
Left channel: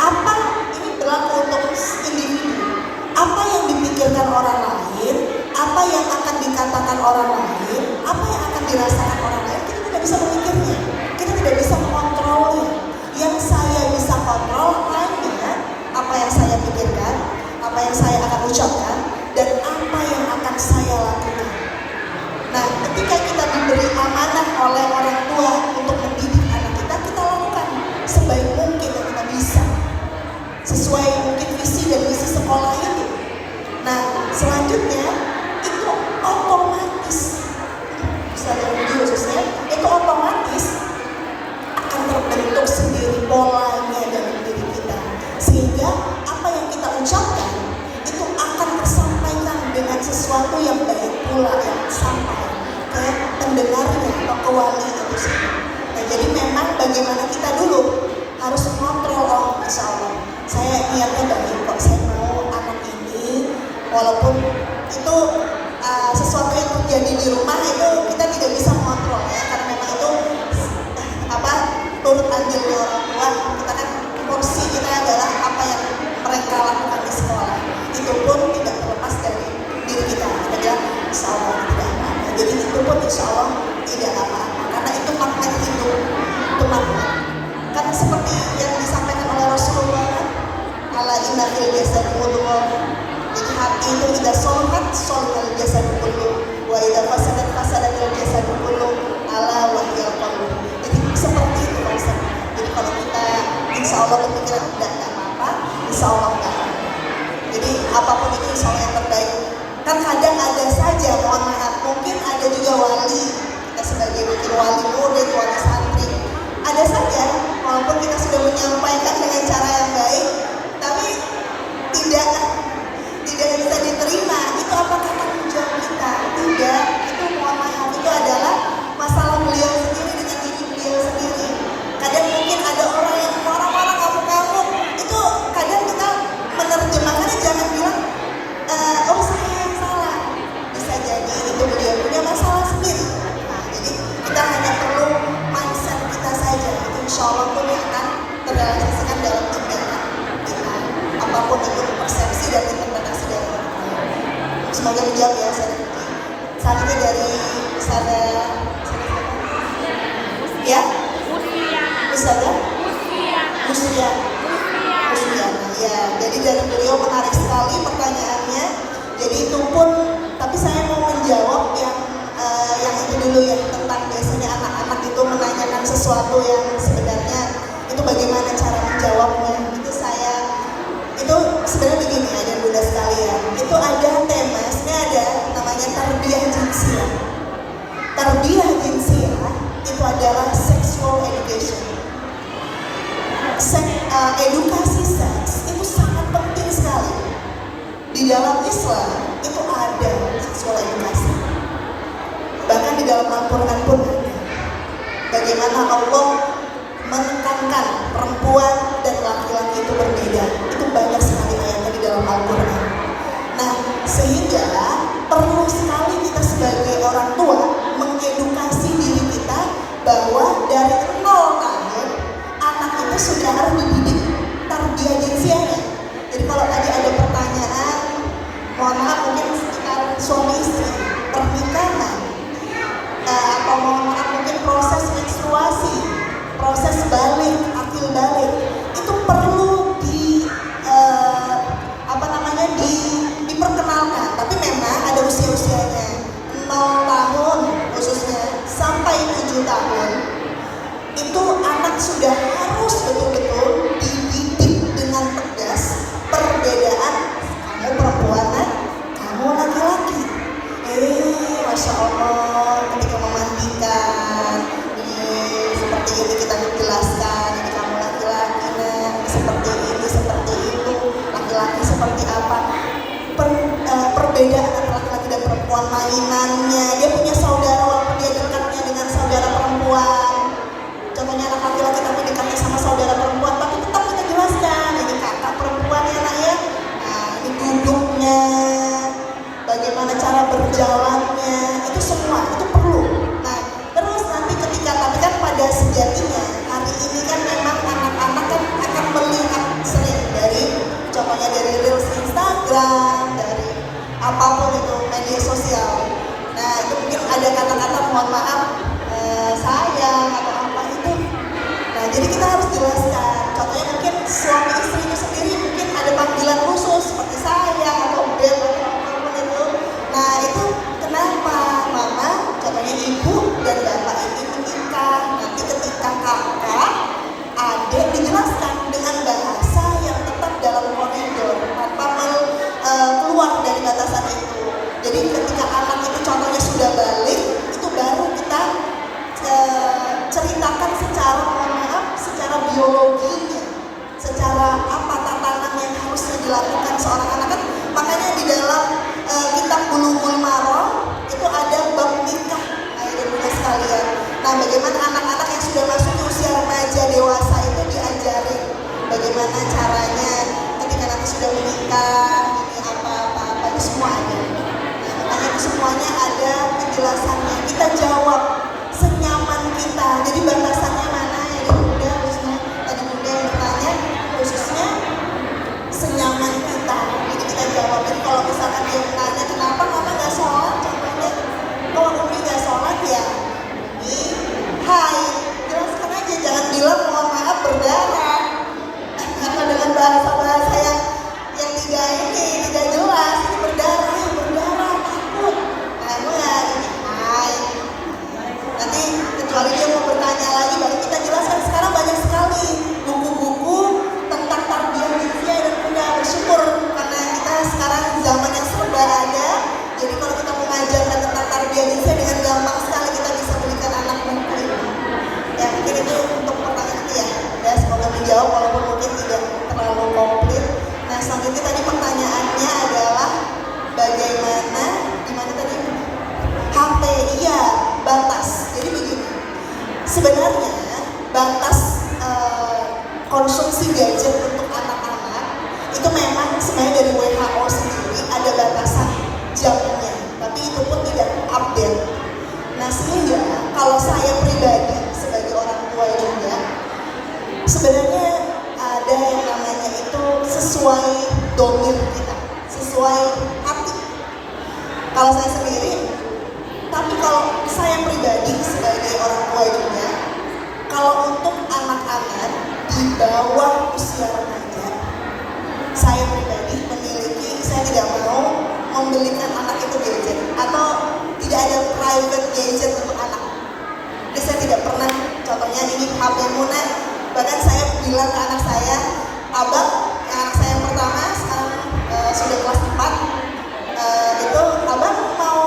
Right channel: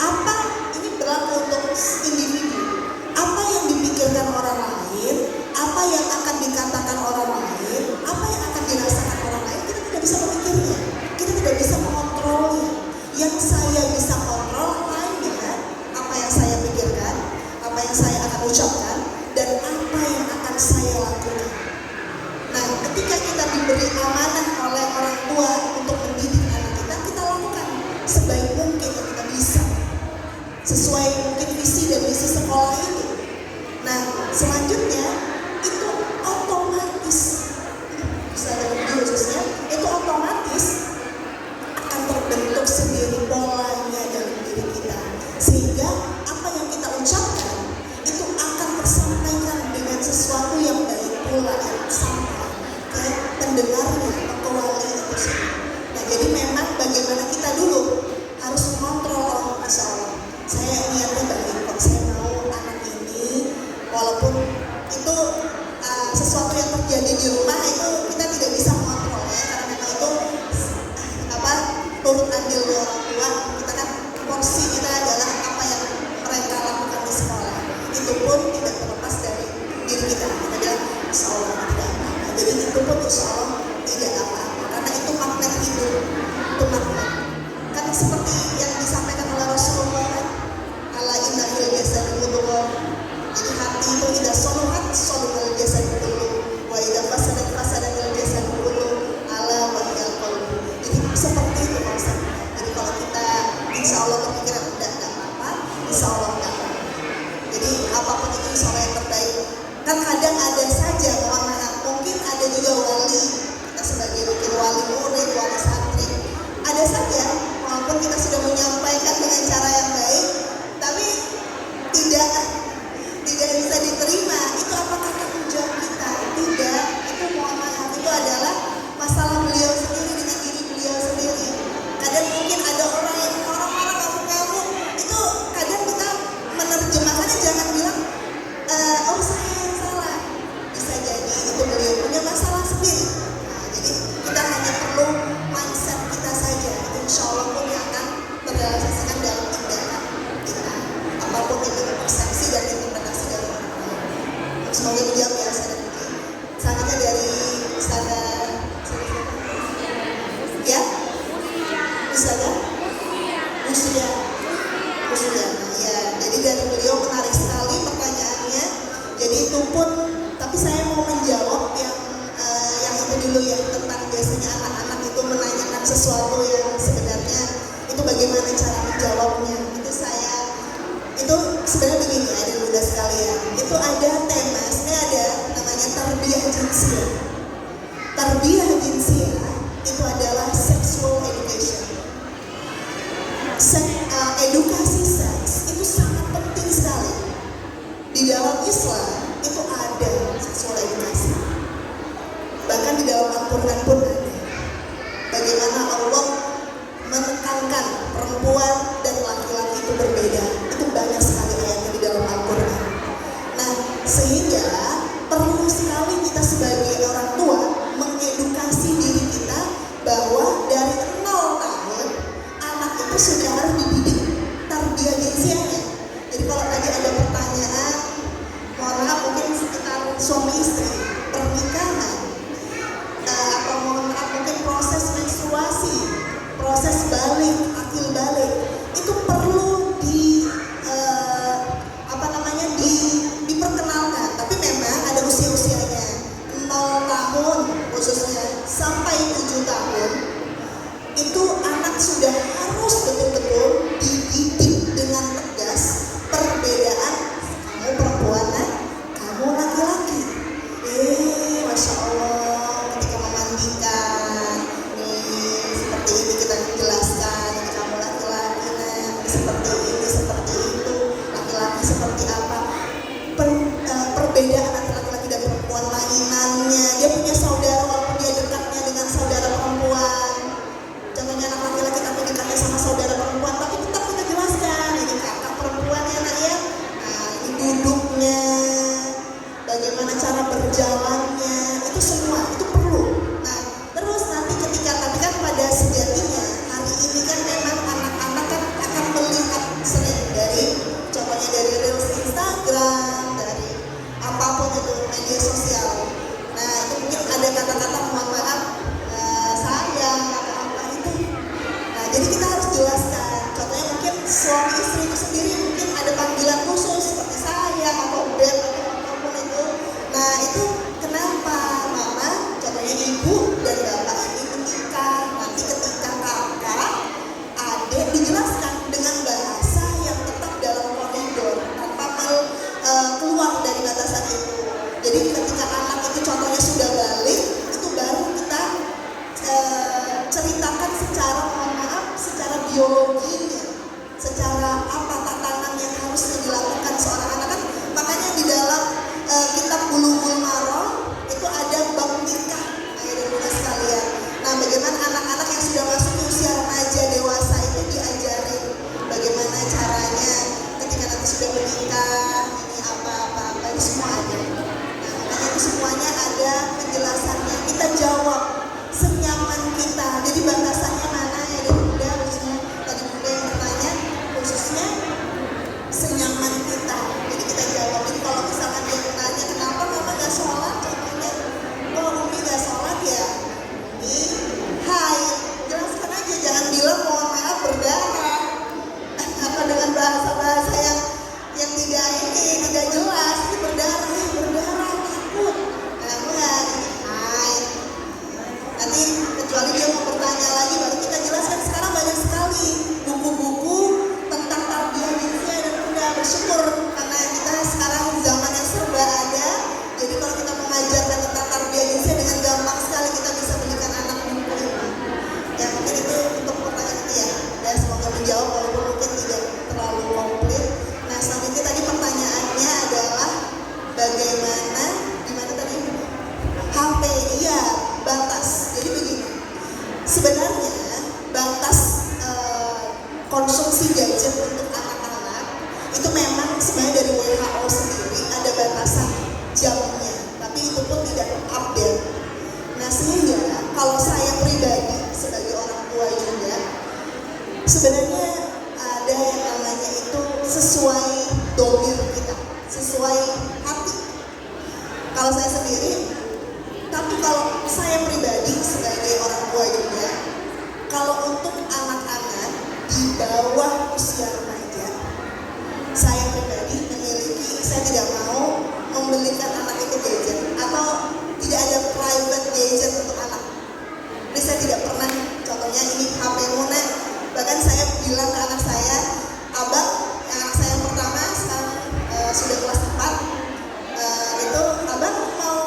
Apa ini berlaku untuk individu? Apa yang dipikirkan orang lain, apa yang akan dikatakan orang lain, apa yang akan dirasakan orang lain, kita tidak bisa memikirnya, kita tidak bisa mengontrolnya. Yang saya bisa kontrol hanya apa yang saya pikirkan, apa yang saya akan ucapkan, dan apa yang akan saya lakukan. Nah, ketika kita diberi amanah oleh orang tua untuk mendidik anak kita, kita lakukan sebaik mungkin yang kita bisa, sesuai mungkin visi dan misi sekolah itu. Nah, selanjutnya itu otomatis, khususnya itu otomatis akan terbentuk sendiri polanya dalam diri kita, sehingga apa yang kita ucapkan itu akan tersampaikan dengan sesuatu yang baik pula yang sampai ke pendengarnya atau ke wali itu sendiri. Nah, jadi memang bagaimana kita dulu harus mengontrol. Insya Allah saya niatnya baik kok, saya mau anak ini walaupun itu sesuatu yang terjadi di rumah itu kita tidak bisa mengontrol ya, karena memang itu turut andil orang tua. Kita kan porsi kita adalah apa yang mereka lakukan di sekolah, itu pun tidak terlepas dari diri kita. Kita bilang insya Allah tidak apa-apa, jadi itu pun insya Allah tidak apa-apa, karena itu magnet hidup, itu magnet. Kan seperti yang disampaikan oleh Rasulullah kan, ala inna fil jasadi mudghah. Jadi hati itu tidak soluhat soluhal jasad kullu, wa idza fasadat fasadal jasad kullu, ala wa hiyal qalb. Jadi seperti itu kan. Jadi kalau kita insya Allah berpikiran tidak apa-apa, insya Allah enggak. Jadi apapun itu insya Allah yang terbaik. Kan kadang ada saja, mohon maaf, mungkin ada juga wali, kita sebagai wakil wali murid, wali santri, ada saja walaupun kita sudah menyampaikan dengan cara yang baik, tapi tidak bisa diterima. Itu apakah tanggung jawab kita? Tidak. Itu mohon maaf, itu adalah masalah beliau sendiri dengan diri beliau sendiri. Kadang mungkin ada orang kamu itu kadang kita menerjemahkannya jangan bilang oh saya yang salah. Bisa jadi itu beliau punya masalah sendiri. Nah, jadi kita hanya perlu mindset kita saja. Itu insya Allah pun yang akan terrealisasikan dalam tindakan kita. Apapun itu persepsi dan interpretasi dari orang lain. Semoga dijawab ya. Selanjutnya dari sana ya, Ustazah Musia. Ya, jadi dari beliau menarik sekali pertanyaannya. Jadi itu pun, tapi saya mau menjawab yang itu dulu ya, tentang biasanya anak-anak itu menanyakan sesuatu yang sebenarnya itu bagaimana cara menjawabnya. Itu sebenarnya begini, ada mudah sekalian. Itu ada tema, ini ada namanya tarbiyah jinsiyah. Tarbiyah jinsiyah itu adalah sexual education. Edukasi seks itu sangat penting sekali. Di dalam Islam itu ada sexual edukasi. Bahkan di dalam Al-Quran pun ada. Bagaimana Allah menekankan perempuan dan laki-laki itu berbeda. Itu banyak sekali ayatnya di dalam Al-Quran. Nah, sehingga perlu sekali kita sebagai orang tua mengedukasi diri kita bahwa dari 0 tahun anak itu sudah harus dididik tarbiyah jinsiyahnya. Jadi kalau tadi ada pertanyaan, mohon maaf mungkin sekitar suami istri, pernikahan, atau mohon maaf mungkin proses menstruasi, proses balik, akil balik, itu perlu diperkenalkan. Tapi memang ada usia-usianya, 0 tahun khususnya sampai 7 tahun itu anak sudah harus betul-betul dididik dengan tegas perbedaan kamu perempuan dan kamu laki-laki. teman mainannya, dia punya saudara walaupun dia dekatnya dengan saudara perempuan. Contohnya anak laki-laki tapi dekatnya sama saudara perempuan, tapi tetap kita jelaskan ini kakak perempuan ya nak ya. Nah, ini duduknya, bagaimana cara berjalannya, itu semua itu perlu. Nah, terus nanti ketika tapi kan pada sejatinya hari ini kan memang anak-anak kan akan melihat sering dari contohnya dari reels Instagram, dari apapun itu media sosial. Nah, itu mungkin ada kata-kata mohon maaf sayang atau apa itu. Nah, jadi kita harus jelaskan. Contohnya mungkin suami istri itu sendiri mungkin ada panggilan khusus seperti sayang atau beb atau apapun itu. Nah, itu kenapa mama, contohnya ibu dan bapak ini menikah. Nanti ketika kakak, adik dijelaskan dengan bahasa yang tetap dalam koridor tanpa keluar dari batasan itu. Jadi ketika anak itu contohnya sudah balik, itu baru kita ceritakan secara mohon maaf, secara biologinya, secara apa tatanan yang harus dilakukan seorang anak kan. Makanya di dalam kitab Bulughul Maram itu ada bab nikah, ayah dan bunda sekalian. Nah, bagaimana anak-anak yang sudah masuk ke usia remaja dewasa itu diajarin bagaimana caranya ketika nanti sudah menikah, ini apa itu semua ada. Nah, makanya itu semuanya ada penjelasannya. Kita jawab senyaman kita. Jadi batasannya mana ya dari bunda, khususnya tadi bunda yang bertanya, khususnya senyaman kita. Jadi kita jawab. Jadi kalau misalkan dia bertanya kenapa mama nggak sholat, contohnya, oh Umi nggak sholat ya, ini hai, jelaskan aja, jangan bilang mohon maaf berdarah karena dengan bahasa yang tidak jelas, ini berdarah takut. Nah, enggak, ini hai. Nanti kecuali dia mau bertanya lagi baru kita jelaskan. Sekarang banyak sekali buku-buku tentang tarbiyah jinsiyah dan bunda, bersyukur karena kita sekarang zaman yang serba ada. Jadi kalau kita mengajarkan tentang tarbiyah jinsiyah dengan gampang sekali kita bisa belikan anak buku ini. Ya mungkin itu untuk pertanyaan itu ya. Dan semoga menjawab walaupun mungkin tidak terlalu komplit. Nah, selanjutnya tadi pertanyaannya adalah bagaimana gimana tadi HP, iya batas. Jadi begini, sebenarnya batas konsumsi gadget untuk anak-anak itu memang sebenarnya dari WHO sendiri ada batasan jamnya, tapi itu pun tidak update. Nah, sehingga kalau saya pribadi sebagai orang tua juga sebenarnya ada yang namanya itu sesuai domir kita, sesuai hati. Kalau saya sendiri, tapi kalau saya pribadi sebagai orang tua juga, kalau untuk anak-anak di bawah usia remaja, saya pribadi saya tidak mau membelikan anak itu gadget atau tidak ada private gadget untuk anak. Jadi saya tidak pernah, contohnya ini HP Muna, bahkan saya bilang ke anak saya, abang, anak saya yang pertama sekarang sudah kelas 4, itu abang mau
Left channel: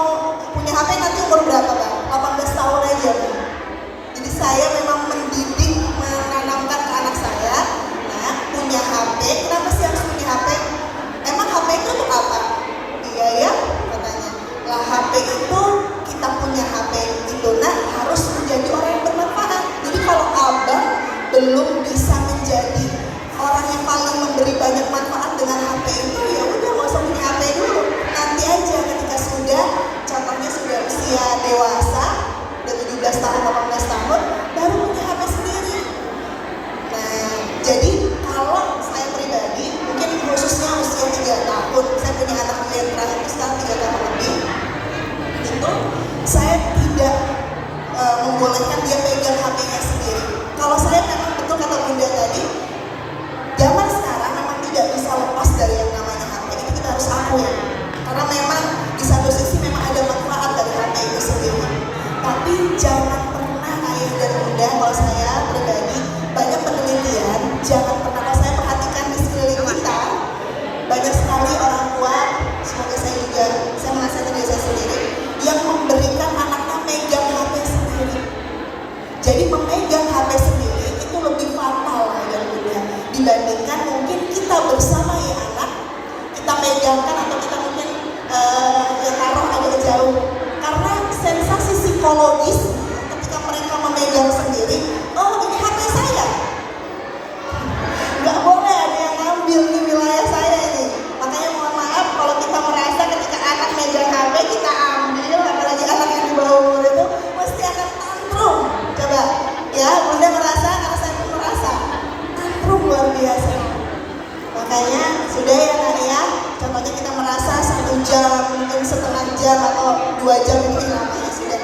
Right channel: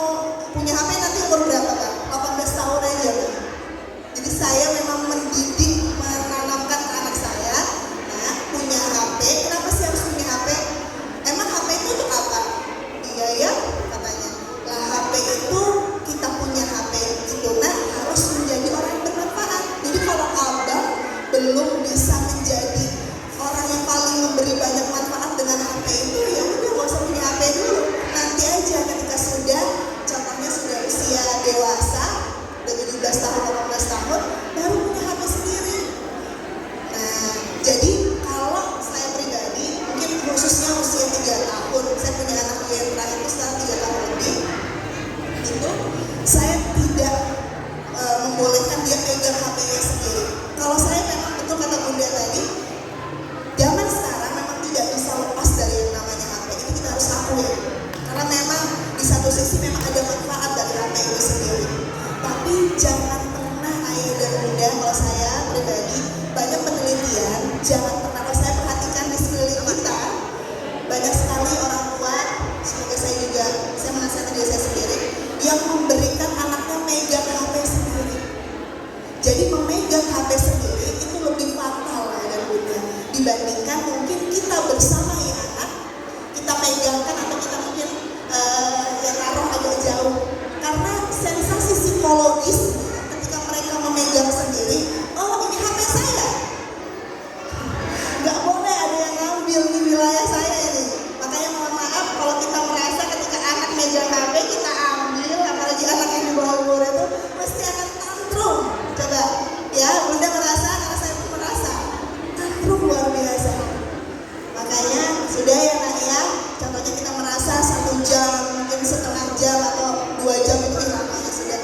jam atau 2 jam itu lama ya sudah.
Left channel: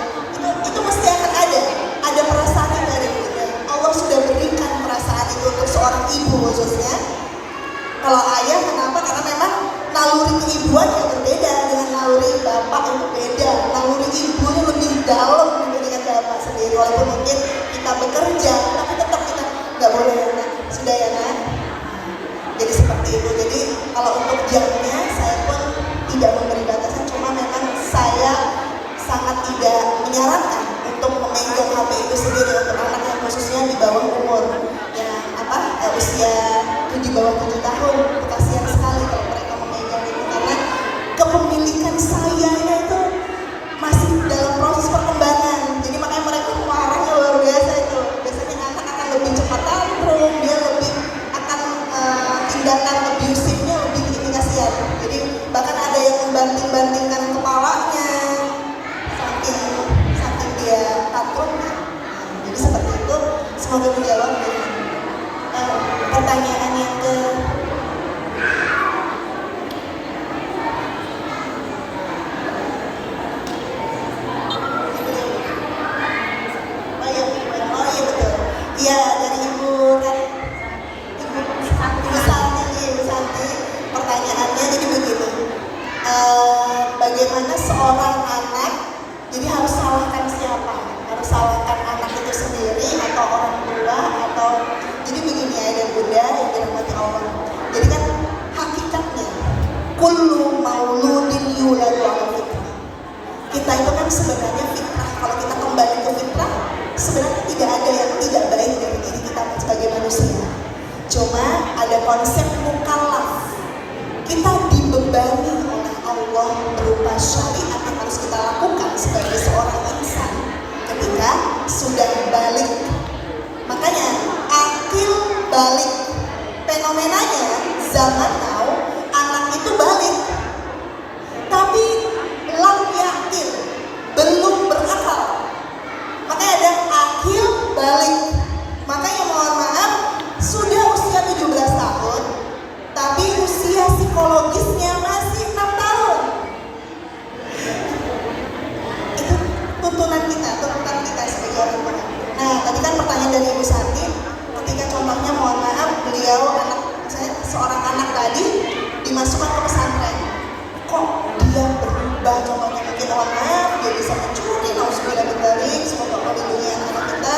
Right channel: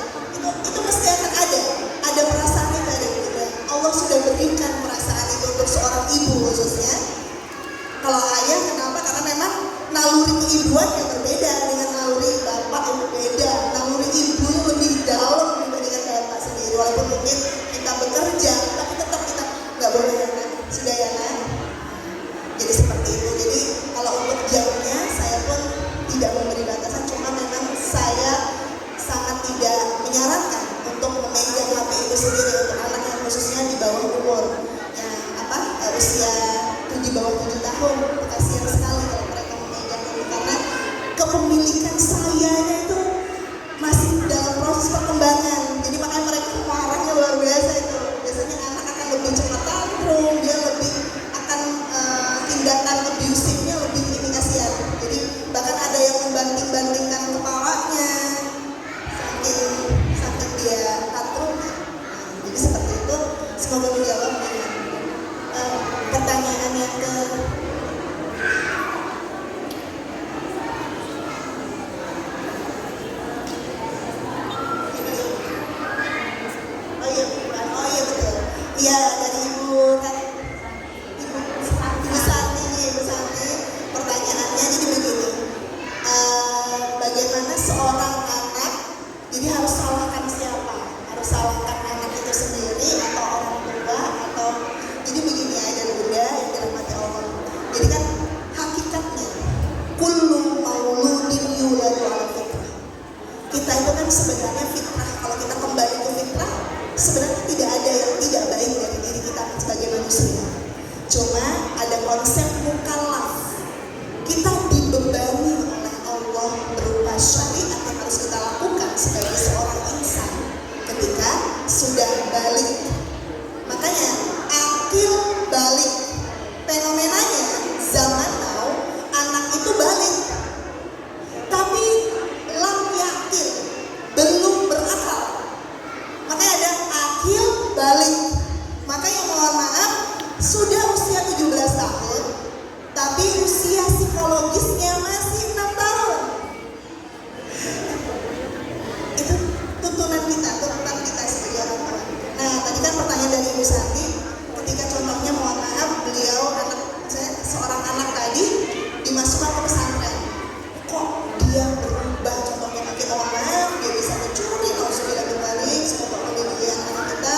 Itu mesti akan ada perasaan itu ada bunda. Allah sudah berikan perasaan itu untuk seorang ibu khususnya. Kalau ayah kenapa? Karena memang naluri keibuan yang berbeda dengan naluri bapak yang berbeda. Naluri ibu lebih dalam dibandingkan bapak sendiri. Walaupun mungkin kita bekerja, tapi tetap kita nggak boleh anak. Sudah ya nak? Jadi seperti itu. Jadi kalau untuk jamnya saya pun tidak memberi batasan. Cuma memang saya sangat tidak menyarankan untuk memegang HP itu sendiri untuk anak yang khususnya di bawah umur yang usia di bawah 7 tahun. Kasihan sekali kalau mereka memegang itu karena kepemilikan saya itu masih dalam proses perkembangan. Jadi makanya mereka marahnya luar biasa itu. Biasanya anak akan lebih cepat tantrum, dia lebih akan tindakan abusifnya lebih ini kasihan. Jadi bahkan ada yang membanting-bantingkan kepalanya saking dia tantrumnya. Jadi seperti itu. Semoga menjawab pertanyaan yang ke oh iya betul. Iya dari Ibu Santi. Pertanyaannya jadi begini. Bagaimana seorang anak jadi harus salahkan siapa? Harus salahkan anak itu sendiri atau orang tua atau jadi begini ya dan bunda yang dirahmati Allah. Jadi kan hakikatnya kullu mauludin yuladu ala fitrah. Kita itu kan sebenarnya fitrah. Kalau kita kembali ke fitrah, sebenarnya tidak ada yang tidak baik dari diri kita sebagai manusia. Cuma ada konsep mukallaf. Kita dibebani oleh Allah berupa syariat yang harus kita lakukan sebagai seorang insan ketika sudah balik. Makanya akil balik. Fenomenanya zaman now anak itu balik, tapi lam yakil, belum berakal. Makanya ada akil balik. Makanya mohon maaf sudah usia 17 tahun, tapi usia psikologisnya masih 6 tahun. Itu tuntunan kita sebagai orang tua. Nah, tadi kan pertanyaan dari Ibu Santi, ketika contohnya mohon maaf beliau saya seorang anak tadi dimasukkan ke pesantren, kok dia berubah? Contohnya mungkin maaf dia bisa mencuri, nauzubillah min dzalik, semoga Allah lindungi anak kita,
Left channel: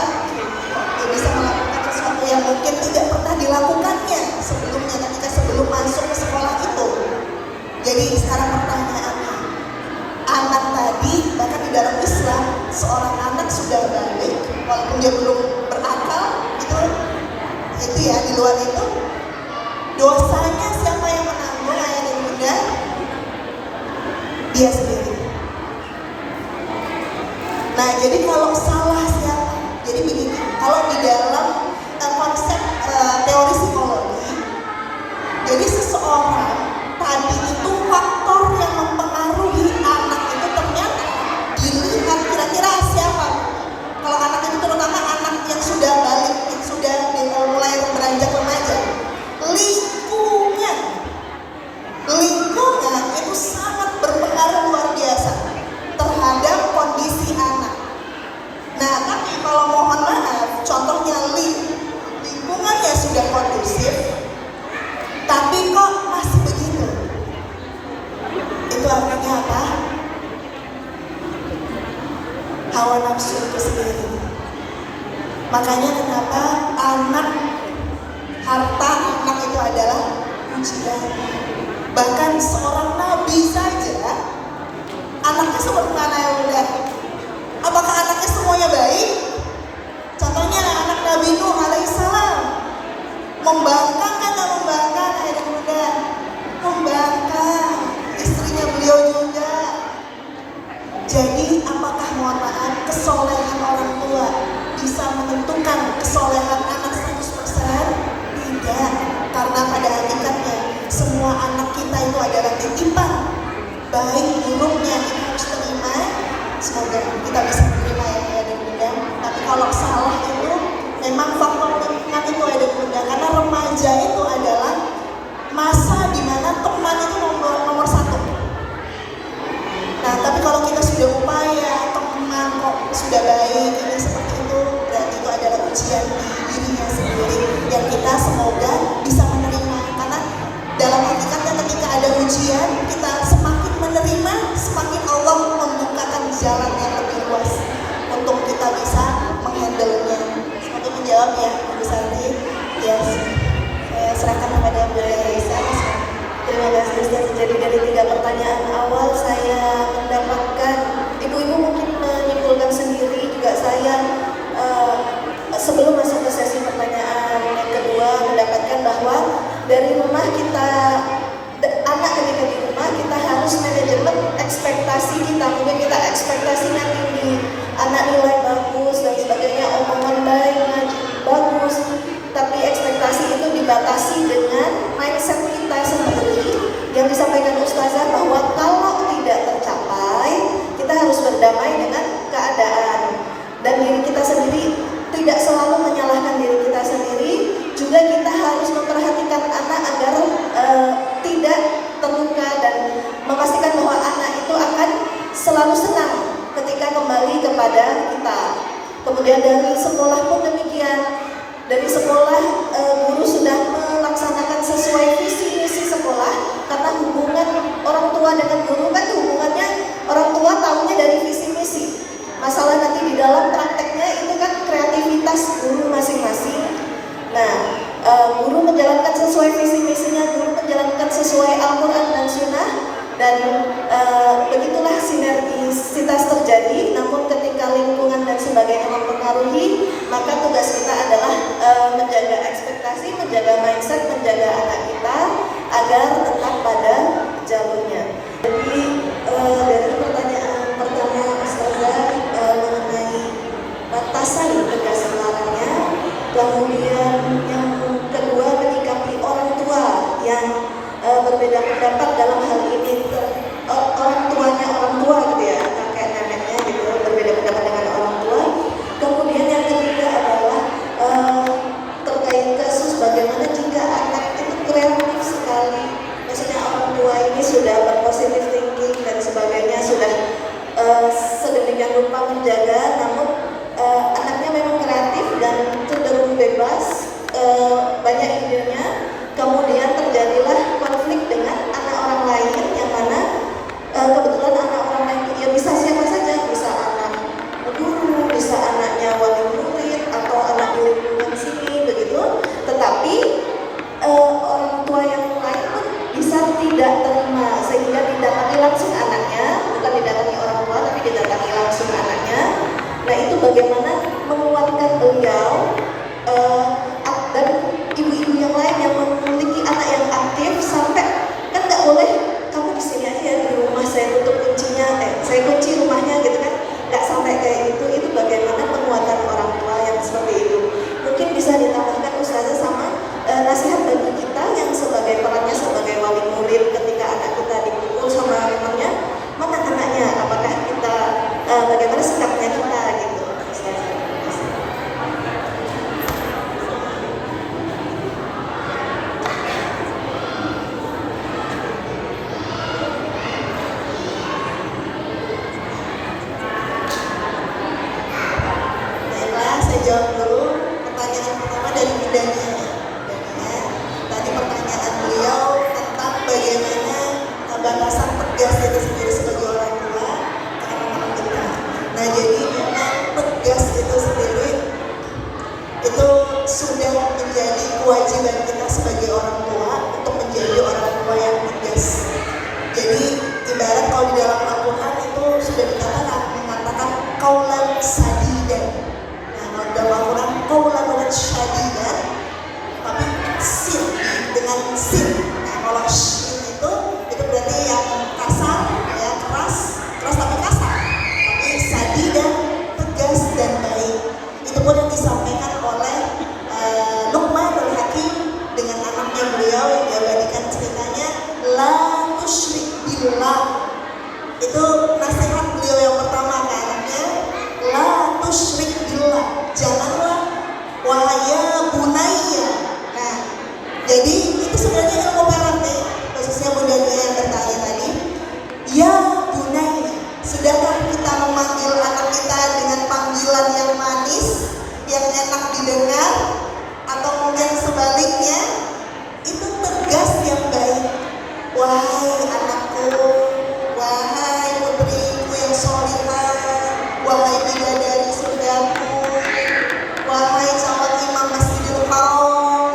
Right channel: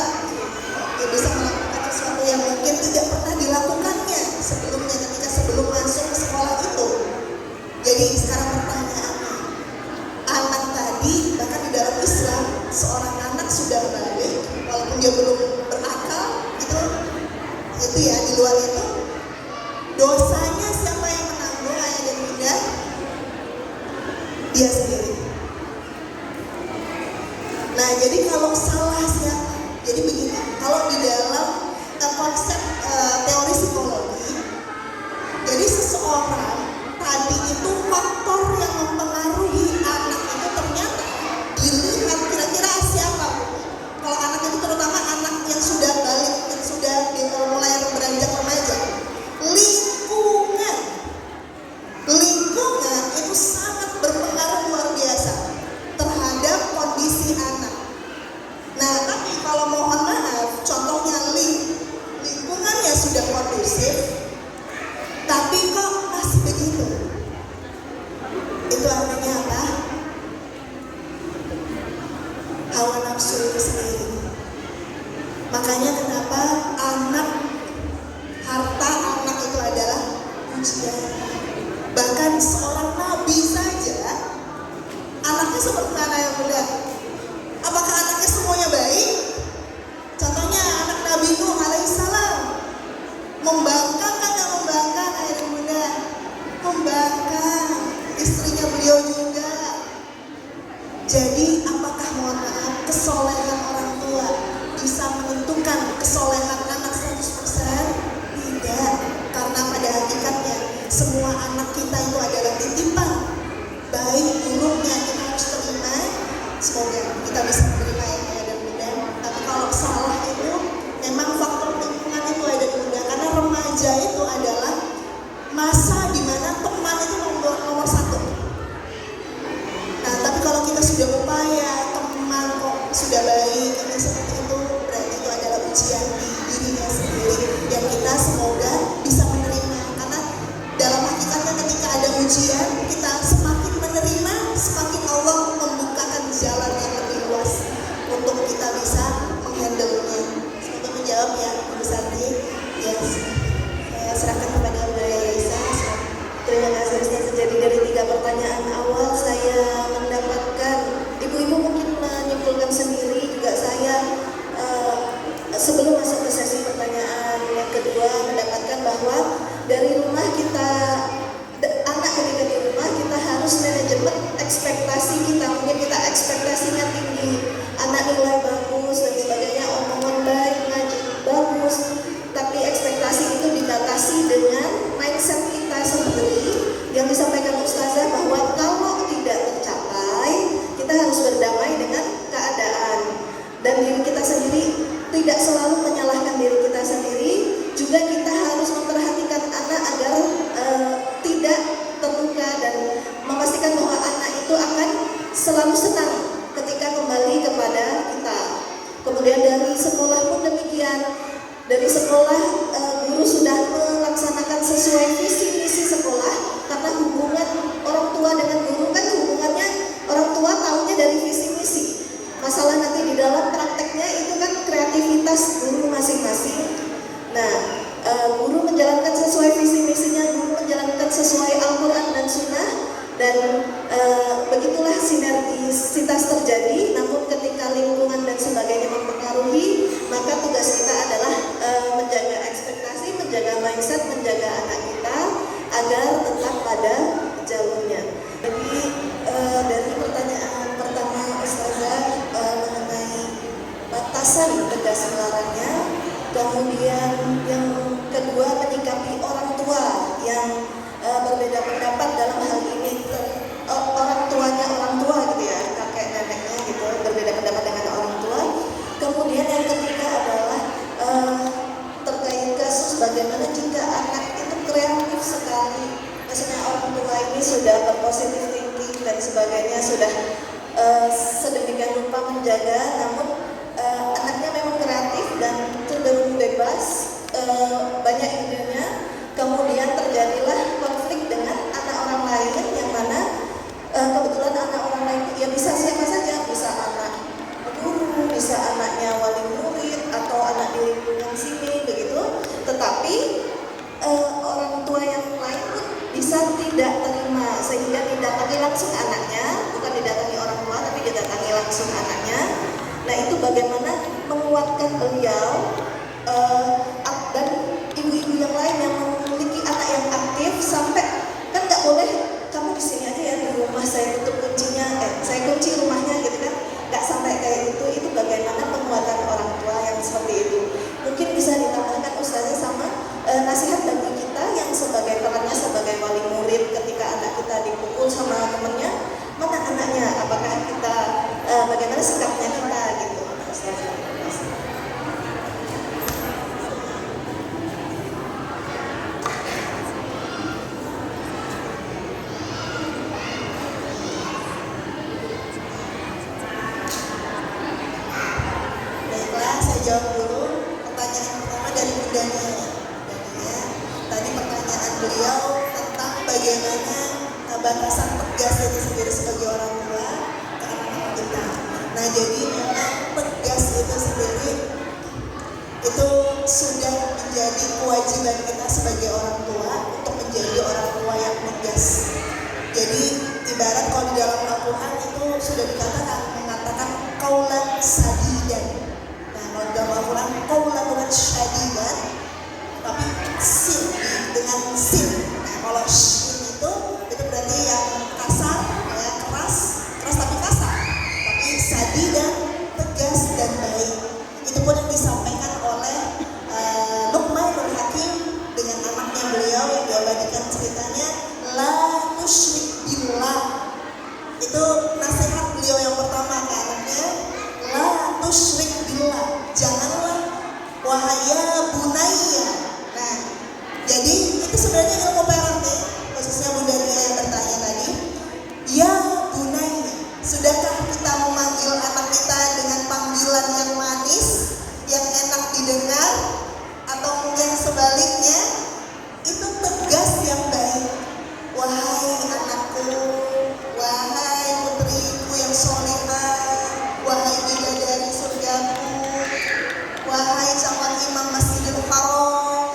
dia bisa melakukan sesuatu yang mungkin tidak pernah dilakukannya sebelumnya ketika sebelum masuk ke sekolah itu. Jadi sekarang pertanyaannya, anak tadi bahkan di dalam Islam seorang anak sudah balik walaupun dia belum berakal itu ya di luar itu dosanya siapa yang menanggung ayah dan bunda? Dia sendiri. Nah jadi kalau salah siapa? Jadi begini, kalau di dalam konsep teori psikologi, jadi seseorang tadi itu faktor yang mempengaruhi anak itu ternyata dilihat kira-kira siapa. Kalau anak itu terutama anak yang sudah balik, yang sudah mulai beranjak remaja, lingkungan itu sangat berpengaruh luar biasa terhadap kondisi anak. Nah tapi kalau mohon maaf, contohnya lingkungannya sudah kondusif, tapi kok masih begitu. Itu artinya apa? Hawa nafsu itu sendiri. Makanya kenapa harta anak itu adalah ujian. Bahkan seorang nabi saja anaknya seperti mana yang mudah? Apakah anaknya semuanya baik? Contohnya anak Nabi Nuh alaihissalam membangkang atau membangkang ayah dan bunda? Membangkang. Istrinya beliau juga. Jadi apakah mohon maaf kesolehan orang tua bisa menentukan kesolehan anak 100%? Tidak. Karena pada hakikatnya semua anak kita itu adalah titipan. Baik buruknya kita harus terima. Semoga kita bisa menerima ya ayah dan bunda. Tapi kalau salah itu memang faktor lingkungan itu ayah dan bunda. Karena remaja itu adalah masa di mana teman itu nomor 1. Nah tapi ekspektasi kita, mungkin kita ekspektasinya tinggi, anak nilai bagus dan sebagainya, omongan baik, ngaji bagus, tapi ekspektasi itu dibatasi dengan mindset kita sendiri yang disampaikan Ustazah bahwa kalau tidak tercapai, kita harus berdamai dengan keadaan dan diri kita sendiri, tidak selalu menyalahkan diri kita sendiri, juga kita harus memperhatikan anak agar tidak terluka dan memastikan bahwa anak itu akan selalu senang ketika kembali kepada kita. Kemudian dari sekolah pun demikian, dari sekolah guru sudah melaksanakan sesuai visi misi sekolah, karena hubungan orang tua dengan guru kan hubungannya orang tua tahunya dari visi misi. Masalah nanti di dalam prakteknya itu kan kreativitas guru masing-masing. Nah, guru menjalankan sesuai visi misinya, guru menjalankan sesuai Al-Quran dan Sunnah, dan begitulah sinergisitas terjadi. Namun ketika lingkungan dan sebagainya mempengaruhi, maka tugas kita adalah menjaga ekspektasi, menjaga mindset, menjaga anak kita agar tetap pada jalurnya. Jadi dari pertanyaan pertama Ustazah mengenai batasan tegas larangnya, kemudian yang kedua menyikapi orang tua yang berbeda pendapat dalam hal ini, orang tuanya orang tua gitu ya, kakek neneknya gitu, berbeda pendapat dengan orang tua. Kemudian yang ketiga adalah terkait kasus bagaimana jika anak itu kreatif sekali, maksudnya orang tua ini sudah berpositif thinking dan sebagainya, sudah sedemikian rupa menjaga, namun anaknya memang kreatif dan cenderung bebas, banyak idenya, kemudian terjadilah konflik dengan anak orang lain yang mana kebetulan anak orang lain ya bisa siapa saja, bisa anak guru, bisa anaknya wali murid atau anak di lingkungan sini begitu, tetapi orang tua yang lain pun bisa tidak terima sehingga didatangi langsung anaknya, bukan didatangi orang tua tapi didatangi langsung anaknya. Nah, itu bagaimana menguatkan beliau dan ibu-ibu yang lain yang memiliki anak yang aktif, sampai kan nggak boleh kamu di sini aja ya, di rumah saya tutup kuncinya, saya kunci rumahnya gitu kan, nggak sampai kayak gitu. Itu bagaimana penguatan orang tua yang seperti itu. Mungkin bisa ditambahkan Ustazah sama nasihat bagi kita yang sebagai perannya sebagai wali murid ketika anak kita dipukul sama temannya, mana anaknya, apakah kita bagaimana sikapnya kita gitu. Baiklah, saya jawab dulu pertanyaan pertama dari bidangnya. Tadi pertanyaan beliau tentang bagaimana batasan tegas itu sendiri sebagai orang tua ke anak-anak kita. Nah, jadi memang tegas itu sendiri itu sudah menjadi kewajiban kita sebagai orang tua untuk menjadi orang tua yang tegas. Jadi ibarat kalau di dalam Al-Quran itu sudah mengatakan qaulan sadidan. Nah, kalau dalam Al-Quran qaulan sadidan, tapi sin dengan sin. Nah, kalau sin itu berarti yang kasar, ya keras tapi kasar. Tapi sadidan, tegas dan baik. Itu pun yang disampaikan oleh Luqmanul Hakim dengan anaknya beliau yang diabadikan ceritanya, la tusyrik billah. Itu nasihat beliau yang pertama ke anaknya, la tusyrik billah, janganlah wahaya bunaya. Nah, jadi itu sebenarnya ilmu parenting, khususnya bundanya yang bertanya tadi, ya bunaya. Sudahkah kita memanggil anak kita dengan panggilan yang manis, yang enak didengar, atau mungkin sebaliknya itu tegas yang baik? Wahai anakku, wahai putriku yang solihah, wahai bidadari surgaku, wahai calon imam Masjidil Haram,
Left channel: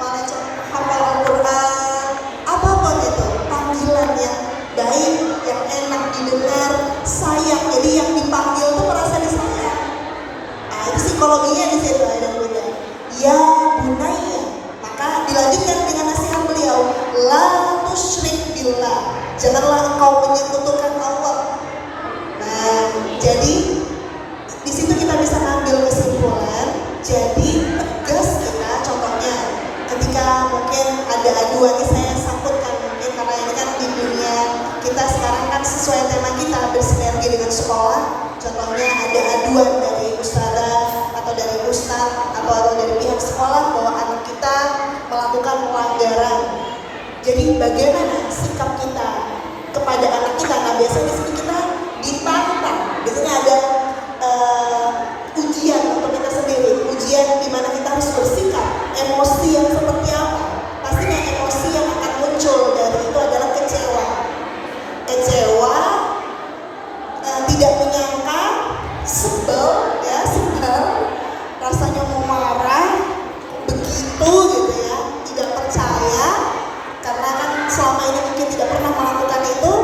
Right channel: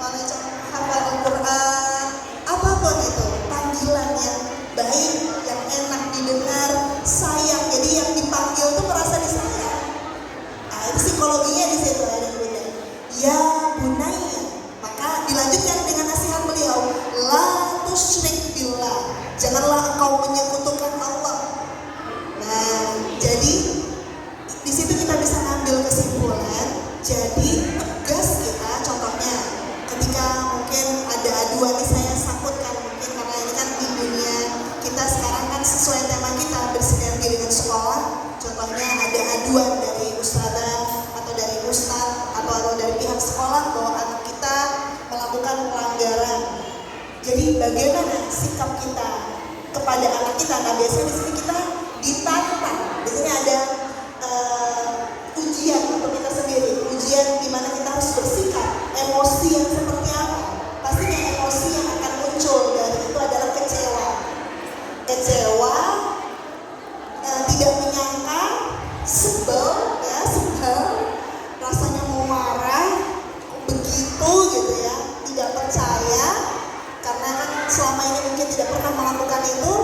wahai calon hafal Al-Quran, apapun itu panggilan yang baik, yang enak didengar, sayang. Jadi yang dipanggil itu merasa disayang. Nah, itu psikologinya di situ ada bunda. bagaimana sikap kita kepada anak kita. Nah biasanya di sini kita ditantang, biasanya ada ujian untuk kita sendiri, ujian di mana kita harus bersikap, emosi yang seperti apa. Pastinya emosi yang akan muncul dari itu adalah kecewa, tidak menyangka, sebel, rasanya mau marah, begitu gitu ya, tidak percaya, karena kan selama ini mungkin tidak pernah melakukan itu.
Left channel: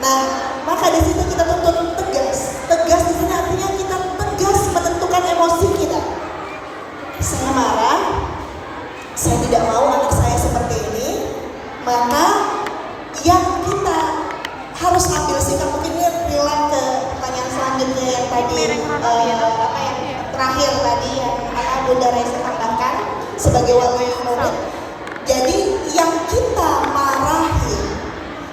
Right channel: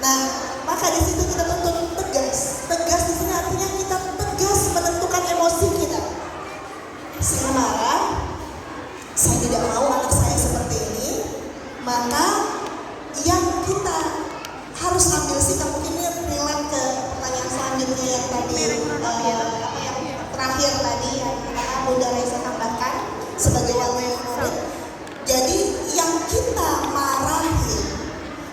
Nah, maka di situ kita tuntut tegas. Tegas di sini artinya kita tegas menentukan emosi kita. Saya marah, saya tidak mau anak saya seperti ini, maka yang kita harus ambil sikap. Mungkin ini relate ke pertanyaan selanjutnya yang tadi terakhir tadi yang Bunda Raisa tambahkan sebagai wali murid. Jadi yang kita marahi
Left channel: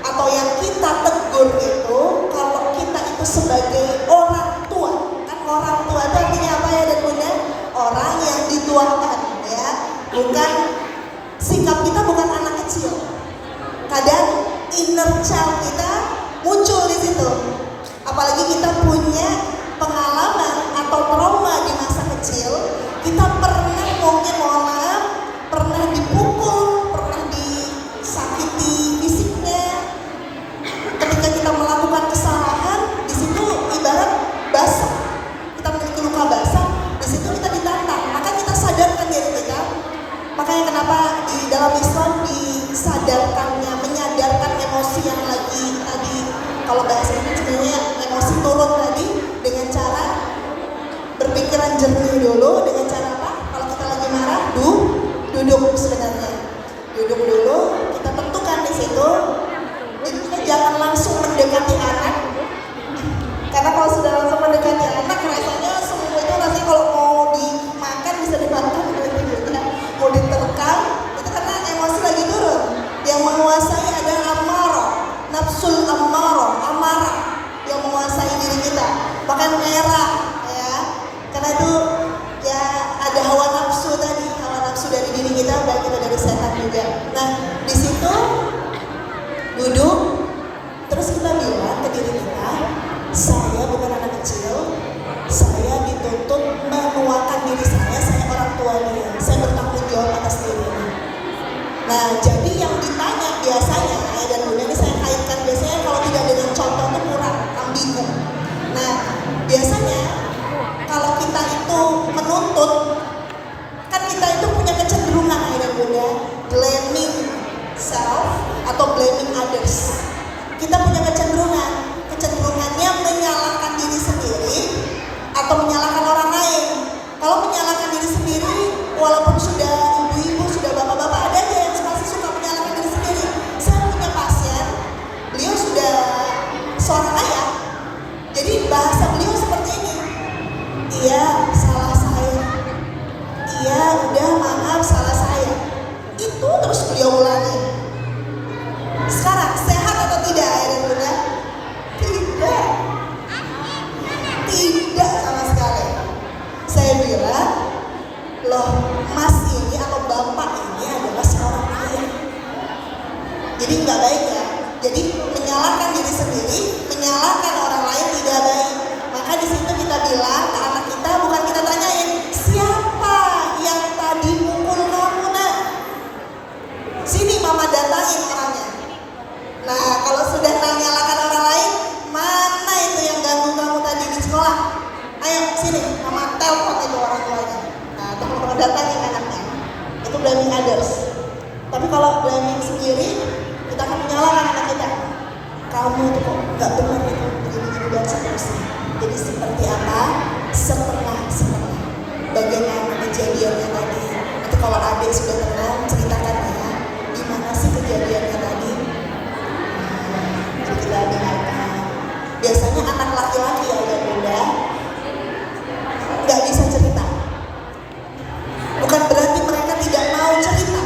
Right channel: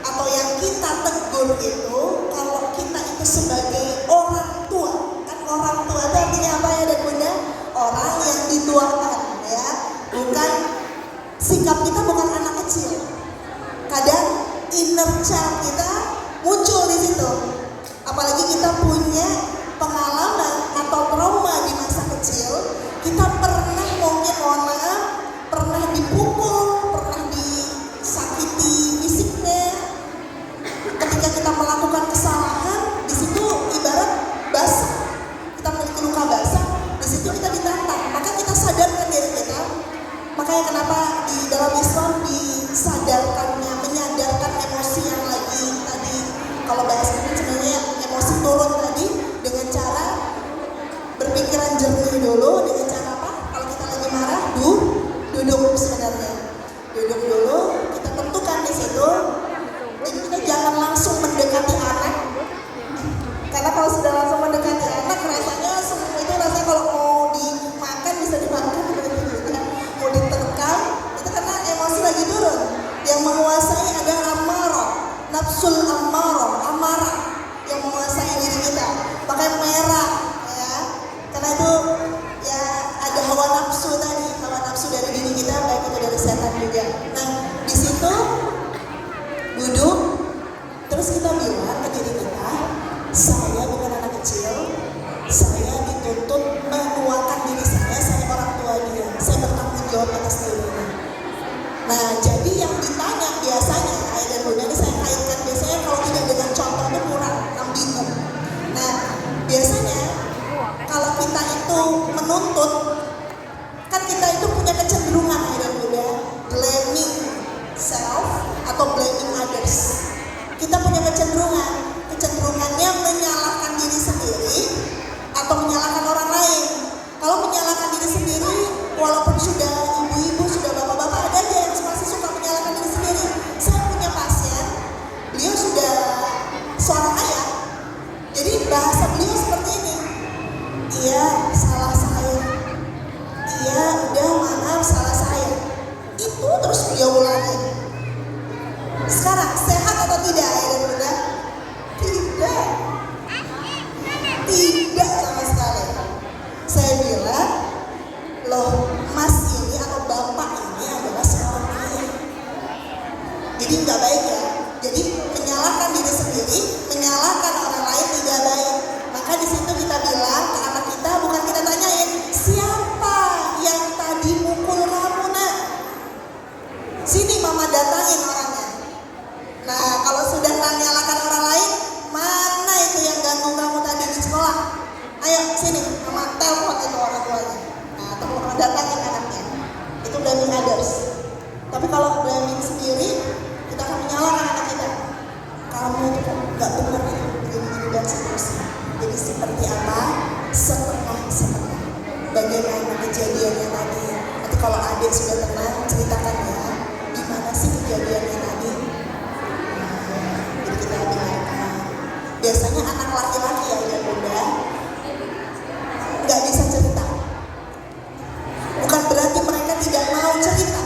atau yang kita tegur itu, kalau kita itu sebagai orang tua, kan orang tua itu artinya apa ya dan Bunda? Orang yang dituakan ya, bukan sikap kita bukan anak kecil. Kadang inner child kita muncul di situ, apalagi kita punya pengalaman atau trauma di masa kecil. Kita pernah mungkin mohon maaf, pernah dipukul, pernah disakiti fisiknya. Ketika kita melakukan kesalahan, di situ ibarat basah, kita memiliki luka basah, di situ kita ditantang. Maka kita sadarkan diri kita. Makanya kenapa di dalam Islam disadarkannya, menyadarkan emosi yang lagi tadi, kalau bahasa Indonesia emosi turun tadi, dengan cara berpikiran jernih dulu. Dengan cara apa? Kalau kita lagi marah, duduk sebenarnya, duduk dulu, kita tentukan di situ. Jadi kita jangan langsung mendekati anak, karena kalau sudah langsung mendekati anak, rasanya semua itu rasanya kalau mau dimakan bisa dibantu, mau diterkam, itu karena emosi lagi turun. Yang menguasai adalah amarah, nafsul amarah yang menguasai diri kita. Bahkan merah ya, karena itu ya ada hawa nafsu tadi, hawa nafsu dari diri kita, baik itu dari setan juga. Nah di situ duduk, terus kita bilang ke diri kita, saya bukan anak kecil, saya dituntut menuakan diri saya orang tua dia, saya bertanggung jawab atas dirinya. Nah jadi yang ditanya biasanya ya, dan Bunda ini saya kaitkan biasanya kalau tidak dengan contoh itu kurang ambigu. Nah biasanya kalau kita itu menuntut, kan kita itu punya kecenderungan ya dan Bunda, blaming self atau blaming others. Kita punya kecenderungannya menyalahkan diri sendiri atau menyalahkan orang lain. Kalau menyalahkan diri sendiri, walaupun sudah ibu-ibu, sudah bapak-bapak, ada yang masih suka menyalahkan diri sendiri. Saya punya pasien, beliau sudah seorang ayah. Jadi bahasa beliau seperti ini, iya salah saya, iya udah maaf salah saya. Itu terus beliau ulangi. Sekarang sehat atau tidak ya Bunda? Tidak sama sekali. Saya bilang, loh mas ini atau bapak ini adalah seorang ayah. Jadi nggak baik ya. Jadi menyalahkan diri sendiri, menyalahkan orang lain tidak baik. Maka di situ kita bilang ke anak kita, bukan kita tanyain siapa yang tadi mukul kamu nak. Sini mama datangin orangnya. Nah kalau sudah menyalahkan orang lain, mana itu yang ganggu kamu tadi di sekolah? Ayo sini, mama telepon itu orang tuanya. Nah teman-teman datangin anaknya. Itu blaming others. Tapi kalau blaming sendiri, kita akan menyalahkan anak kita. Kamu kok nggak benar itu begini dan seterusnya. Jadi seperti apa? Setengah. Bagaimana kejadiannya tadi? Nanti kalau adik sudah tenang, ceritakan ya. Gimana sih kejadiannya tadi? Jadi kita dengarkan. Biasanya anak laki-laki ya dan Bunda nggak bisa cerita. Bukan berarti mereka tidak mau cerita.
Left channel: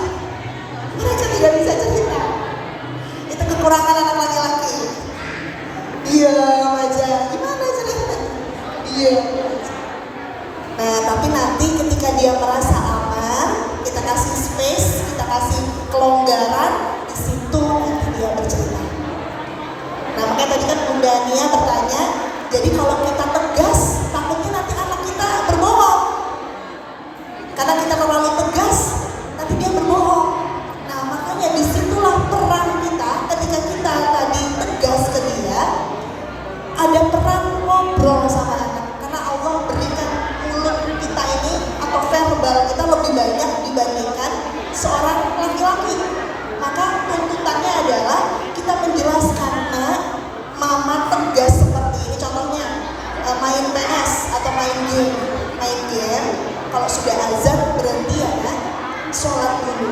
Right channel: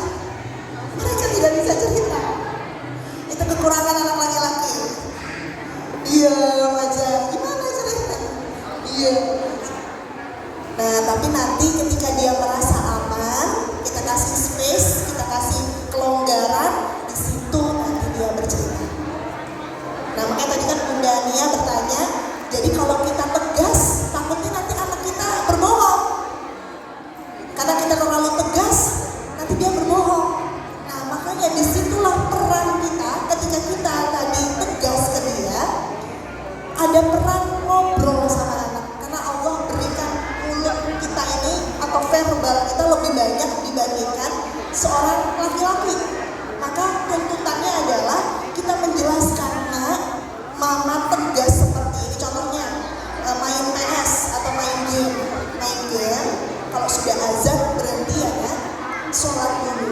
Mereka tidak bisa cerita. Itu kekurangan anak laki-laki. Diam aja. Gimana cerita? Diam aja. Nah tapi nanti ketika dia merasa aman, kita kasih space, kita kasih kelonggaran, di situ tadi kan Bunda Nia bertanya, jadi kalau kita tegas, takutnya nanti anak kita berbohong. Karena kita terlalu tegas, nanti dia berbohong. Nah, makanya disitulah peran kita ketika kita tadi tegas ke dia, ada peran ngobrol sama anak. Karena Allah berikan mulut kita ini atau verbal kita lebih banyak dibandingkan seorang laki-laki. Maka tuntutannya adalah kita menjelaskan, nah, mama tegas seperti ini. Contohnya main PS atau main game. Main game, kalau sudah azan berhenti ya kan, sholat dulu.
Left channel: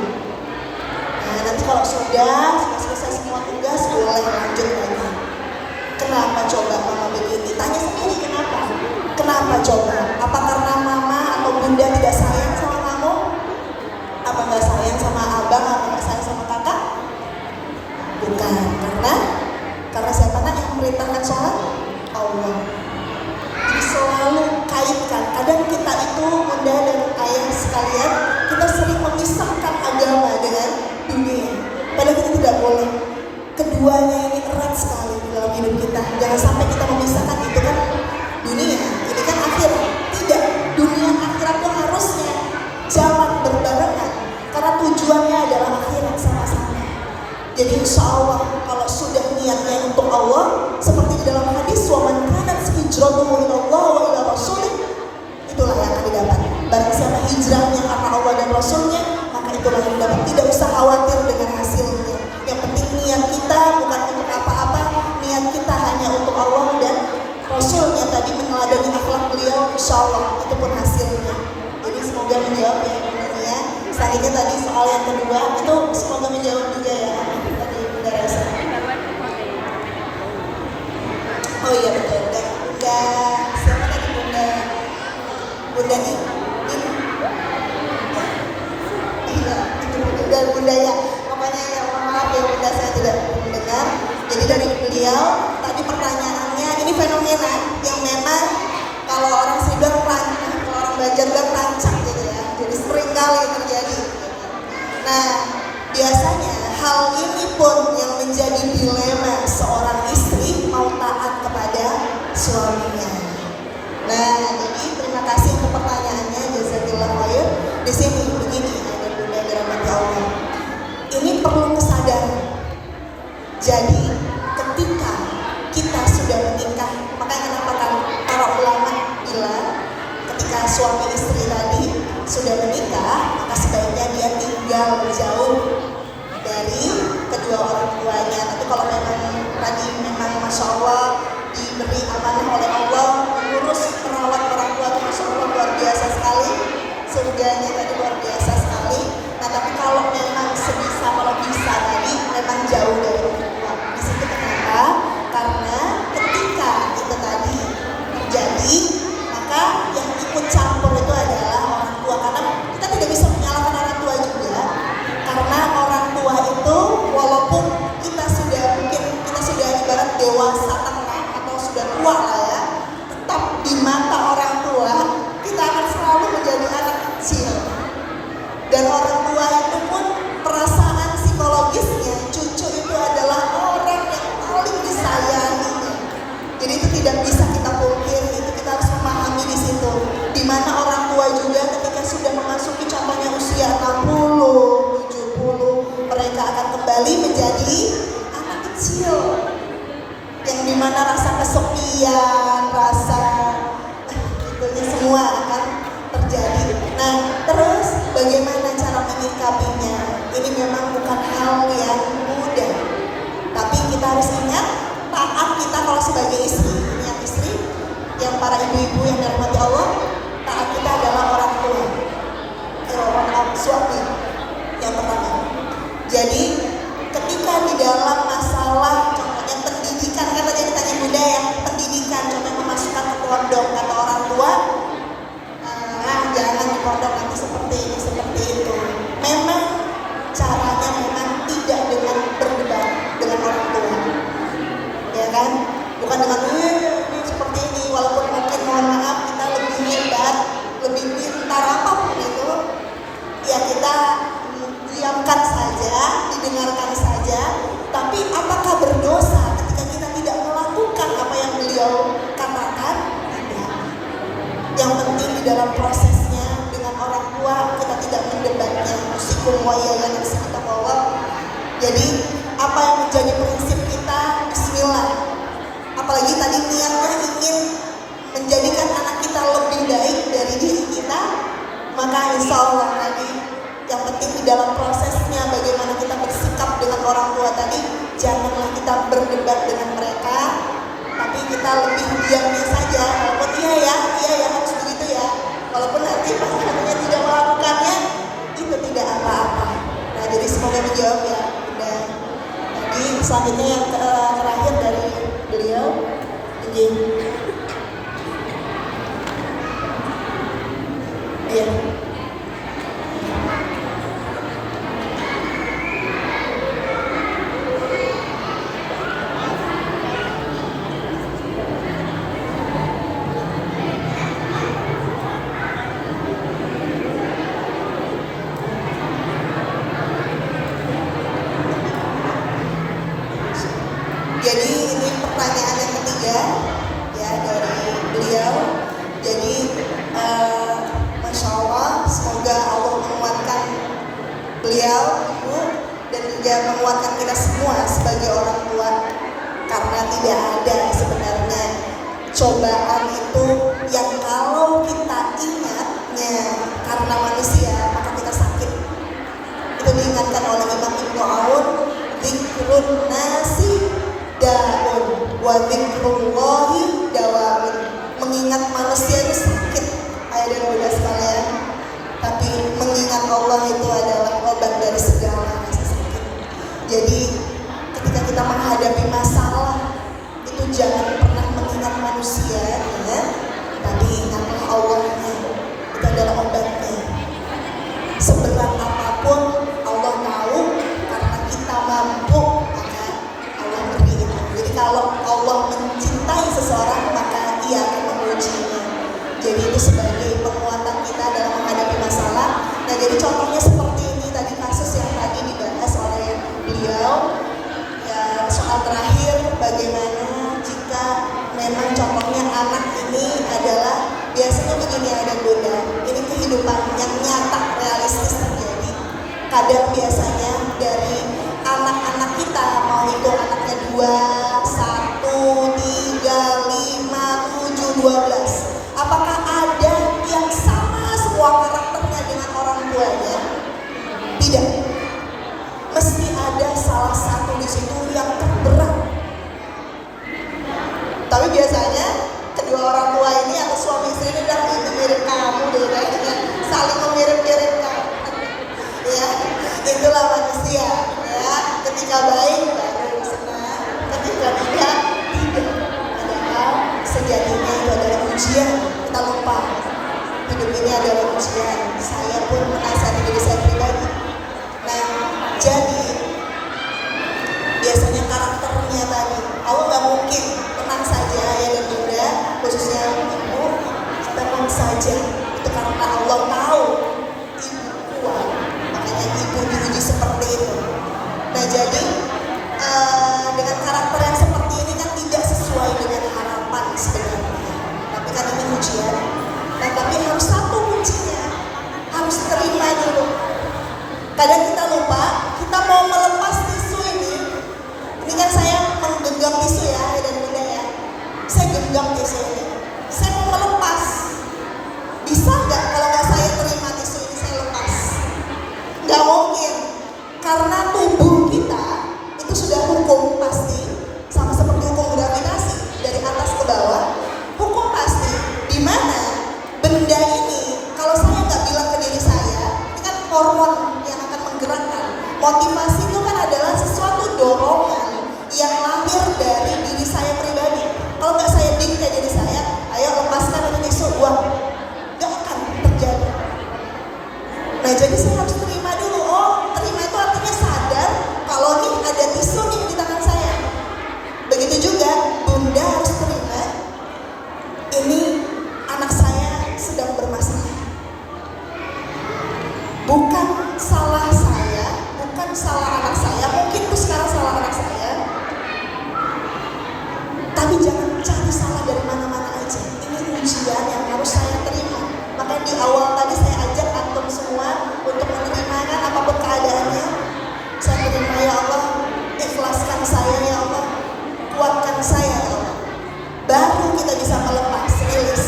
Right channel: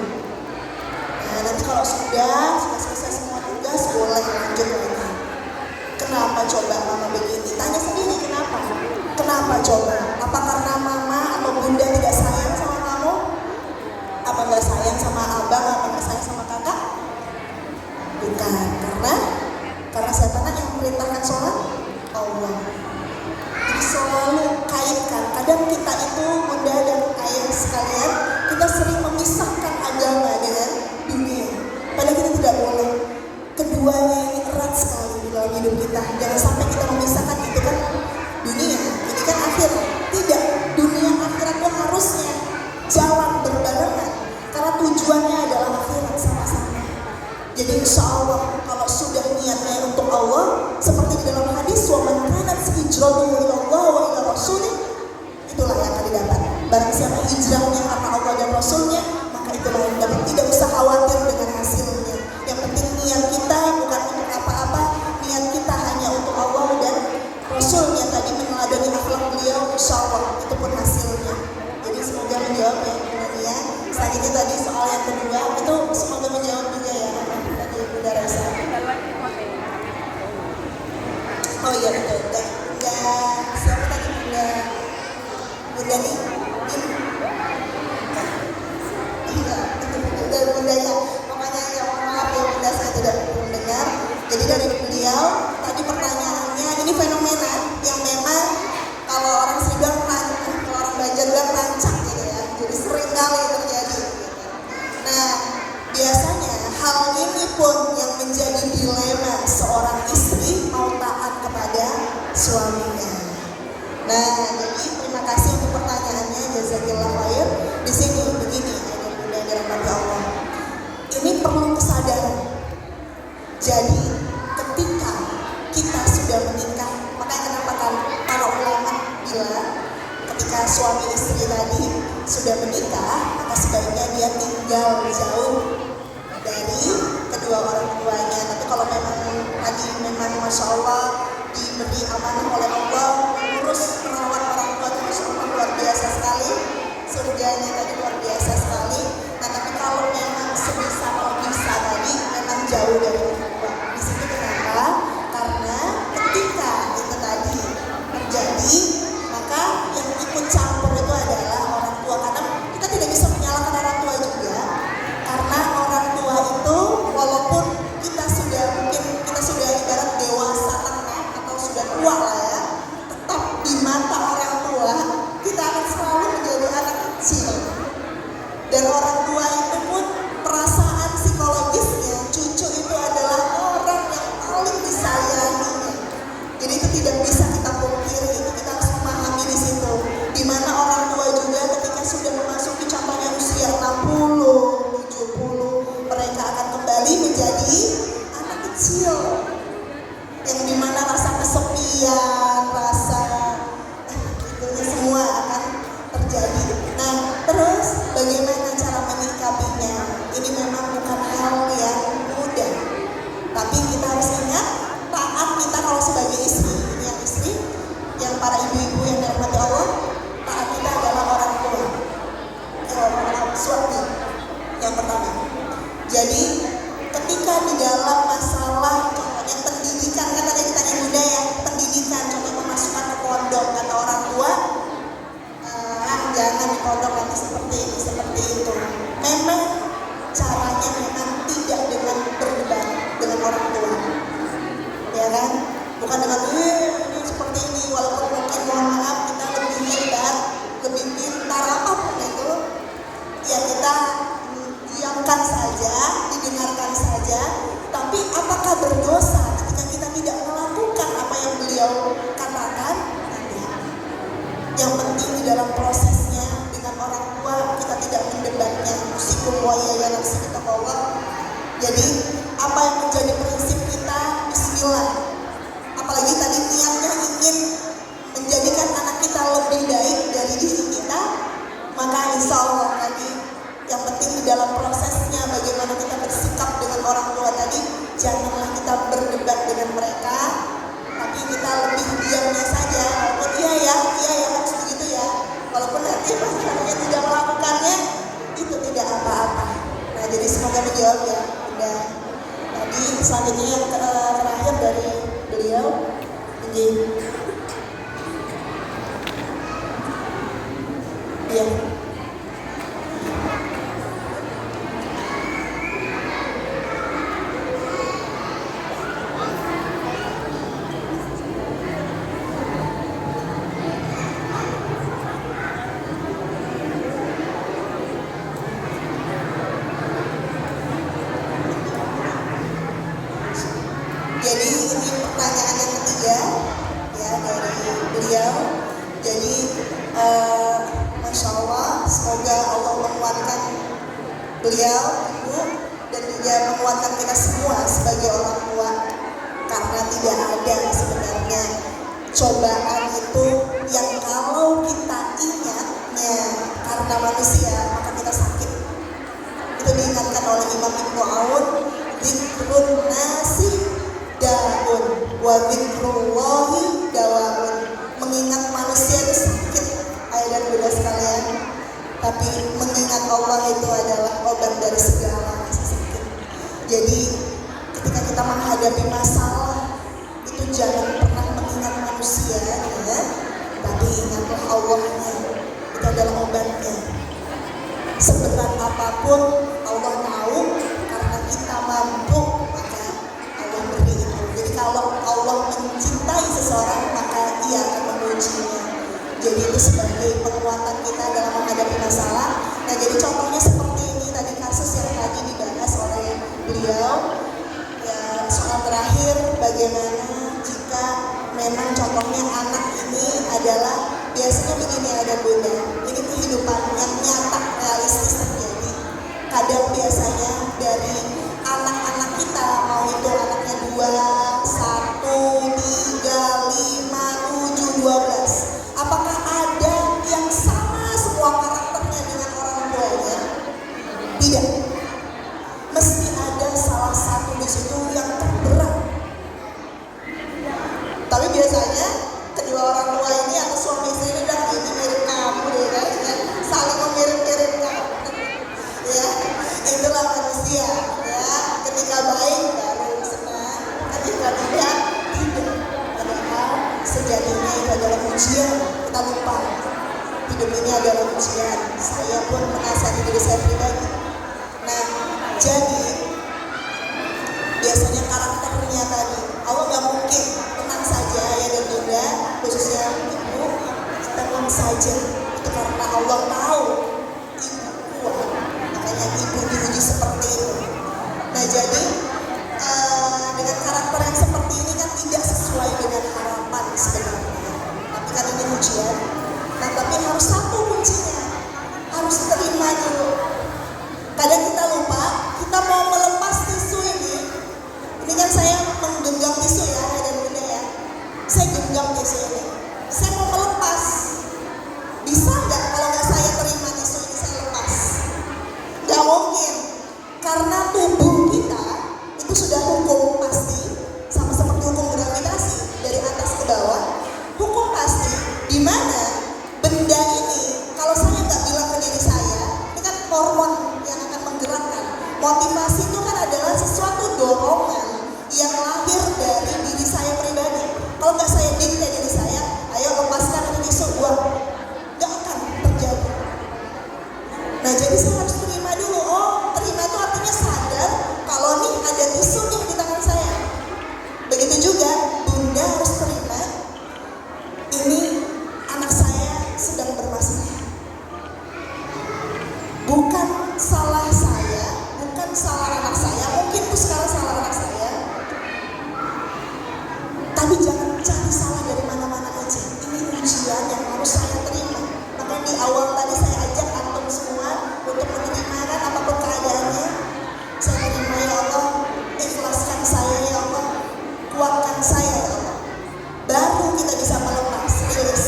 Nah, nanti kalau sudah selesai semua tugas boleh lanjut lagi. Kenapa coba mama begini? Tanya sendiri kenapa? Kenapa coba? Apa karena mama atau bunda tidak sayang sama kamu? Apa nggak sayang sama abang? Apa nggak sayang sama kakak? Bukan, karena siapa yang memerintahkan sholat? Allah. Jadi selalu kaitkan. Kadang kita itu bunda dan ayah sekalian, kita sering memisahkan agama dengan dunia. Padahal kita tidak boleh. Keduanya ini erat sekali di dalam hidup kita. Jangan sampai kita memisahkan itu kan dunia, ini kan akhir. Tidak, dunia akhirat itu harusnya jalan berbarengan. Karena tujuannya adalah akhirat sama-sama. Jadi insya Allah kalau sudah niatnya untuk Allah, seperti di dalam hadis, wa man kanat hijratuhu ila Allah wa ila rasulih, itulah yang akan didapat. Barang siapa hijrahnya karena Allah dan Rasulnya, maka itulah yang dapat. Tidak usah khawatir dengan hasilnya. Yang penting niat kita bukan untuk apa-apa, niat kita hanya untuk Allah dan Rasulnya. Tadi meneladani akhlak beliau, insya Allah itu pun hasilnya. Jadi semoga menjawab ya. Selanjutnya tadi soal yang kedua itu semoga menjawab juga ya. Tadi Bunda Rasa. Oh iya betul. Bunda siapa tadi Bunda nih. Bunda ya, makanya ya maaf ya Bunda, saya tidak mendengar. Jadi dari beliau tadi pertanyaannya ini fenomena yang memang kalau orang Sidoar kalau orang Banjar bilang rancak gitu ya. Jadi sering kali terjadi. Nah, biasanya hal ini pun yang menjadi dilema seorang istri mau taat kepada suaminya. Nah, jadi terima kasih untuk pertanyaannya, jazakallahu khair. Di sini begini ada Bunda dari Allah. Ini perlu kesadaran. Jadi ketika kita sudah menikah, makanya kenapa kalau ulama bilang ketika suami istri tadi sudah menikah, maka sebaiknya dia tinggal jauh dari kedua orang tuanya. Tapi kalau memang tadi memang masya Allah diberi amanah oleh Allah mengurus merawat orang tua, masya Allah luar biasa sekali, surganya tadi luar biasa sekali. Nah, tapi kalau memang sebisa kalau bisa tadi memang jauh dari orang tua. Di situ kenapa? Karena ketika itu tadi terjadi, maka yang ikut campur itu adalah orang tua. Karena kita tidak bisa menyalahkan orang tua juga. Karena orang tua itu walaupun kita sudah ibarat dewasa atau sudah tua lah ya, tetap di mata orang tua kita akan selalu menjadi anak kecil. Dan orang tua itu pun perasaan psikologisnya cucu itu adalah orang yang paling disayangi. Jadi itu tidak bisa kita pungkiri, itu kita harus memahami di situ. Di mana orang tua juga ketika sudah memasuki contohnya usia 60, 70, mereka akan kembali menjadi anak kecil. Yang dimana rasa kesepian, rasa itunya semua akan terjadi. Nah, terus bagaimana cara menyikapinya? Ini memang bukan hal yang mudah. Tapi kita harus ingat, taat kita kalau sebagai istri, ini yang istri, yang para ibu-ibu yang dirahmati Allah, taat kita adalah orang tua. Suami yang pertama. Jadi ketika di dalam masalah contohnya pendidikan, kan tadi ditanya Bunda ya, pendidikan contohnya memasukkan ke pondok kata orang tua, jangan di pondok nanti seperti ini seperti itu. Memang caranya memang tidak dengan berdebat dengan orang tua, ya kan? Bukan dengan Nggih. Iya. Jadi ini pertanyaan yang ketiga ya dari beliau. Jadi Masya Allah, semoga Allah menguatkan beliau, ibu, dan juga menguatkan kita semua sebagai orang tua, karena tidak ada sebenarnya cobaan itu yang kalau kita ingatnya karena manusia maka kita sakit. Itu diingatkan oleh Imam Ibnu Aun, zikrun nasi daun wa dzikrullahi dawaun. Mengingat manusia itu sakit, ayah dan bunda sekalian, tapi mengingat Allah itu adalah obat dari segala rasa sakit. Jadi ketika kita menghadapi masalah itu jangan pernah mengingat manusia ya, tapi ingat Allahnya, itu adalah obatnya. Seberat apapun Allah tahu, karena kita mampu maka Allah beri itu. Jadi kalau Allah mencintai seseorang maka Ia akan mengujinya. Jadi itu sebagai penguatan kita dalam menghadapi masalah. Nah jadi contohnya seperti ini tadi kasus yang tadi dibahas oleh beliau. Ya soal terakhir, bagaimana jika memang contohnya anak ini adalah biasanya begini ada bunda, ini kehidupan yang nyata realistis terjadi. Kadang biasanya dari anak-anak kita, mau itu anaknya 2, 1, 3, 5, 7, 12, apakah ada yang sama semua karakternya dengan orang tuanya? Tidak. Mesti ada salah satu di situ yang terberat. Tapi biasanya kedua orang tua ini atau suami istri ini bilang itu mirip kamu deh, kayaknya saling memirip-miripkan. Ya, itulah manusia. Ya, ketika baik baru senang, ketika tidak padahal sejatinya itu adalah ujian. Kita lupa hidup ini adalah ujian. Saya pun menasihati diri saya pribadi. Nah, jadi biasanya karakternya tadi Allah nggak mungkin tenang saja ya dan bunda, khususnya ibu, tenang saja. Itu karena Allah tahu ibu kuat, makanya ibu diuji seperti itu. Nah jadi dengan karakter yang seperti ini kan tidak sesuai dengan harapan sebenarnya, tapi karena ini ujian. Nah tapi harus satu kuncinya, harus terima dulu. Kadang kita lupa, kita mau melepas tisu ini kan saya menggenggam tisu ya dan bunda ya. Saya genggam tisu ini, saya mau melepas. Bisa nggak kalau nggak saya terima tisu ini saya lepas? Nggak mungkin, karena tubuh kita itu sudah hukum pasti, sama seperti hukum gravitasi dari atas ke bawah. Hukum pasti, di mana benda ini kalau saya nggak bilang ke diri saya, ini kan hormon yang akan menggerakkan. Motivasi itu kan adalah sesuatu dorongan yang lahir dari diri saya pribadi. Kalau nggak saya dikte diri saya, ayo lepaskan itu tisu, buang, nggak akan terjadi. Nah jadi saya harus terima dulu. Oh, terima itu artinya sadar kalau nih ada tisu nih di tangan saya. Begitu juga bunda harus terima, ini anak saya sedang bermasalah. Bukan salah saya, bukan salah anak saya, mungkin itu sekarang salah anak saya. Tapi jangan cari salah dari mana-mana aja. Ini ujian yang harus saya terima. Makanya di awal tadi saya ajak antum semua untuk menerima kan apapun keadaannya. Saya menerima ya Allah, ikhlaskan saya ya Allah, kuatkan saya ya Allah. Baru kita bisa melepas, rilis.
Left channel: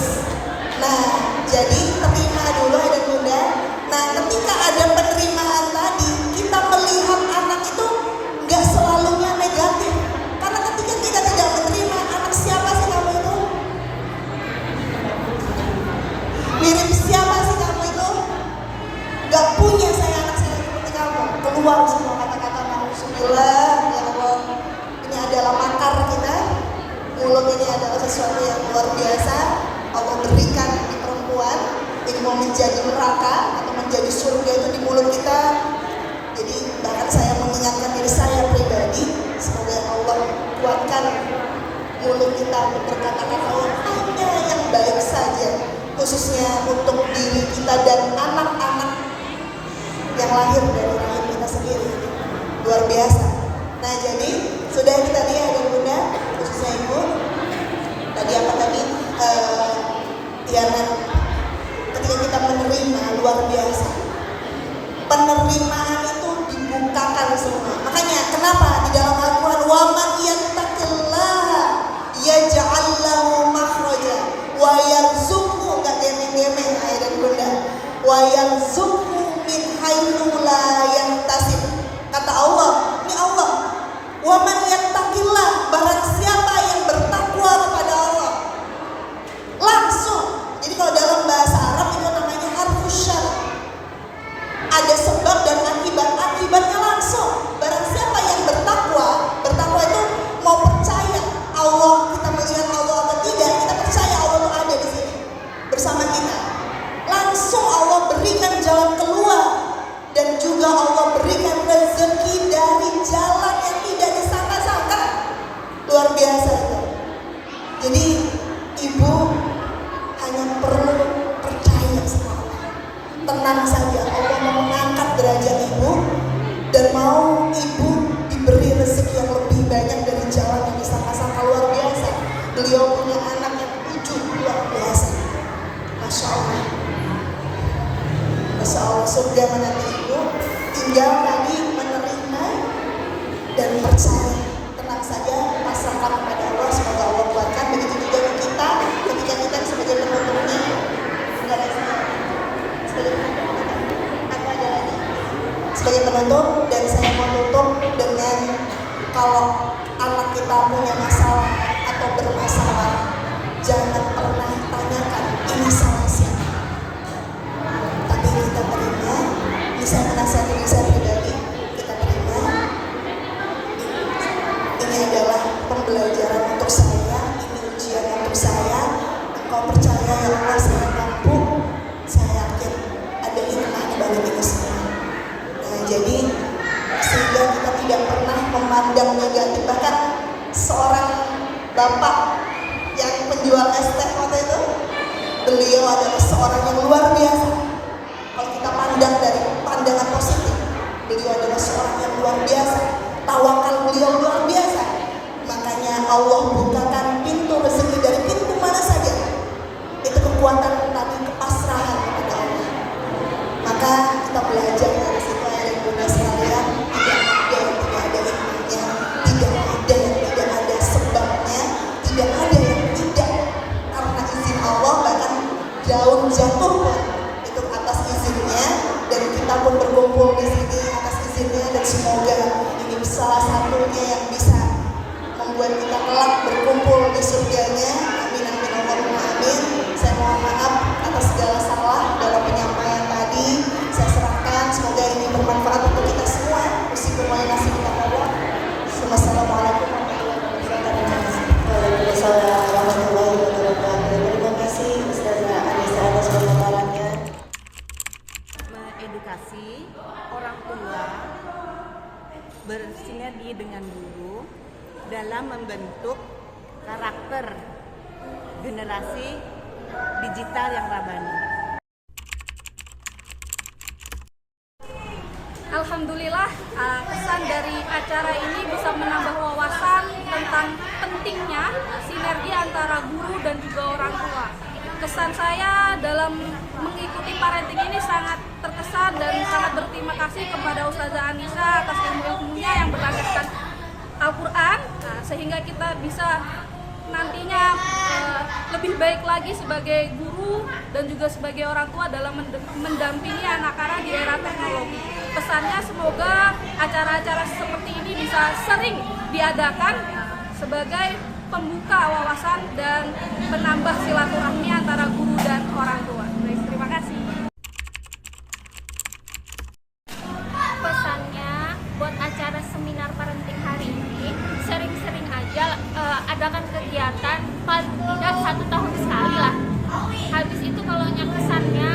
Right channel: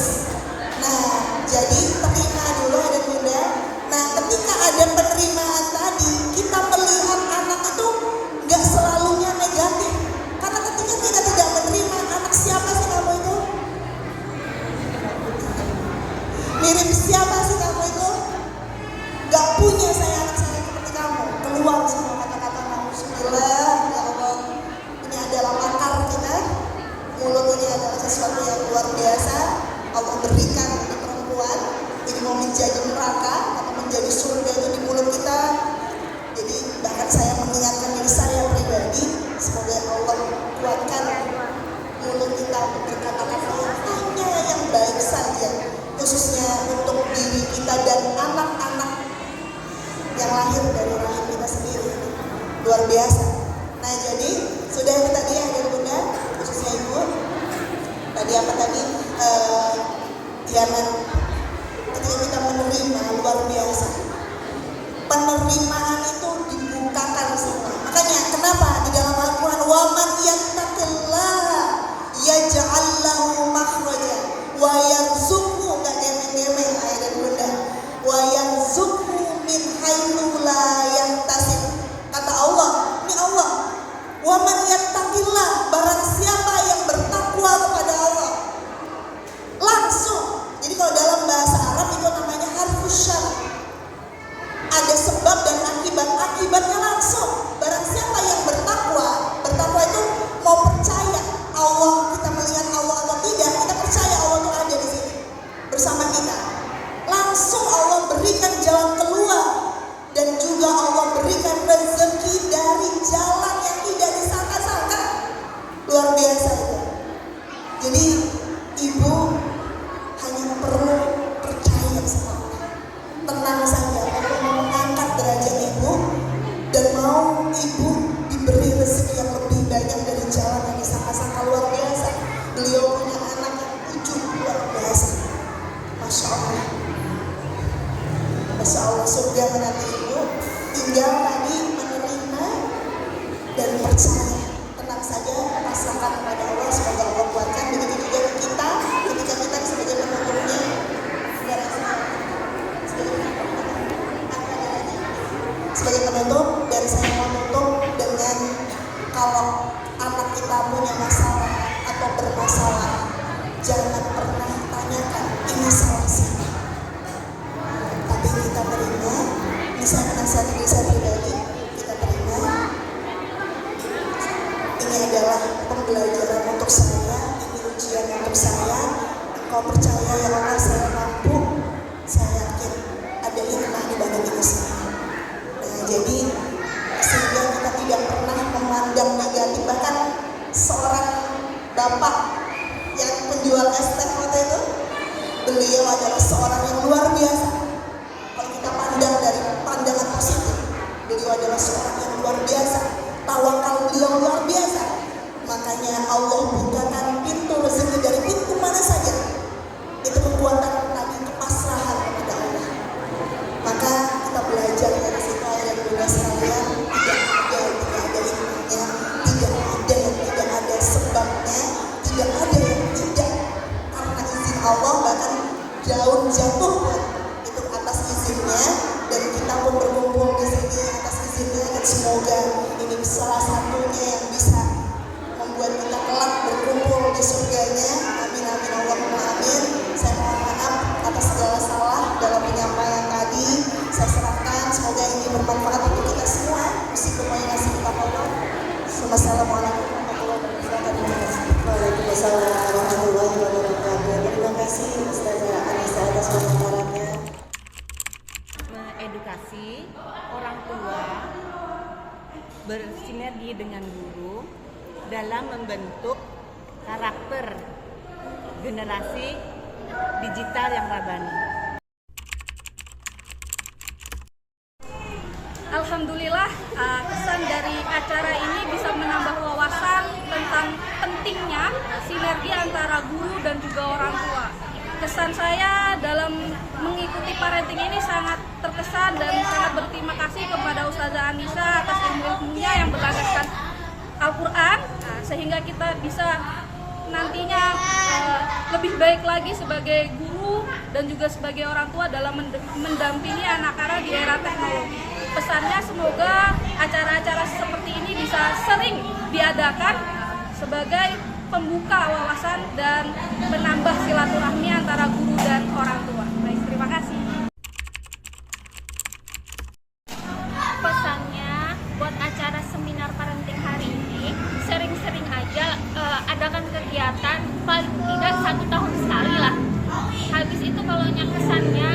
Nah, jadi terima dulu ya dan bunda. Nah, ketika ada penerimaan tadi, kita melihat anak itu nggak selalunya negatif. Karena ketika kita tidak menerima anak siapa dulu kita berkata-kata yang baik saja, khususnya untuk diri kita dan anak-anak yang lahir dari rahim kita sendiri. Luar biasa. Nah, jadi sudah itu tadi adik bunda, khususnya ibu. Tadi apa tadi? Ya, ketika kita menerima, luar biasa. Penerimaan itu dibukakan semua. Makanya kenapa di dalam Al-Quran waman yattaqillaha yaj'al lahu makhraja wa yarzuqhu, enggak gemeng-gemeng ayat bunda, wa yarzuqhu min haitsu la yahtasib. Kata Allah, ini Allah, waman yattaqillah, barang siapa yang bertakwa kepada Allah, langsung. Jadi kalau dalam bahasa Arab itu namanya harfus syar, ada sebab dan akibatnya langsung. Barang siapa yang bertakwa itu mau percaya Allah, kita melihat Allah atau tidak, kita percaya Allah itu ada di sini bersama kita. Langsung Allah berikan jalan keluar dan juga Allah berikan rezeki dari jalan yang tidak disangka-sangka. Luar biasa itu. Jadi ibu hanya perlu percaya sama Allah. Tenang saja, Allah mau mengangkat derajat ibu dan mau ibu diberi rezeki yang lebih banyak dari jalan yang disangka-sangka. Luar biasa. Beliau punya anak yang 7, luar biasa. Masya Allah. Masya Allah, surga menanti ibu. Tinggal tadi menerima dan percaya. Tenang saja, pasrahkan kepada Allah, semoga Allah kuatkan. Begitu juga kita, ketika kita sebagai penontonnya, sebagai penonton, dan saya menutup dengan kalau anak kita punya masalah atau bermasalah, jangan pernah tanyakan ini sama siapa. Tapi kita terima, misalnya nasihat diri saya pribadi, kita terima. Ini adalah pembelajaran untuk saya, ini ujian untuk saya. Engkau percaya ya Allah, saya mampu, saya yakin ada hikmah di balik ini semua. Nah, jadi sehingga kita tidak pernah memandang negatif. Bahkan seorang bapak yang penjual es teh waktu itu, beliau adalah seorang yang luar biasa. Kalau kita pandang dari pandangan positif, beliau adalah seorang yang luar biasa. Tawakal beliau luar biasa. Makanya Allah bukakan pintu rezeki dari pintu mana saja. Itu kekuatan tadi, kepasrahan kepada Allah. Maka kita belajar dari situ yang bunda sekalian, tidak ada sebabnya, tidak ada yang tidak, karena izin Allah. Bahkan daun jatuh pun itu atas izinnya, dan kita pun berkumpul di sini atas izinnya, dan semoga ini salah satunya yang bisa membuat kita kelak berkumpul di surganya. Amin amin Allahumma amin. Saya mohon maaf atas segala salah dalam penyampaian tadi. Saya serahkan, semoga ini bermanfaat untuk kita semua. Bismillahirrahmanirrahim. Wassalamualaikum warahmatullahi wabarakatuh. Terima kasih Ustazah Anissa atas penyampaiannya. Mengedukasi orang tua bersinergi dengan guru dalam membentuk karakter generasi digital yang rabani. Alhamdulillah, kesan dari acara ini bisa menambah wawasan tentang pentingnya sinergi antara guru dan juga orang tua. Kesan saya dalam mengikuti parenting ini sangat terkesan dan sangat berterima kasih kepada Ustazah Anissa atas ilmu-ilmunya yang berlandaskan Al-Quran, sehingga kita bisa nantinya lebih baik lagi sebagai guru dan juga sebagai orang tua dalam mendampingi anak-anak di era teknologi. Pesannya semoga acara-acara seperti ini bisa sering diadakan sebagai pembuka wawasan dan penambah silaturahmi antara guru dan orang tua. Baik, terima kasih. Pesannya buat acara seminar parenting hari ini, sering-sering aja adakan kegiatan paling tidak 1 tahun sekali lah. Habis itu kalau kesannya